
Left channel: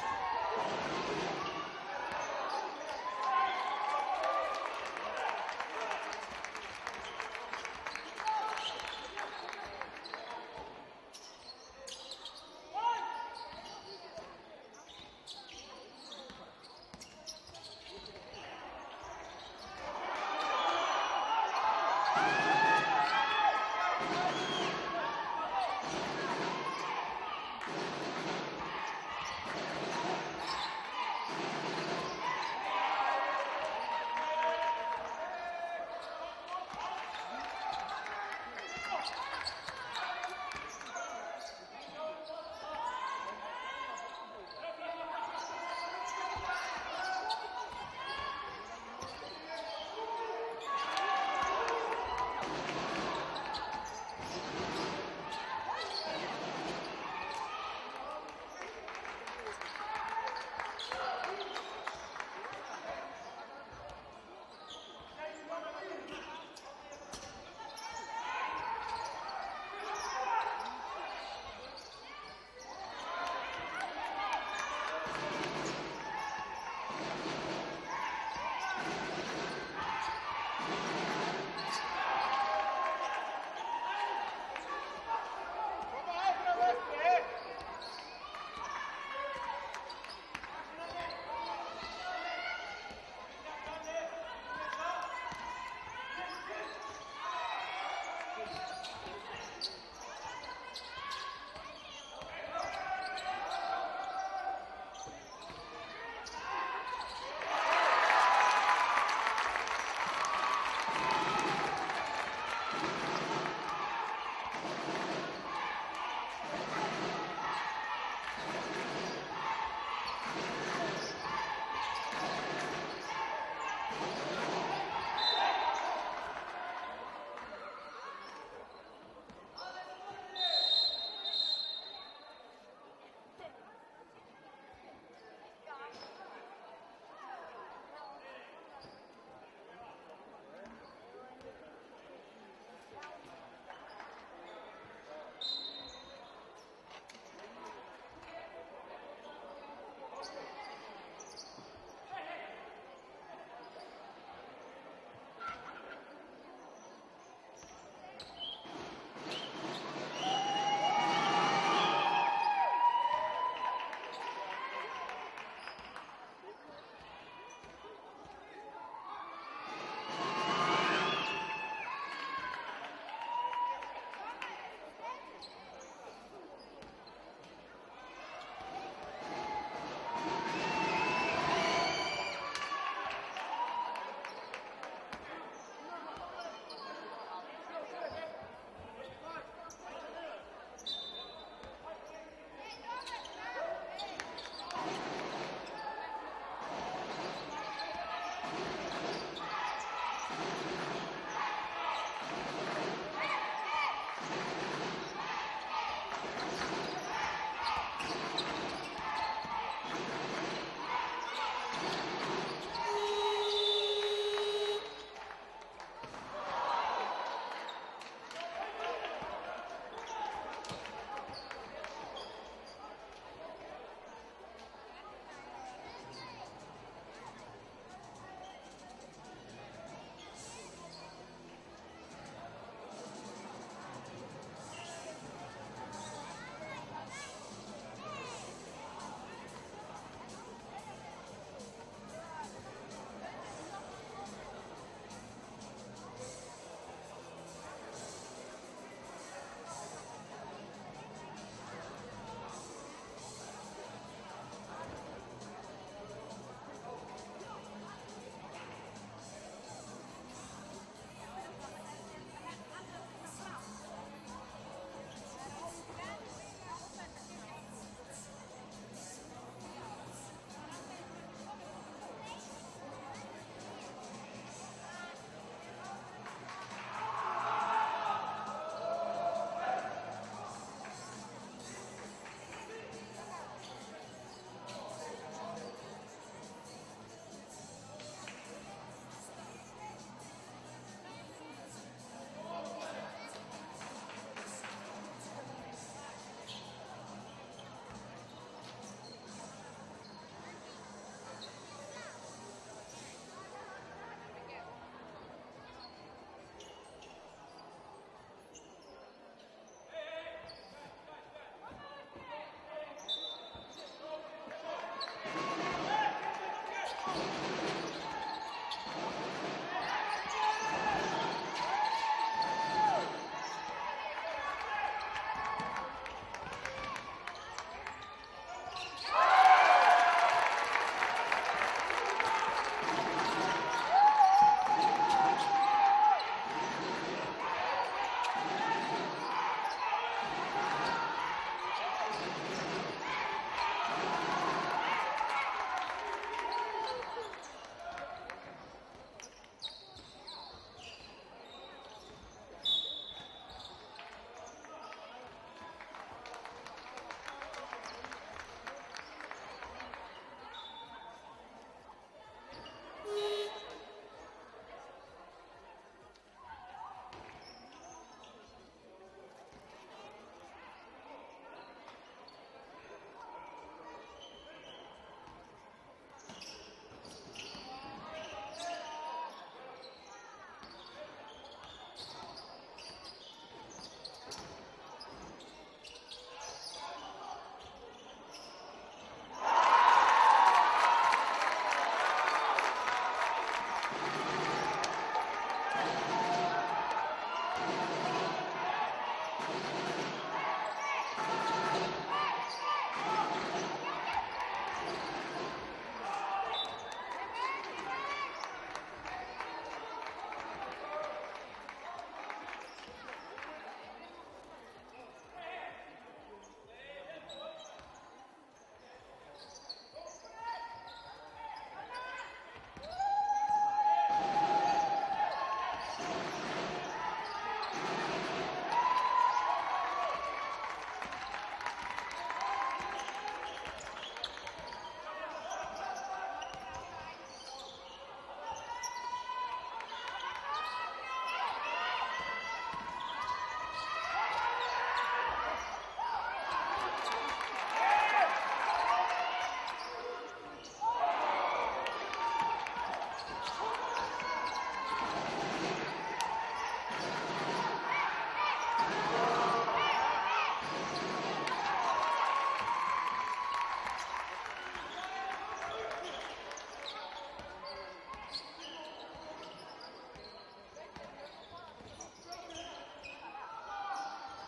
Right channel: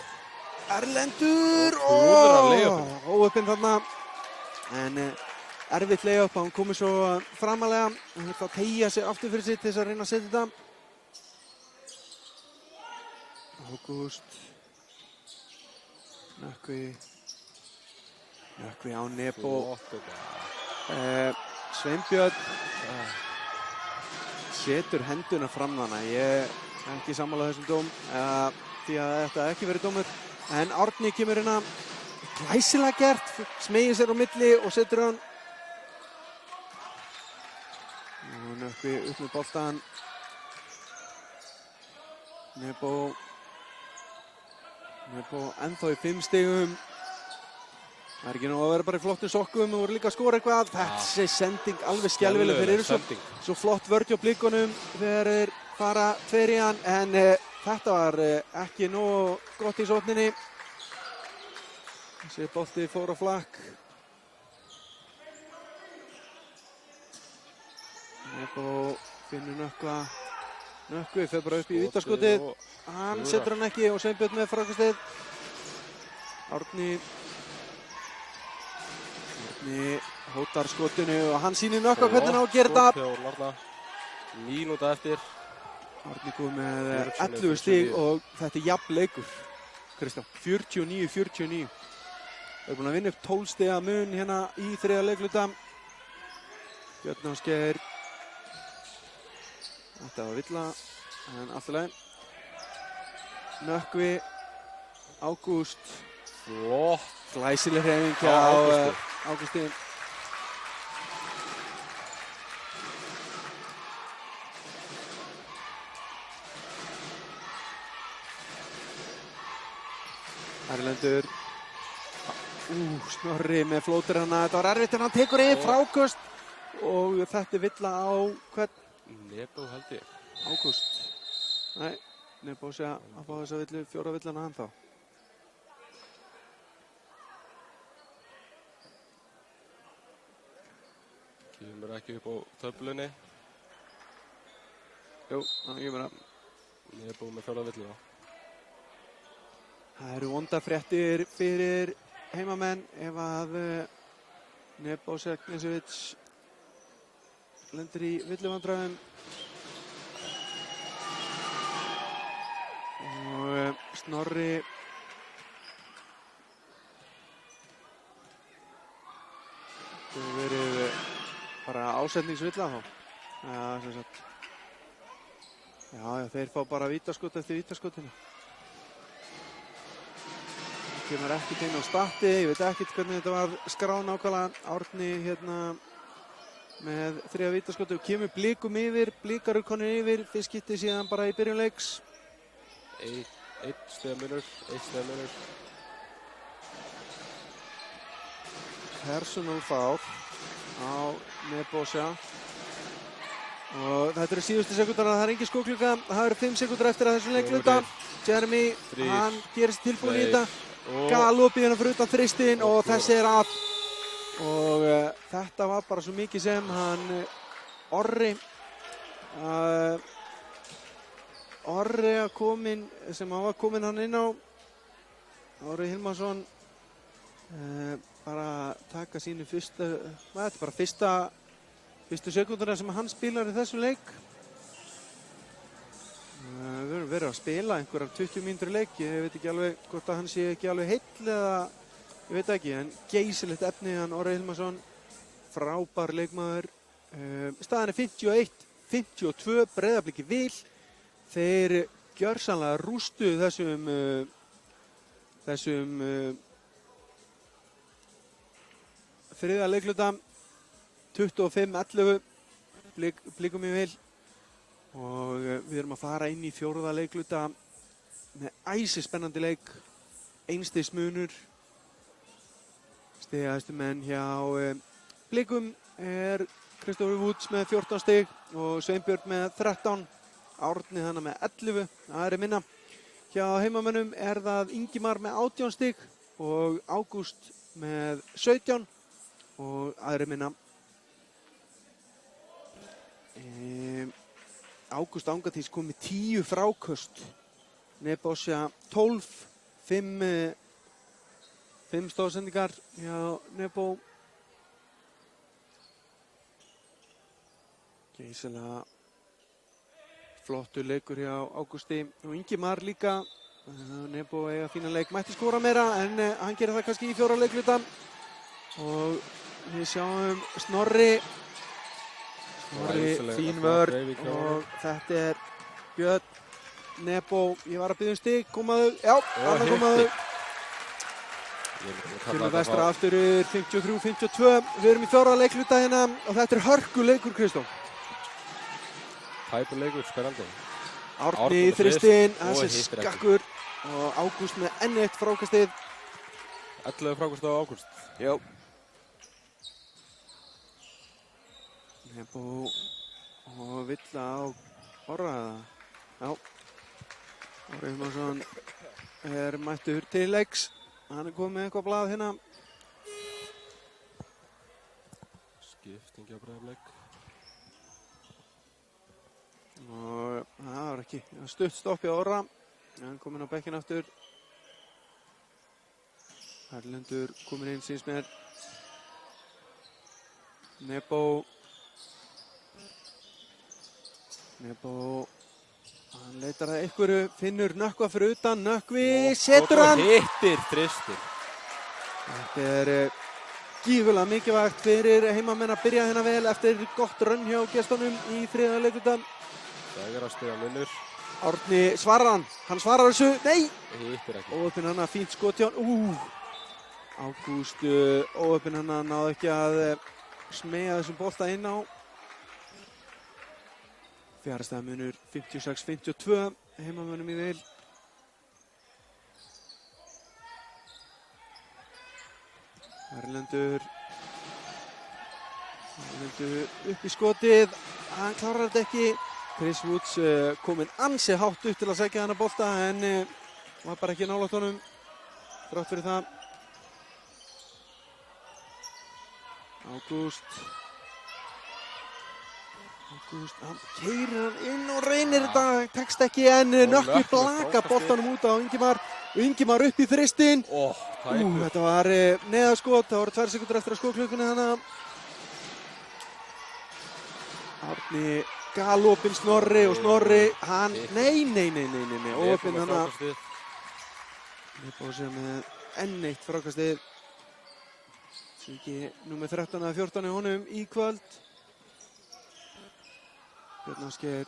Erlendur. Óöppinn þarna. En erfitt layup, hann komið svo framalega. Hann þurfti að teygja sig aftur fyrir sig til þess að reyna að setja þetta. Ágúst. Nökkvi á Nebo. Sveinbjörn setur henduna fram þarna. Ég er ekki sammála þessum dóm því að þetta ekki verið dómur. En Árni kemur hérna glæsilega gert, smeygir sér á milli og setur hann. Nökkvi upp með boltan. Nebo ennþá í 5 stigum. Það er ekki nú að vera bara í flottum sokkum og voru líka að skora eitthvað. Þessi sending alveg skelfileg fyrir þessu. Svo flott vörð hjá blikunum þegar þeir fara 2 í hann. En þetta var ekki nógu gott í sókninni. Þessi bolti fór á flakk. Nebo finnur Nökkva. Nökkvi fer bara upp í vítaskotið. Hann setur hann ekki og Sveinbjörn með frákastið. Árni hótar skotinu og hann sýnir Nökkva hvernig hann á að gera þetta. Mínúta eftir. Árni kom með 11 stig og þetta er jafn leikur. Kristján, 49-49. Við erum búin að vinna upp 12 stiga mun hérna í 3. leikluta. Björn Ásgeir. Þetta var Villa, en allt í lagi. Nökkvi, Ágúst. Flott. Glæsileg hreyfing hjá Ágústin. Erlendur. Snorri með flótur hana. Þetta var erfitt en hann tekur yfir fráköst. Og þetta er Villa á hvern? Nebo held ég. Ágúst. Nei, Nebo sé að fá þessa villu 4 villana hann þá. Kemur ekki upp á töflunni. Jú, þannig kemur það. Nebo með 4 villuna. Það eru vondafréttir fyrir heimamenn ef að Nebo Seknesevits lendir í villuvandræðum. Og Snorri það verið bara ásetningsvilla þá. Já, sem sagt. Já, þeir fá bara vítaskot eftir vítaskotinu. Kemur ekki þeim á statti, ég veit ekkert hvernig þetta var skráð nákvæmlega. Árni hérna með 3 vítaskotur, kemur blikum yfir, blikar eru konur yfir, þeir skipti síðan bara í byrjun leiks. 1 stiga munur. Personal foul á Nebosja. Og þetta eru síðustu sekúndar, það er engin skóklukka, það eru 5 sekúndur eftir að þessum leikluta. Jeremy, hann gerir sér tilbúin í þetta. Galopið hérna fyrir utan þristinn og þessi er af. Og þetta var bara svo mikið sem hann Orri að komin, sem hann var komin hann inn á. Orri Hilmarsson bara taka sínu fyrsta, þetta er bara fyrstu sekúndurnar sem hann spilar í þessum leik. Við höfum verið að spila einhverjar 20 mínútur í leik. Ég veit ekki alveg hvort að hann sé ekki alveg heill eða ég veit ekki, en geysilegt efni hann Orri Hilmarsson, frábær leikmaður. Staðan er 51-52, Breiðablik í vil. Þeir gjörsamlega rústuðu þessum þriðja leikluta, 25-11, Blikum í vil. Og við erum að fara inn í fjórða leikluta með æsispennandi leik, einstigs munur. Stigahæstu menn hjá Blikum er Kristoffer Woods með 14 stig og Sveinbjörn með 13. Árni þannig með 11, það er minna. Hjá heimamönnum er það Ingimar með 18 stig og Ágúst með 17 og aðri minna. Ágúst Angatís kom með 10 fráköst. Nebosja 12, 5 stóðsendingar hjá Nebo. Geysilega flottur leikur hjá Ágústi og Ingimar líka. Nebo eiga fína leik, mætti skora meira en hann gerir það kannski í fjóra leikluta. Og við sjáum Snorri, fín vörn og þetta er Björn, Nebo, ég var að biðja stig, komaðu, já, þarna komaðu. Fyrir vestra aftur 53-52, við erum í fjóra leikluta hérna og þetta er hörkuleikur, Kristó. Tæpur leikur, spennandi. Árni í þristinn, þessi skakkur og Ágúst með enn eitt frákastið. 11 frákast á Ágúst. Já. Nebo og Villa á Orra. Já. Orri Hilmarsson er mættur til leiks. Hann er komið með eitthvað blað hérna. Skipting á Breiðablik. Og það var ekki stutt stopp hjá Orra. Hann kom inn á bekkinn aftur. Erlendur komin inn síns með Nebo, hann leitar að einhverju, finnur Nökkva fyrir utan, Nökkvi setur hann! Og hittir þristur. Þetta er gífurlega mikilvægt fyrir heimamenn að byrja hérna vel eftir gott rönn hjá gestunum í þriðja leikluta. Það er að stóða minnur. Árni svarar hann svarar þessu, nei! Hittir ekki. Óöppin hann að fínt skot hjá hann, Ágúst óöppin hann að náði ekki að smeyja þessum bolta inn á. Fjárstaða munur 56-52, heimamönnum í vil. Erlendur upp í skotið, hann klárar þetta ekki. Chris Woods kominn ansi hátt upp til að sækja þennan bolta en var bara ekki nálægt honum, þrátt fyrir það. Ágúst, hann keyrir inn og reynir þetta, tekst ekki en Nökkvi blaka boltanum út á Ingimar. Ingimar upp í þristinn. Þetta var neðaskot, það voru 2 sekúndur eftir að skotklukkunni þannig. Árni galopinn Snorri og Snorri, hann, nei, óöppin hann að. Þetta var sem enn eitt frákastið. Ekki númer 13 eða 14 í honum í kvöld. Björn Ásgeir,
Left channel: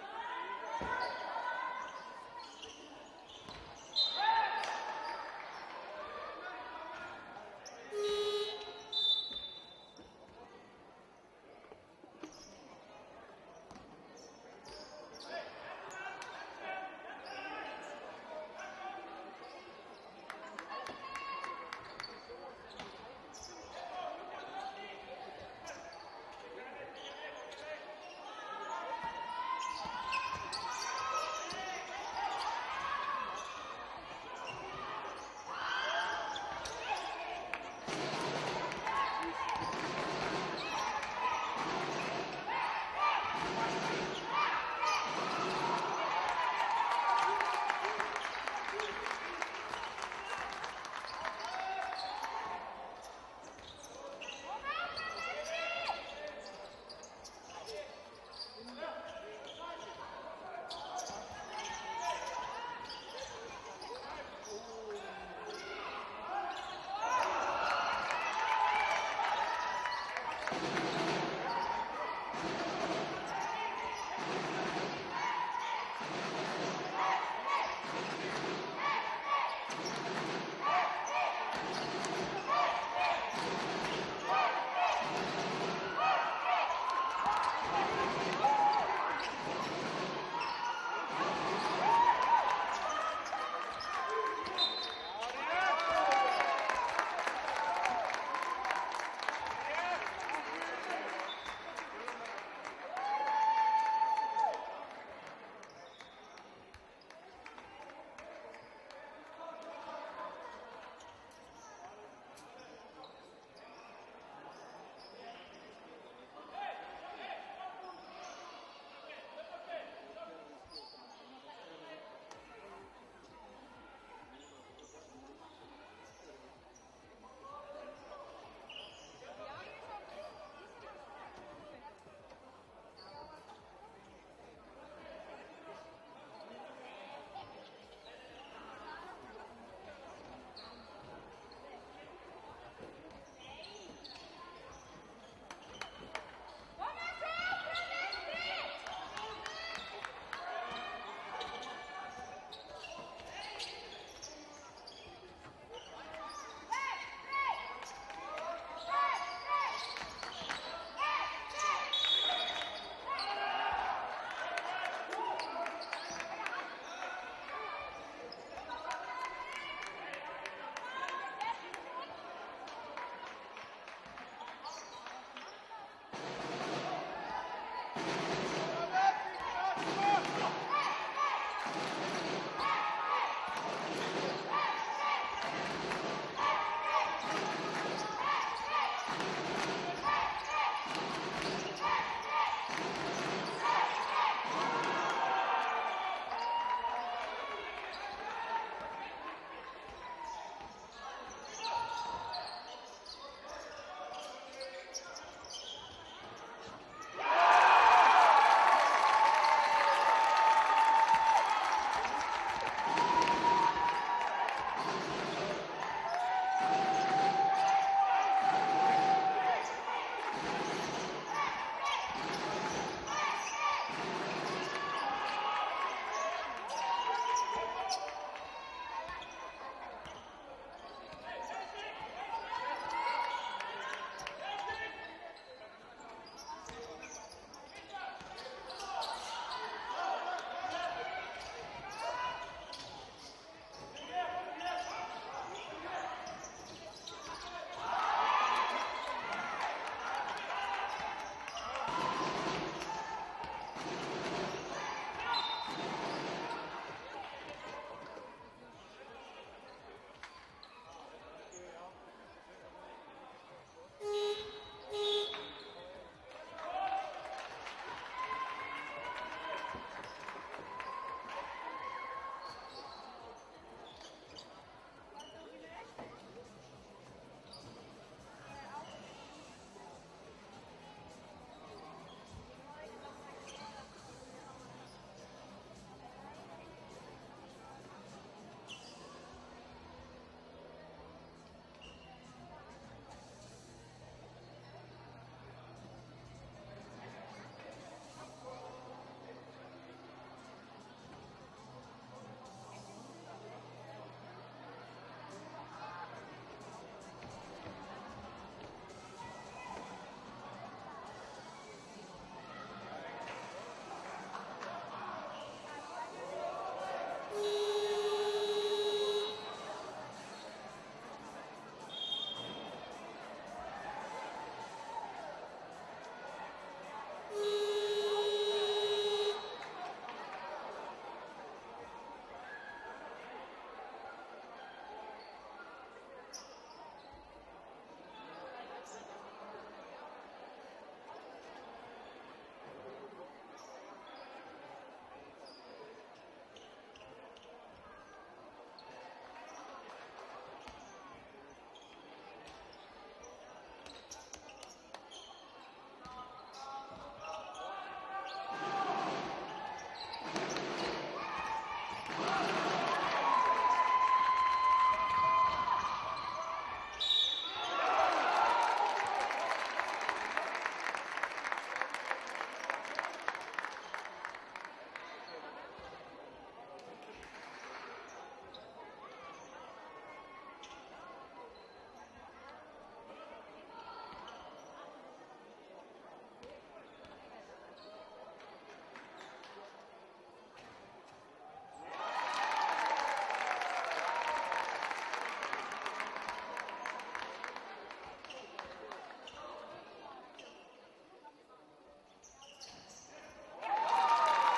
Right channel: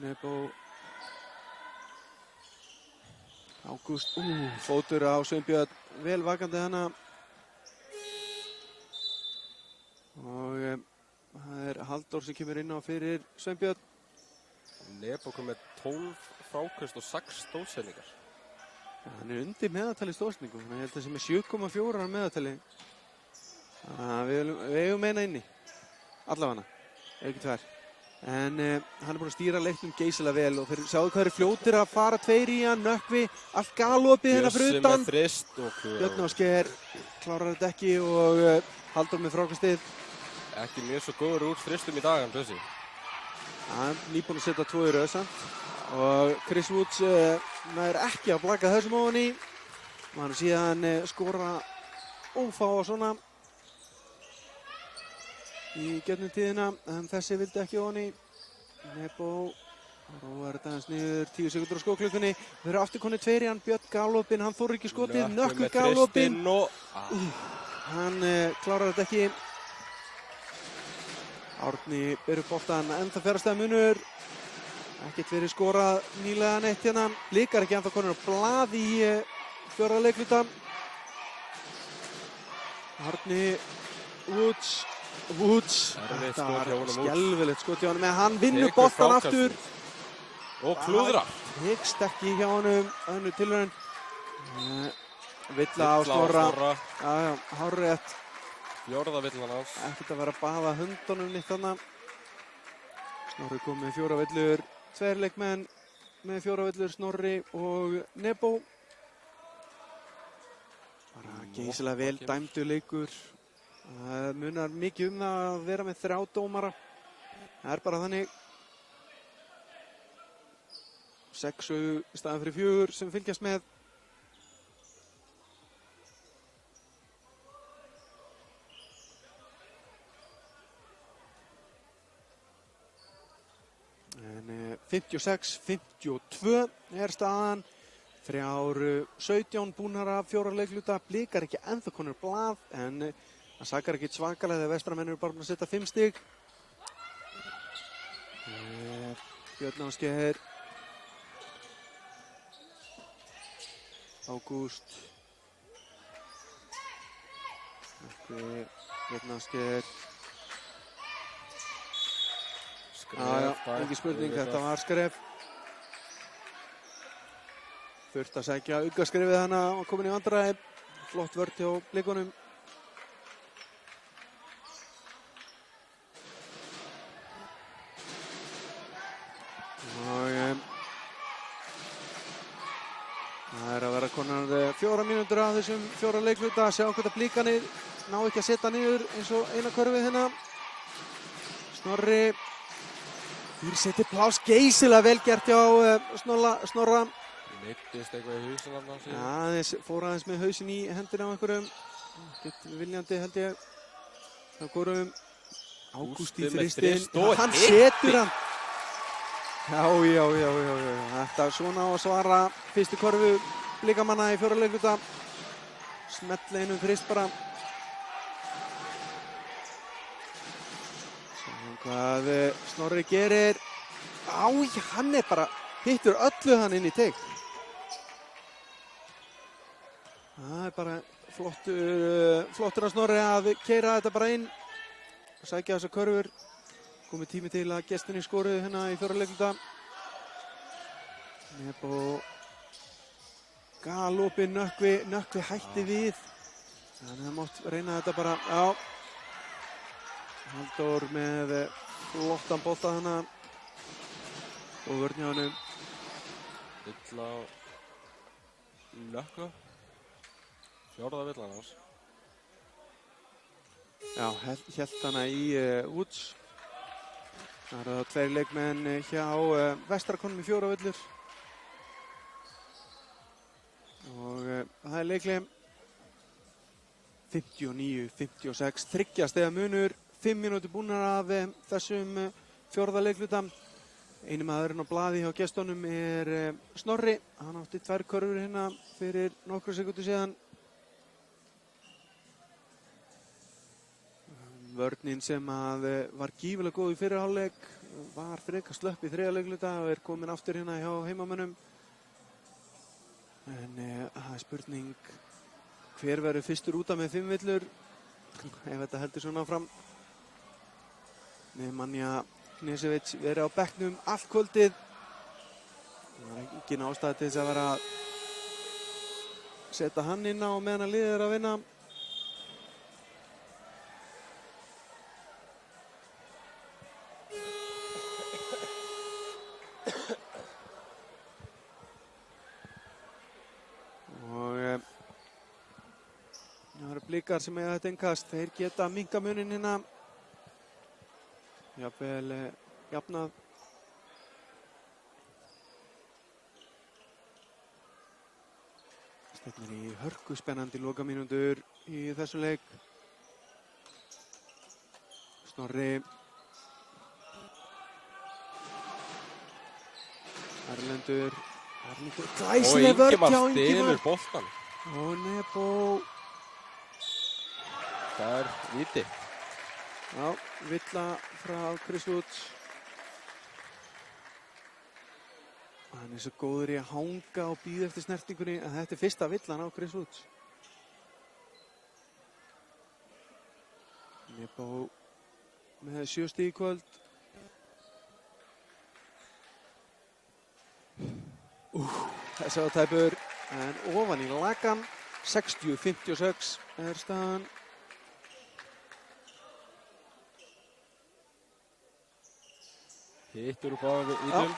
Nebo, Ágúst, fótur á Sveinbjörn, vel vakandi hana. Og það er Halldór sem kemur inn á fyrir Sveinbjörn. Nebo kom með 12 fráköst og 6 stóðsendingar. Hann er undir meðaltali stóðsendingum, ég held að það sé með 7,4 meðaltali. Við eigum eina inni, allavega, ekki tvær. En hann er búinn að stýra leiknum geysilega vel og þeir sjáðu hvað eru fljótir að fara tveir í hann, Nökkvi, allt galopið hérna fyrir utan. Bjössi með þrist og Björn Ásgeir klárar þetta ekki og Halldór með frákastið. Ekki mjög svo góður úr þristum í dag, hann Bjössi. Hann nýbúinn að setja 2 í röð samt. Og Chris Woods nær ekki að blaka þessum ofan í. Og hann síðan skora ófá og svona. í gegnum tíðina, en þessi vildi ekki ofan í. Nebo róar þetta aðeins niður, 10 sekúndur á skóklukkunni. Þeir eru aftur konið tveir í hann, Björn galopinn, hann þorir ekki skotið, Nökkvi galopinn. Hann klárar þetta ekki. Árni ber upp boltann, enda fjárhastega munur. Ekkert verið skorað nýlega neitt hérna. Blikar ekki ennþá konur á blað í fjórða leikluta. Árni Woods. Þetta var skelfilegt skot hjá honum, en hann vinnur boltan aftur. Og klúðra. Hyggst ekki hjá honum, önnur tilraun. Villa á Snorra. Hárrétt. Fjórða villan hans. Ekkert að vera að baða höndunum nýtt þarna. Snorri kom með 4 villur, 2 leikmenn með 4 villur, Snorri og Nebo. Geysilega vel dæmdu leikur. Það munar mikið það að vera með 3 dómara. Það bara þannig. 6 í staðinn fyrir 4 sem fylgjast með. En 56-52 staðan. 3-17 búnar af 4 leikluta. Blikar ekki ennþá konur blað, en það sakar ekki svakalega þegar vestramenn eru bara búin að setja 5 stig. Björn Ásgeir. Ágúst. Björn Ásgeir. Ekki spurning, þetta var skref. Þurft að sækja augaskrefið hana og komin í vandræði. Flott vörn hjá Blikunum. Það er að vera konar 4 mínútur af þessum 4 leikluta. Sjá hvort að Blikanir ná ekki að setja niður eins og eina körfið hérna. Snorri. Setti pláss, geysilega vel gert hjá Snorra. Meiddist eitthvað í hausinn þarna síðan. Aðeins fór aðeins með hausinn í hendina á einhverjum. Ekkert viljandi held ég. Það fórum Ágúst í þristinn. Hann setur hann. Já. Þetta er svona á að svara fyrstu körfu Blikamanna í 4. leikluta. Smetla einu þrist bara. Hvað Snorri gerir. Hann er bara hittur öllu hann inn í teig. Það er bara flottur að Snorri að keyra þetta bara inn og sækja þessar körfur. Komið tími til að gestinni skoruðu hérna í 4. leikluta. Galopinn Nökkvi hætti við. Þannig að mátt reyna þetta bara. Já. Halldór með flottan bolta hana og vörn hjá honum. Villa Nökkvi. Fjórða villan hans. Já, hélt hana í Woods. Það eru 2 leikmenn hjá Vestrakonum í 4 villur. Og það er leikleim 59-56, 3 stiga munur, 5 mínútur búnar af þessum 4. leikluta. Einu maðurinn á blaði hjá gestunum er Snorri. Hann átti 2 körfur hérna fyrir nokkru sekúndur síðan. Vörnin sem var gífulega góð í fyrri hálfleik var frekar slöpp í 3. leikluta og er komin aftur hérna hjá heimamönnum. En það er spurning hver verður fyrstur út af með 5 villur ef þetta heldur svona fram. Nemanja Knežević verið á bekknum allt kvöldið. Engin ástæða til þess að vera að setja hann inn á meðan að liðið er að vinna. Blikar sem eiga þetta innkast, þeir geta minnka munin hérna. Jafnvel jafnað. Stefnir í hörku spennandi lokamínútur í þessum leik. Snorri. Erlendur. Og Glæsileg vörn Ingimar hjá stelur Ingimar. boltan. Og Nebo. Það er víti. Já, villa frá Chris Woods. Hann er svo góður í að hanga og bíða eftir snertingunni en þetta er fyrsta villan á Chris Woods. Nebo með 7 stig í kvöld. Þessi á tæpur en ofan í lagan. 60-56 er staðan. Hittur úr báðum vítum.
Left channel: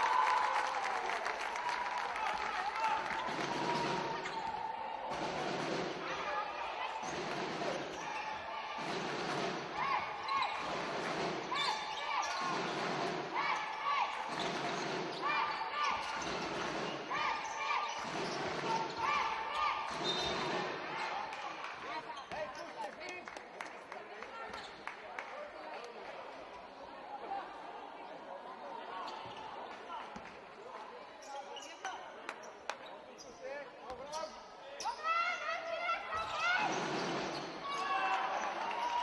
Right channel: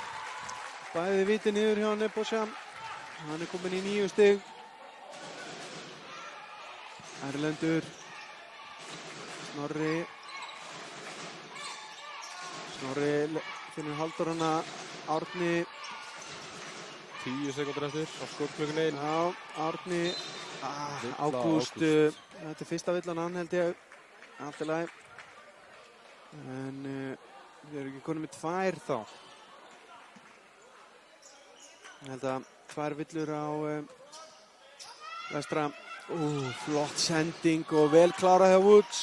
Bæði viti niður hjá Nebosja. Hann er komin í 9 stig. Erlendur. Snorri finnur Halldórana. Árni. 10 sekúndur eftir og skotklukkunni. Já, Árni. Ágúst. Þetta er fyrsta villan hann held ég. Allt í lagi. En við erum ekki konum með 2 þá. Ég held að 2 villur á vestra. Flott sending og vel klárað hjá Woods.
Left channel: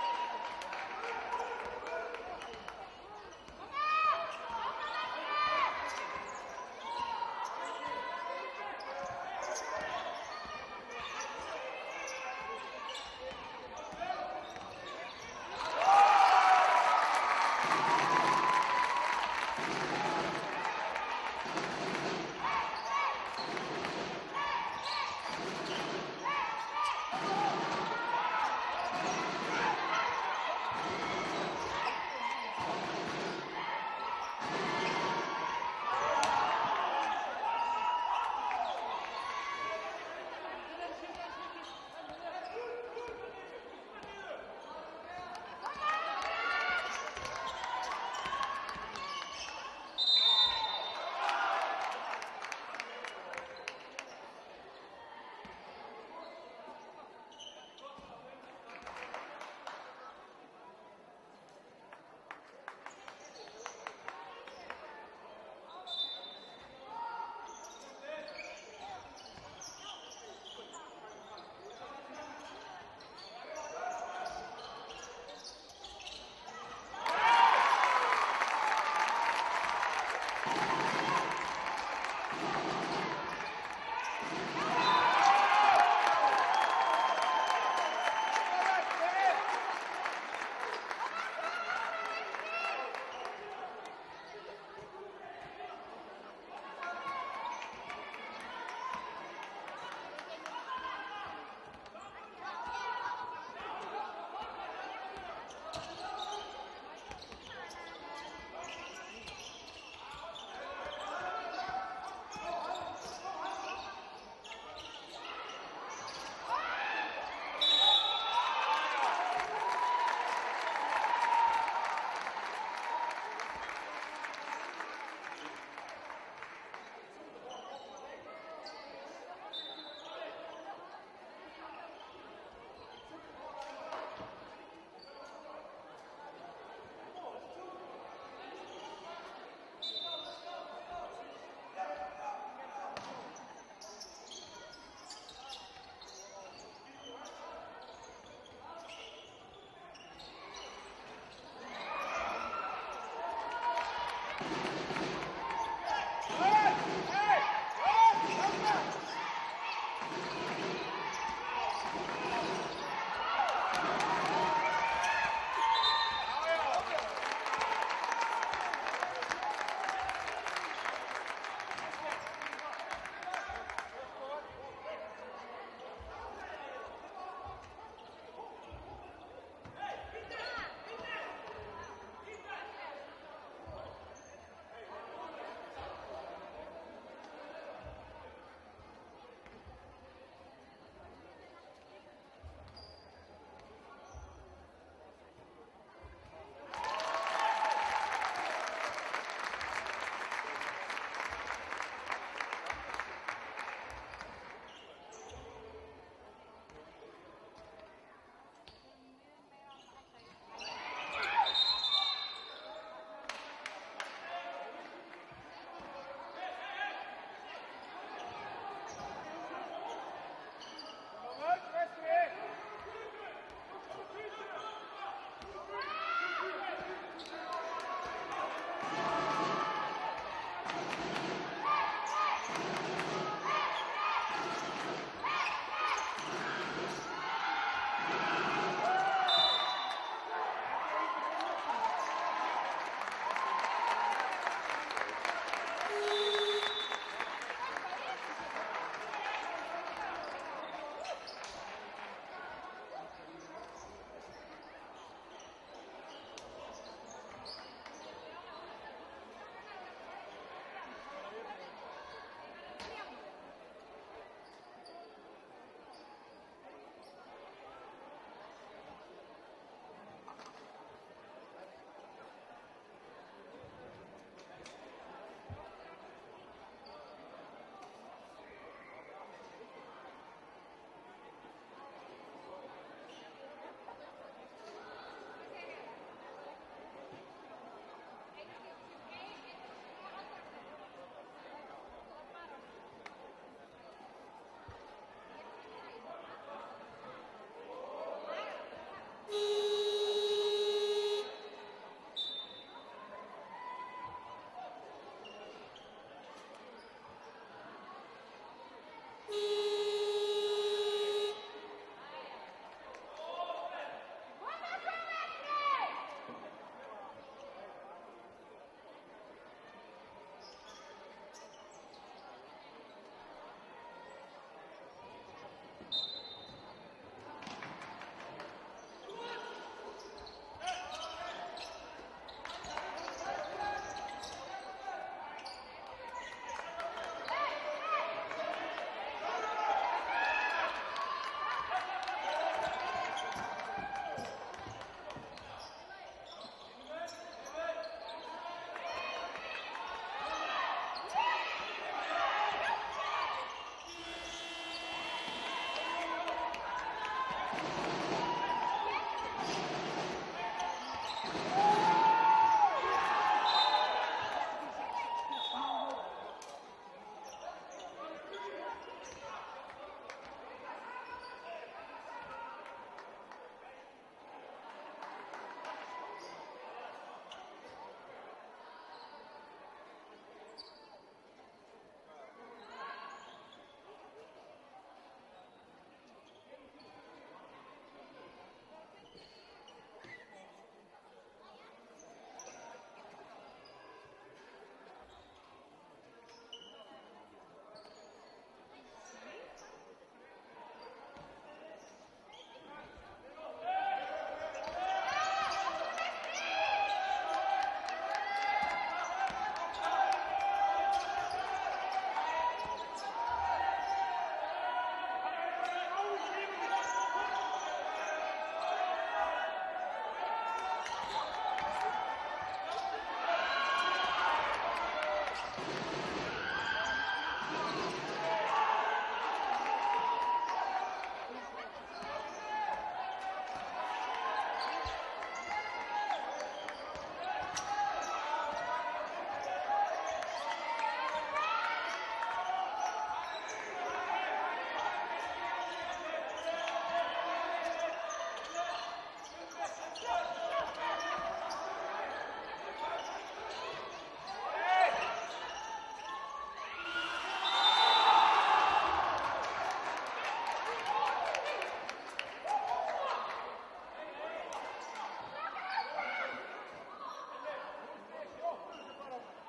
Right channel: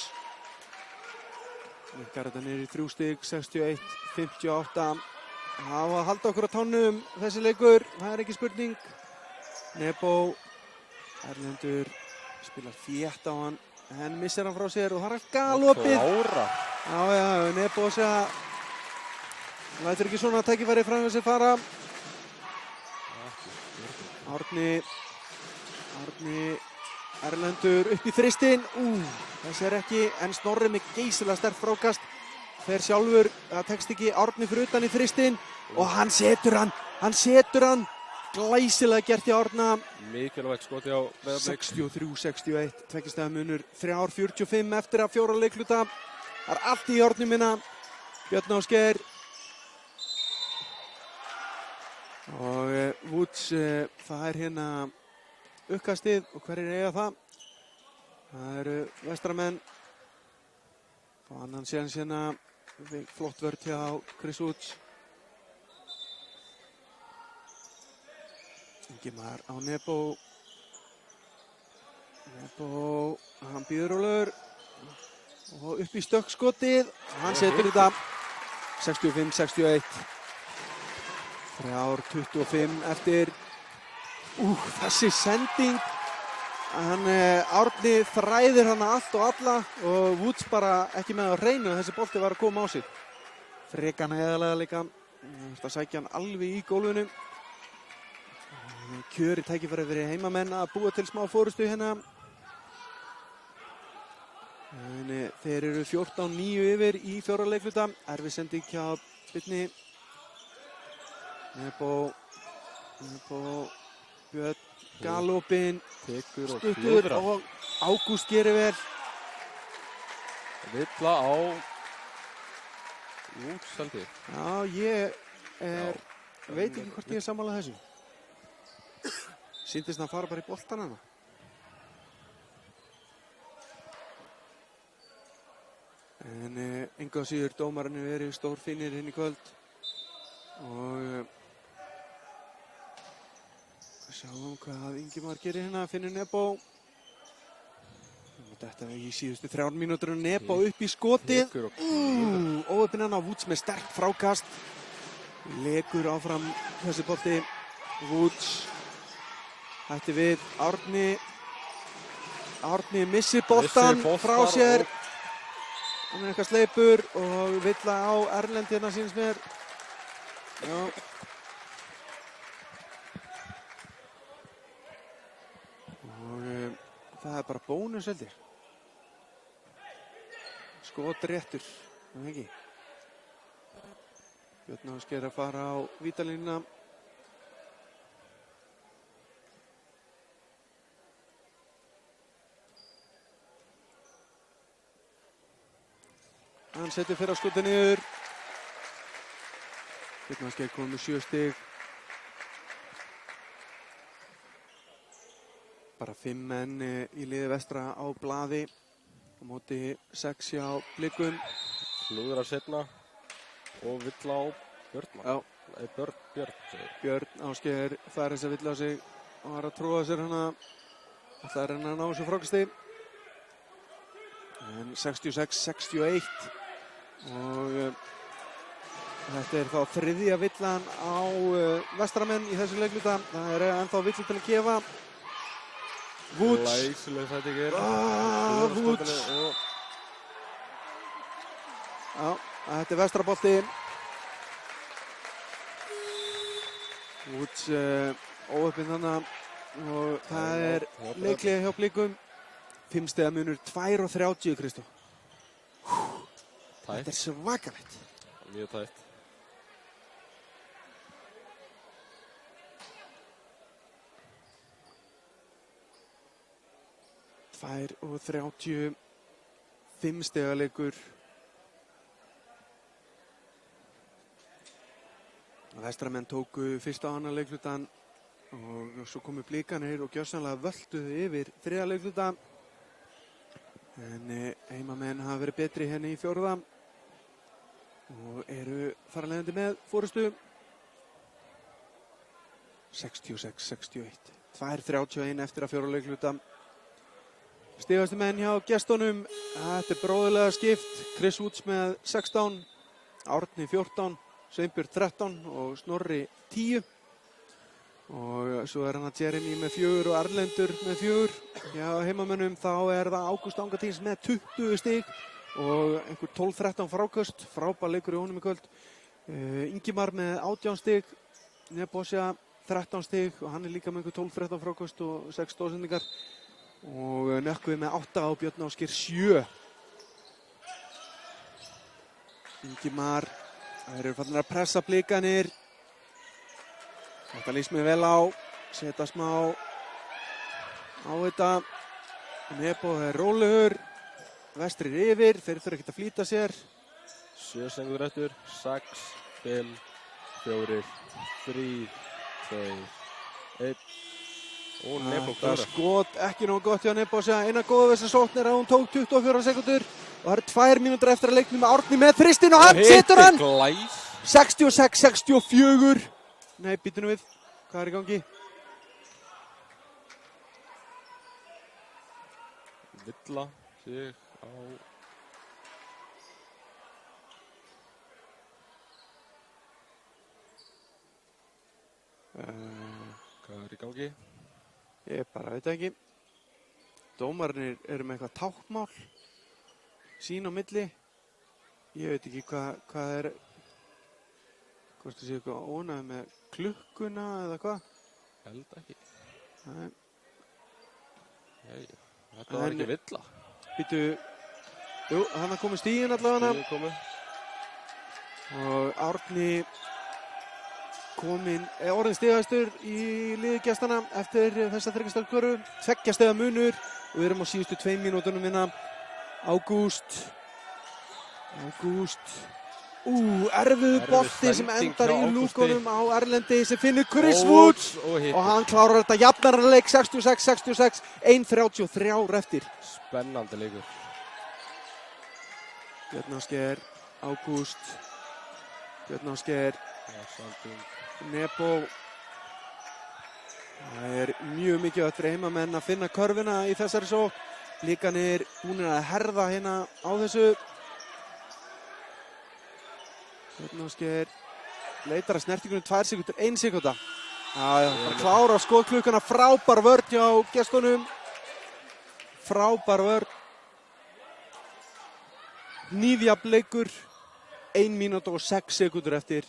Minnkar þetta niður í 3 stig, 61-58. Á að halda okkur á tánum þessi leikur, það er ekki spurning. Nebo, Erlendur, spilar þétt á hann, en missir hann frá sér og það er galopið. Já, Nebo sé að lætur ekki svona tækifæri fram þessi fara. Árni, Erlendur upp í þristinn. Þessi er ekki, en Snorri með geysilega sterkt frákast. Fer sjálfur, það tekst ekki, Árni fyrir utan í þristinn og hann setur hann. Glæsilega gert í Árna. Mikilvægt skoti á Breiðablik. 63-61, tveggjastafa munur, 3:45 eftir að 4 leikluta. Það er allt í Árni minna. Björn Ásgeir. Og Woods, það er hérna uppkastið og hverjir eiga það? Það eru vestramenn. Og annan séns hérna, flott vörð hjá Chris Woods. Ingimar á Nebo. Hann býður Ólafur. Og upp í stökkskotið. Hann setur þetta 65-61. 3:25 eftir. Þessi sending. Árni þræðir hana allt og alla og Woods bara ekki með að hreinu og þessi bolti var að koma á sig. Frekan heiðarlega líka. Það sækja hann alveg í gólfinu. Kjöri tækifæri fyrir heimamenn að búa til smá fórustu hérna. Þeir eru 14-9 yfir í 4 leikluta. Erfið sending hjá Birni. Nebo, Björn, galopin, stuttur og Ágúst gerir vel. Villa á Seldi. Já, ég veit ekki hvort ég er sammála þessu. Sýndist hann fara bara í boltan hana. En engu að síður dómararnir verið stórfínir inn í kvöld. Og sjáum hvað Ingimar gerir hérna, finnur Nebo. Þetta var í síðustu 3 mínútur og Nebo upp í skotið. Óöppin hann á Woods með sterkt frákast. Lekur áfram þessi bolti. Woods. Hætti við Árni missir boltan frá sér. Hann er eitthvað sleipur og Villa á Erlend hérna síns mér. Já. Það er bara bónus heldur. Skot réttur, en ekki. Björn Ásgeir að fara á vítalínuna. Hann setur fyrir að skuta niður. Björn Ásgeir komið með 7 stig. Bara 5 menn í liði vestra á blaði. Á móti 6 hjá Blikum. Klúðrar seinna og Villa á Björn. Já. Björn. Björn Ásgeir fær þess að Villa á sig og var að tróða sér hana. Það er henni að ná þessu frákasti. En 66-61 og þetta er þá þriðja villan á Vestramenn í þessu leikluta. Það er ennþá villi til að gefa. Woods. Læsileg þetta ekki er. Woods. Já, þetta er Vestrabolti. Woods óöppinn þarna og það er leiklega hjá Blikum. 5 stiga munur 2:30 Kristó. Þetta er svakalegt. Mjög tætt. og 30, 5 stiga leikur. Vestramenn tóku fyrsta og annan leiklutan og svo komu Blikanir og gjörsamlega völduðu yfir þriðja leikluta. En heimamenn hafa verið betri henni í fjórða og eru þar af leiðandi með forystu. 66-61. 2:31 eftir að fjóra leikluta. Stigastu menn hjá gestunum. Þetta er bróðurlega skipt. Chris Woods með 16, Árni 14, Sveinbjörn 13 og Snorri 10. Og svo er hann að Jeremy með 4 og Erlendur með 4. Já, heimamönnum þá er það Ágúst Angatins með 20 stig og einhver 12-13 fráköst. Frábær leikur í honum í kvöld. Ingimar með 18 stig, Nebosja 13 stig og hann er líka með einhver 12-13 fráköst og 6 stóðsendingar. Og Nökkvi með 8 og Björn Ásgeir 7. Ingimar, þeir eru farnir að pressa Blikanir. Þetta líst mér vel á, setja smá á þetta. Nebo er rólegur, Vestri er yfir, þeir þurfa ekkert að flýta sér. 7 sekundur eftir, 6, 5, 4, 3, 2, 1. Og Nebo Það skot ekki nógu gott hjá Nebo. Eina góða þessar sókn er að hún tók 24 sekundur. Og það eru 2 mínútur eftir að leiknum með Árni með þristinn og hann setur hann! 66-64. Nei, býtu nú við. Hvað er í gangi? Villa sig á... Hvað er í gangi? Ég bara veit ekki. Dómarnir eru með eitthvað táknmál. Sín á milli. Ég veit ekki hvað er... Hvort það sé eitthvað ónæði með klukkuna eða hvað? Held ekki. Nei. Nei, þetta var ekki Villa. Býtu... Jú, hann er komið stíginn allavega. Og Árni kominn orðinn stigastur í liði gestana eftir þessa þryggjastöðkvöru. 2 stiga munur og við erum á síðustu 2 mínútunum hérna. Ágúst. Erfiður bolti sem endar í lúkunum á Erlendi sem finnur Chris Woods og hann klárar þetta jafnarleik 66-66, 1:33 eftir. Spennandi leikur. Björn Ásgeir, Ágúst, Björn Ásgeir, Nebo. Það er mjög mikið að heimamenn að finna körfuna í þessari sókn. Blikanir búnir að herða hérna á þessu. Björn Ásgeir leitar að snertingunum 2 sekundur, 1 sekunda. Að klára skotklukkuna, frábær vörn hjá gestunum. Frábær vörn. Hnífjafn leikur, 1 mínúta og 6 sekundur eftir.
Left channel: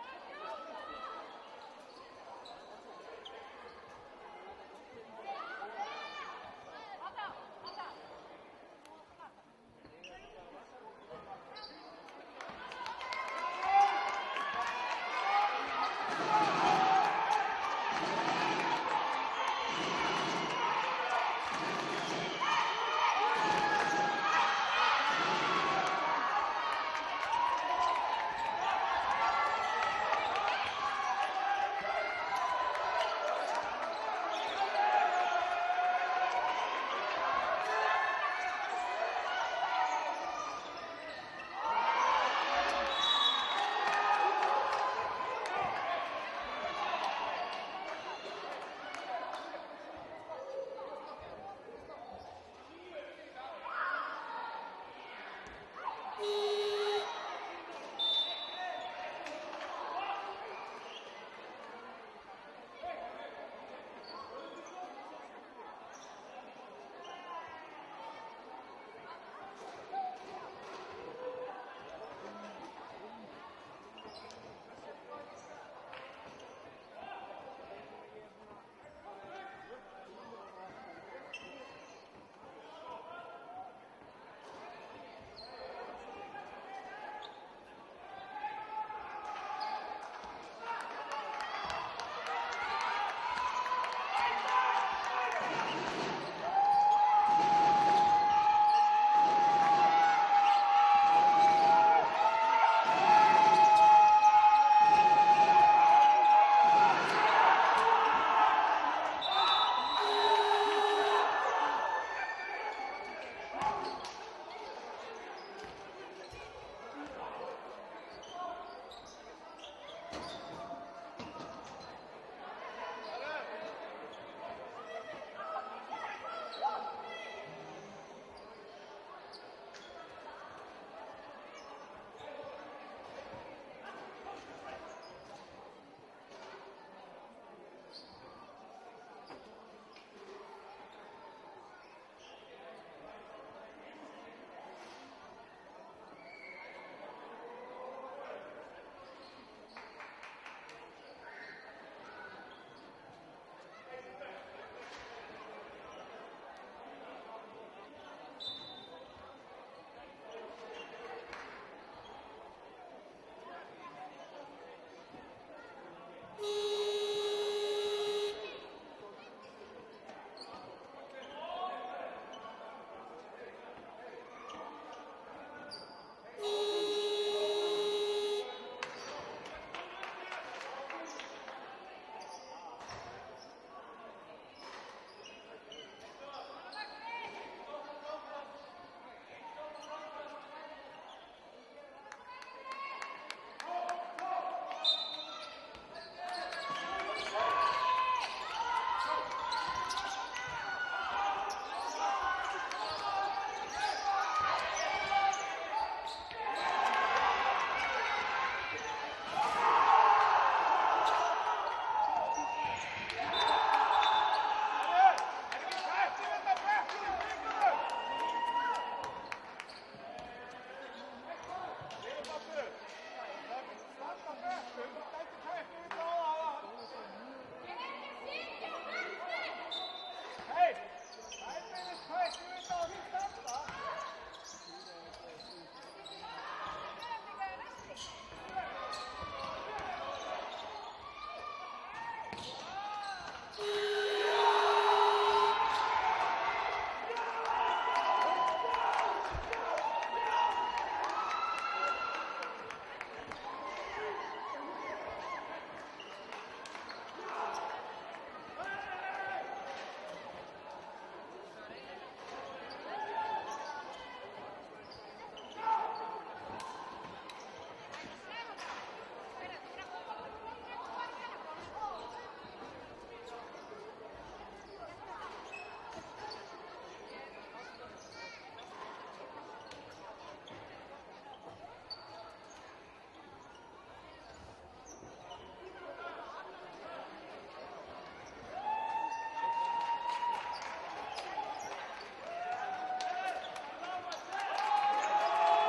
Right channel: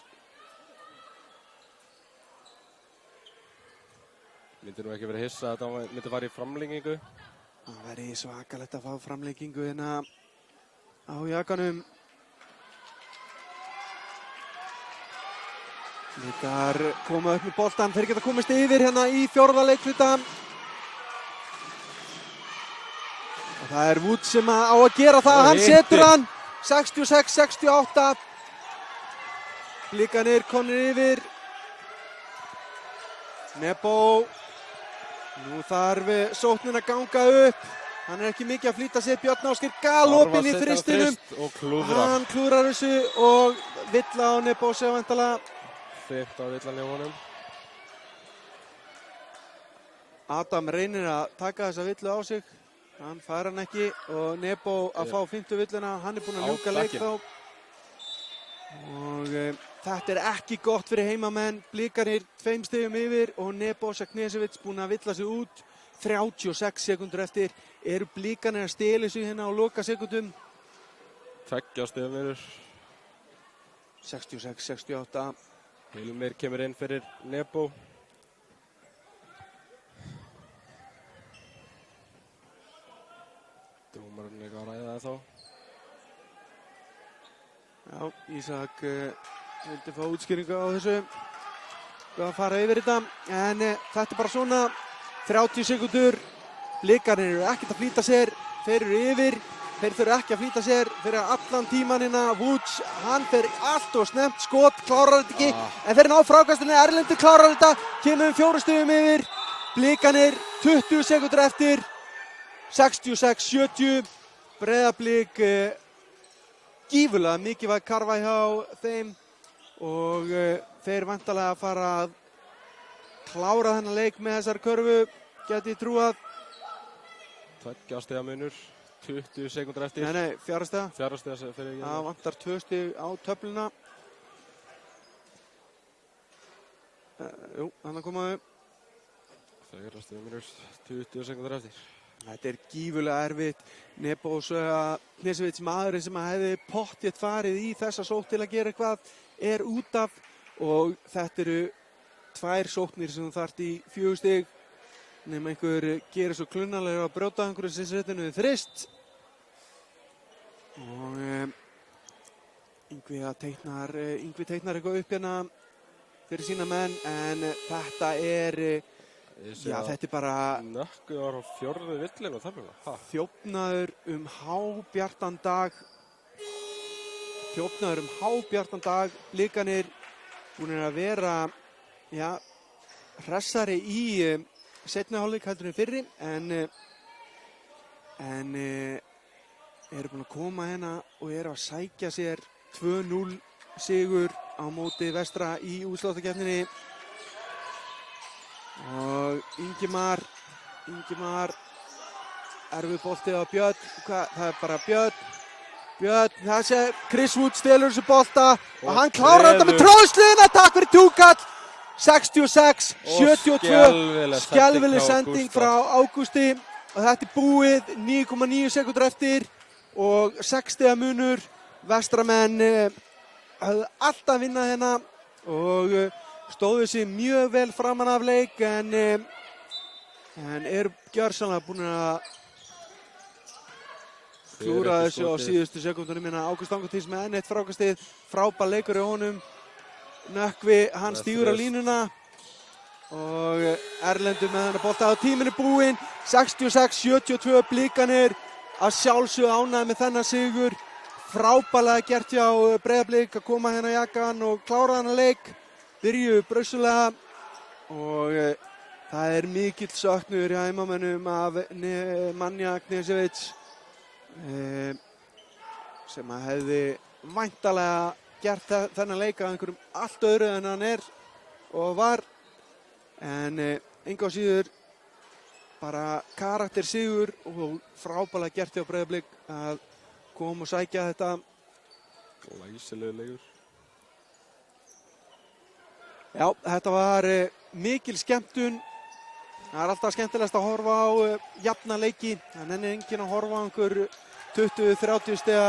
Myndir nú ekki verið hissa að þetta myndi fara í framlengingu. Það væri svakalegt að fá framlengingu hérna á jakanum. Þar koma upp með boltan, þeir geta komist yfir hérna í fjórða leikluta. Það er Woods sem á að gera það, hann setur hann. 66-68. Blikanir komnir yfir. Nebo. Nú þarf sóknin að ganga upp. Hann er ekki mikið að flýta sér. Björn Ásgeir galopinn í þristinum. Og klúðra. Hann klúðrar þessu og villa á Nebo sig væntanlega. Fint á villan í honum. Adam reynir að taka þessa villu á sig. Hann fær hann ekki og Nebo að fá 5. villuna. Hann er búinn að ljúka leik þá. Og þetta er ekki gott fyrir heimamenn. Blikarnir 2 stigum yfir og Nebojša Knežević búinn að villa sig út. 36 sekúndur eftir. Eru Blikarnir að stela sig hérna á loka sekúndum? 2 stigum yfir. 66, 68. Hilmir kemur inn fyrir Nebo. Dómarinn líka að ræða það þá. Já, Ísak vildi fá útskýringu á þessu. Að fara yfir þetta, en þetta er bara svona. 30 sekúndur. Blikarnir eru ekkert að flýta sér. Þeir eru yfir. Þeir þurfa ekki að flýta sér fyrir allan tímann hérna. Vuč, hann fer allt og snemmt skot, klárar þetta ekki. En þeir ná frákastinu, Erlendur klárar þetta. Kemur 4 stigum yfir. Blikarnir 20 sekúndur eftir. 66-70. Breiðablik gífurlega mikilvæg karfa hjá þeim. Og þeir væntanlega að fara að klára þennan leik með þessar körfu, gæti ég trúað. 2 stiga munur, 20 sekúndur eftir. Nei, 4 stiga. 4 stiga sem fyrir ekki. Það vantar 2 stig á töfluna. Jú, þannig komaðu. 4 stiga munur, 20 sekúndur eftir. Þetta er gífurlega erfitt. Nebojša Knežević, maðurinn sem hefði pottþétt farið í þessa sókn til að gera eitthvað, er út af. Og þetta eru 2 sóknir sem þú þarft í 4 stig. Nema einhver gerir svo klunnalega að brjóta einhverju sinsréttinu við þrist. Og Yngvi teiknar eitthvað upp hérna fyrir sína menn, en þetta er, já, þetta er bara Nökkvi var á 4. villingu þarna. þjófnaður hábjartan dag. Þjófnaður hábjartan dag. Blikarnir búnir að vera, já, hressari í seinni hálfleik heldur en fyrri, en eru búin að koma hérna og eru að sækja sér 2-0 sigur á móti Vestra í úrslitakeppninni. Og Ingimar erfið bolti á Björn. Það er bara Björn, þessi Chris Wood stelur þessu bolta og hann klárar þetta með tróðsliðina. Takk fyrir Túkall. 66-72. Skelfileg sending frá Ágústi. Og þetta er búið. 9,9 sekúndur eftir og 6 stiga munur. Vestramenn höfðu alltaf að vinna hérna og stóðu sig mjög vel framan af leik, en eru gjörsamlega búin að klúra þessu á síðustu sekúndunum. Ágúst Angurtís með enn eitt frákastið. Frábær leikur í honum. Nökkvi, hann stígur á línuna og Erlendur með þennan bolta. Tíminn er búinn. 66-72. Blikarnir að sjálfsögðu ánægðir með þennan sigur. Frábærlega gert hjá Breiðablik að koma hérna í jakkann og klára þennan leik. Byrjuðu brösulega og það er mikill söknuður hjá heimamönnum af Nemanja Knežević sem að hefði væntanlega gert þennan leik af einhverjum allt öðru en hann er og var, en engu á síður bara karakter sigur og frábærlega gert hjá Breiðablik að koma og sækja þetta. Glæsilegur leikur. Já, þetta var mikil skemmtun. Það er alltaf skemmtilegast að horfa á jafna leiki. Það nennir enginn að horfa á einhver 20-30 stiga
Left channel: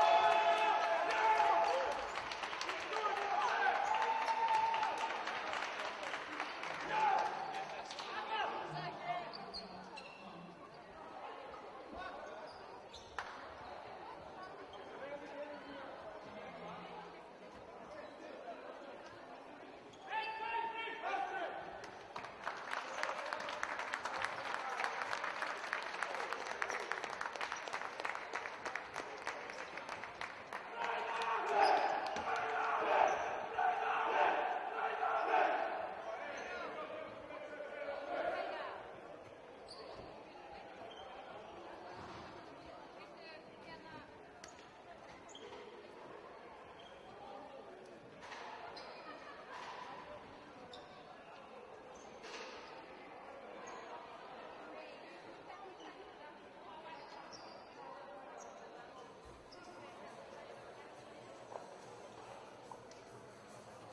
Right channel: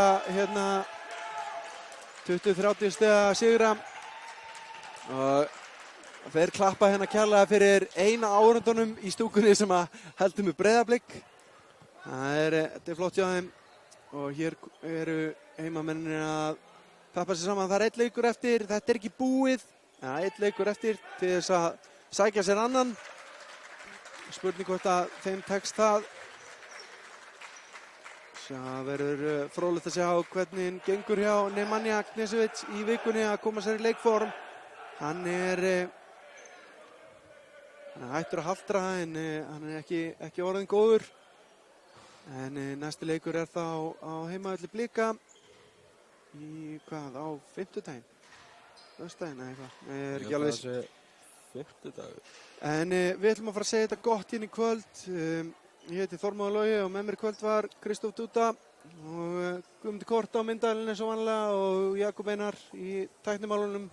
20-30 stiga sigra. Og þeir klappa hérna kærlega fyrir eina áhorfendunum í stúkunni sem að heldur með Breiðablik. Þetta er flott hjá þeim og hér eru heimamennir að klappa sér saman. Það er 1 leikur eftir, þetta er ekki búið. Það er 1 leikur eftir til þess að sækja sér annan. Spurning hvort að þeim tekst það. Það verður fróðlegt að sjá hvernig gengur hjá Nemanja Knežević í vikunni að koma sér í leikform. Hann er hættur að haltra en hann er ekki orðinn góður. En næsti leikur er þá á heimavelli Blika í á fimmtudaginn, föstudaginn eða eitthvað, ég er ekki alveg viss. Fimmtudagur. En við ætlum að fara að segja þetta gott inn í kvöld. Ég heiti Þormóður Logi og með mér í kvöld var Kristóf Dúta og Guðmundur Kort á myndalinn eins og vanlega og Jakob Einar í tæknimálunum.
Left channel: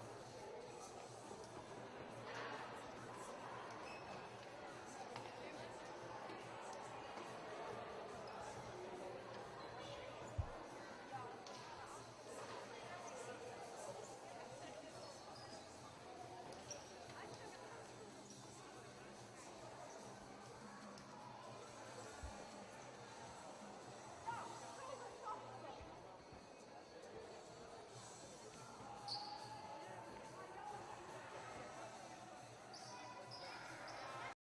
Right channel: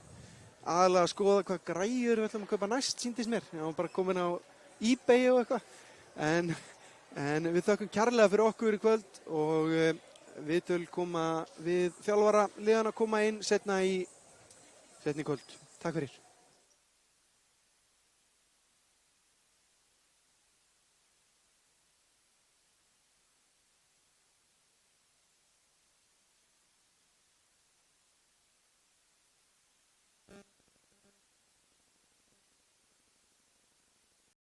Aðalega að skoða hvað græjur við ætlum að kaupa næst, sýndist mér. Ég var bara komin á eBay og eitthvað. En við þökkum kærlega fyrir okkur í kvöld og viðtöl koma við þjálfara liðana koma inn seinna í kvöld. Takk fyrir.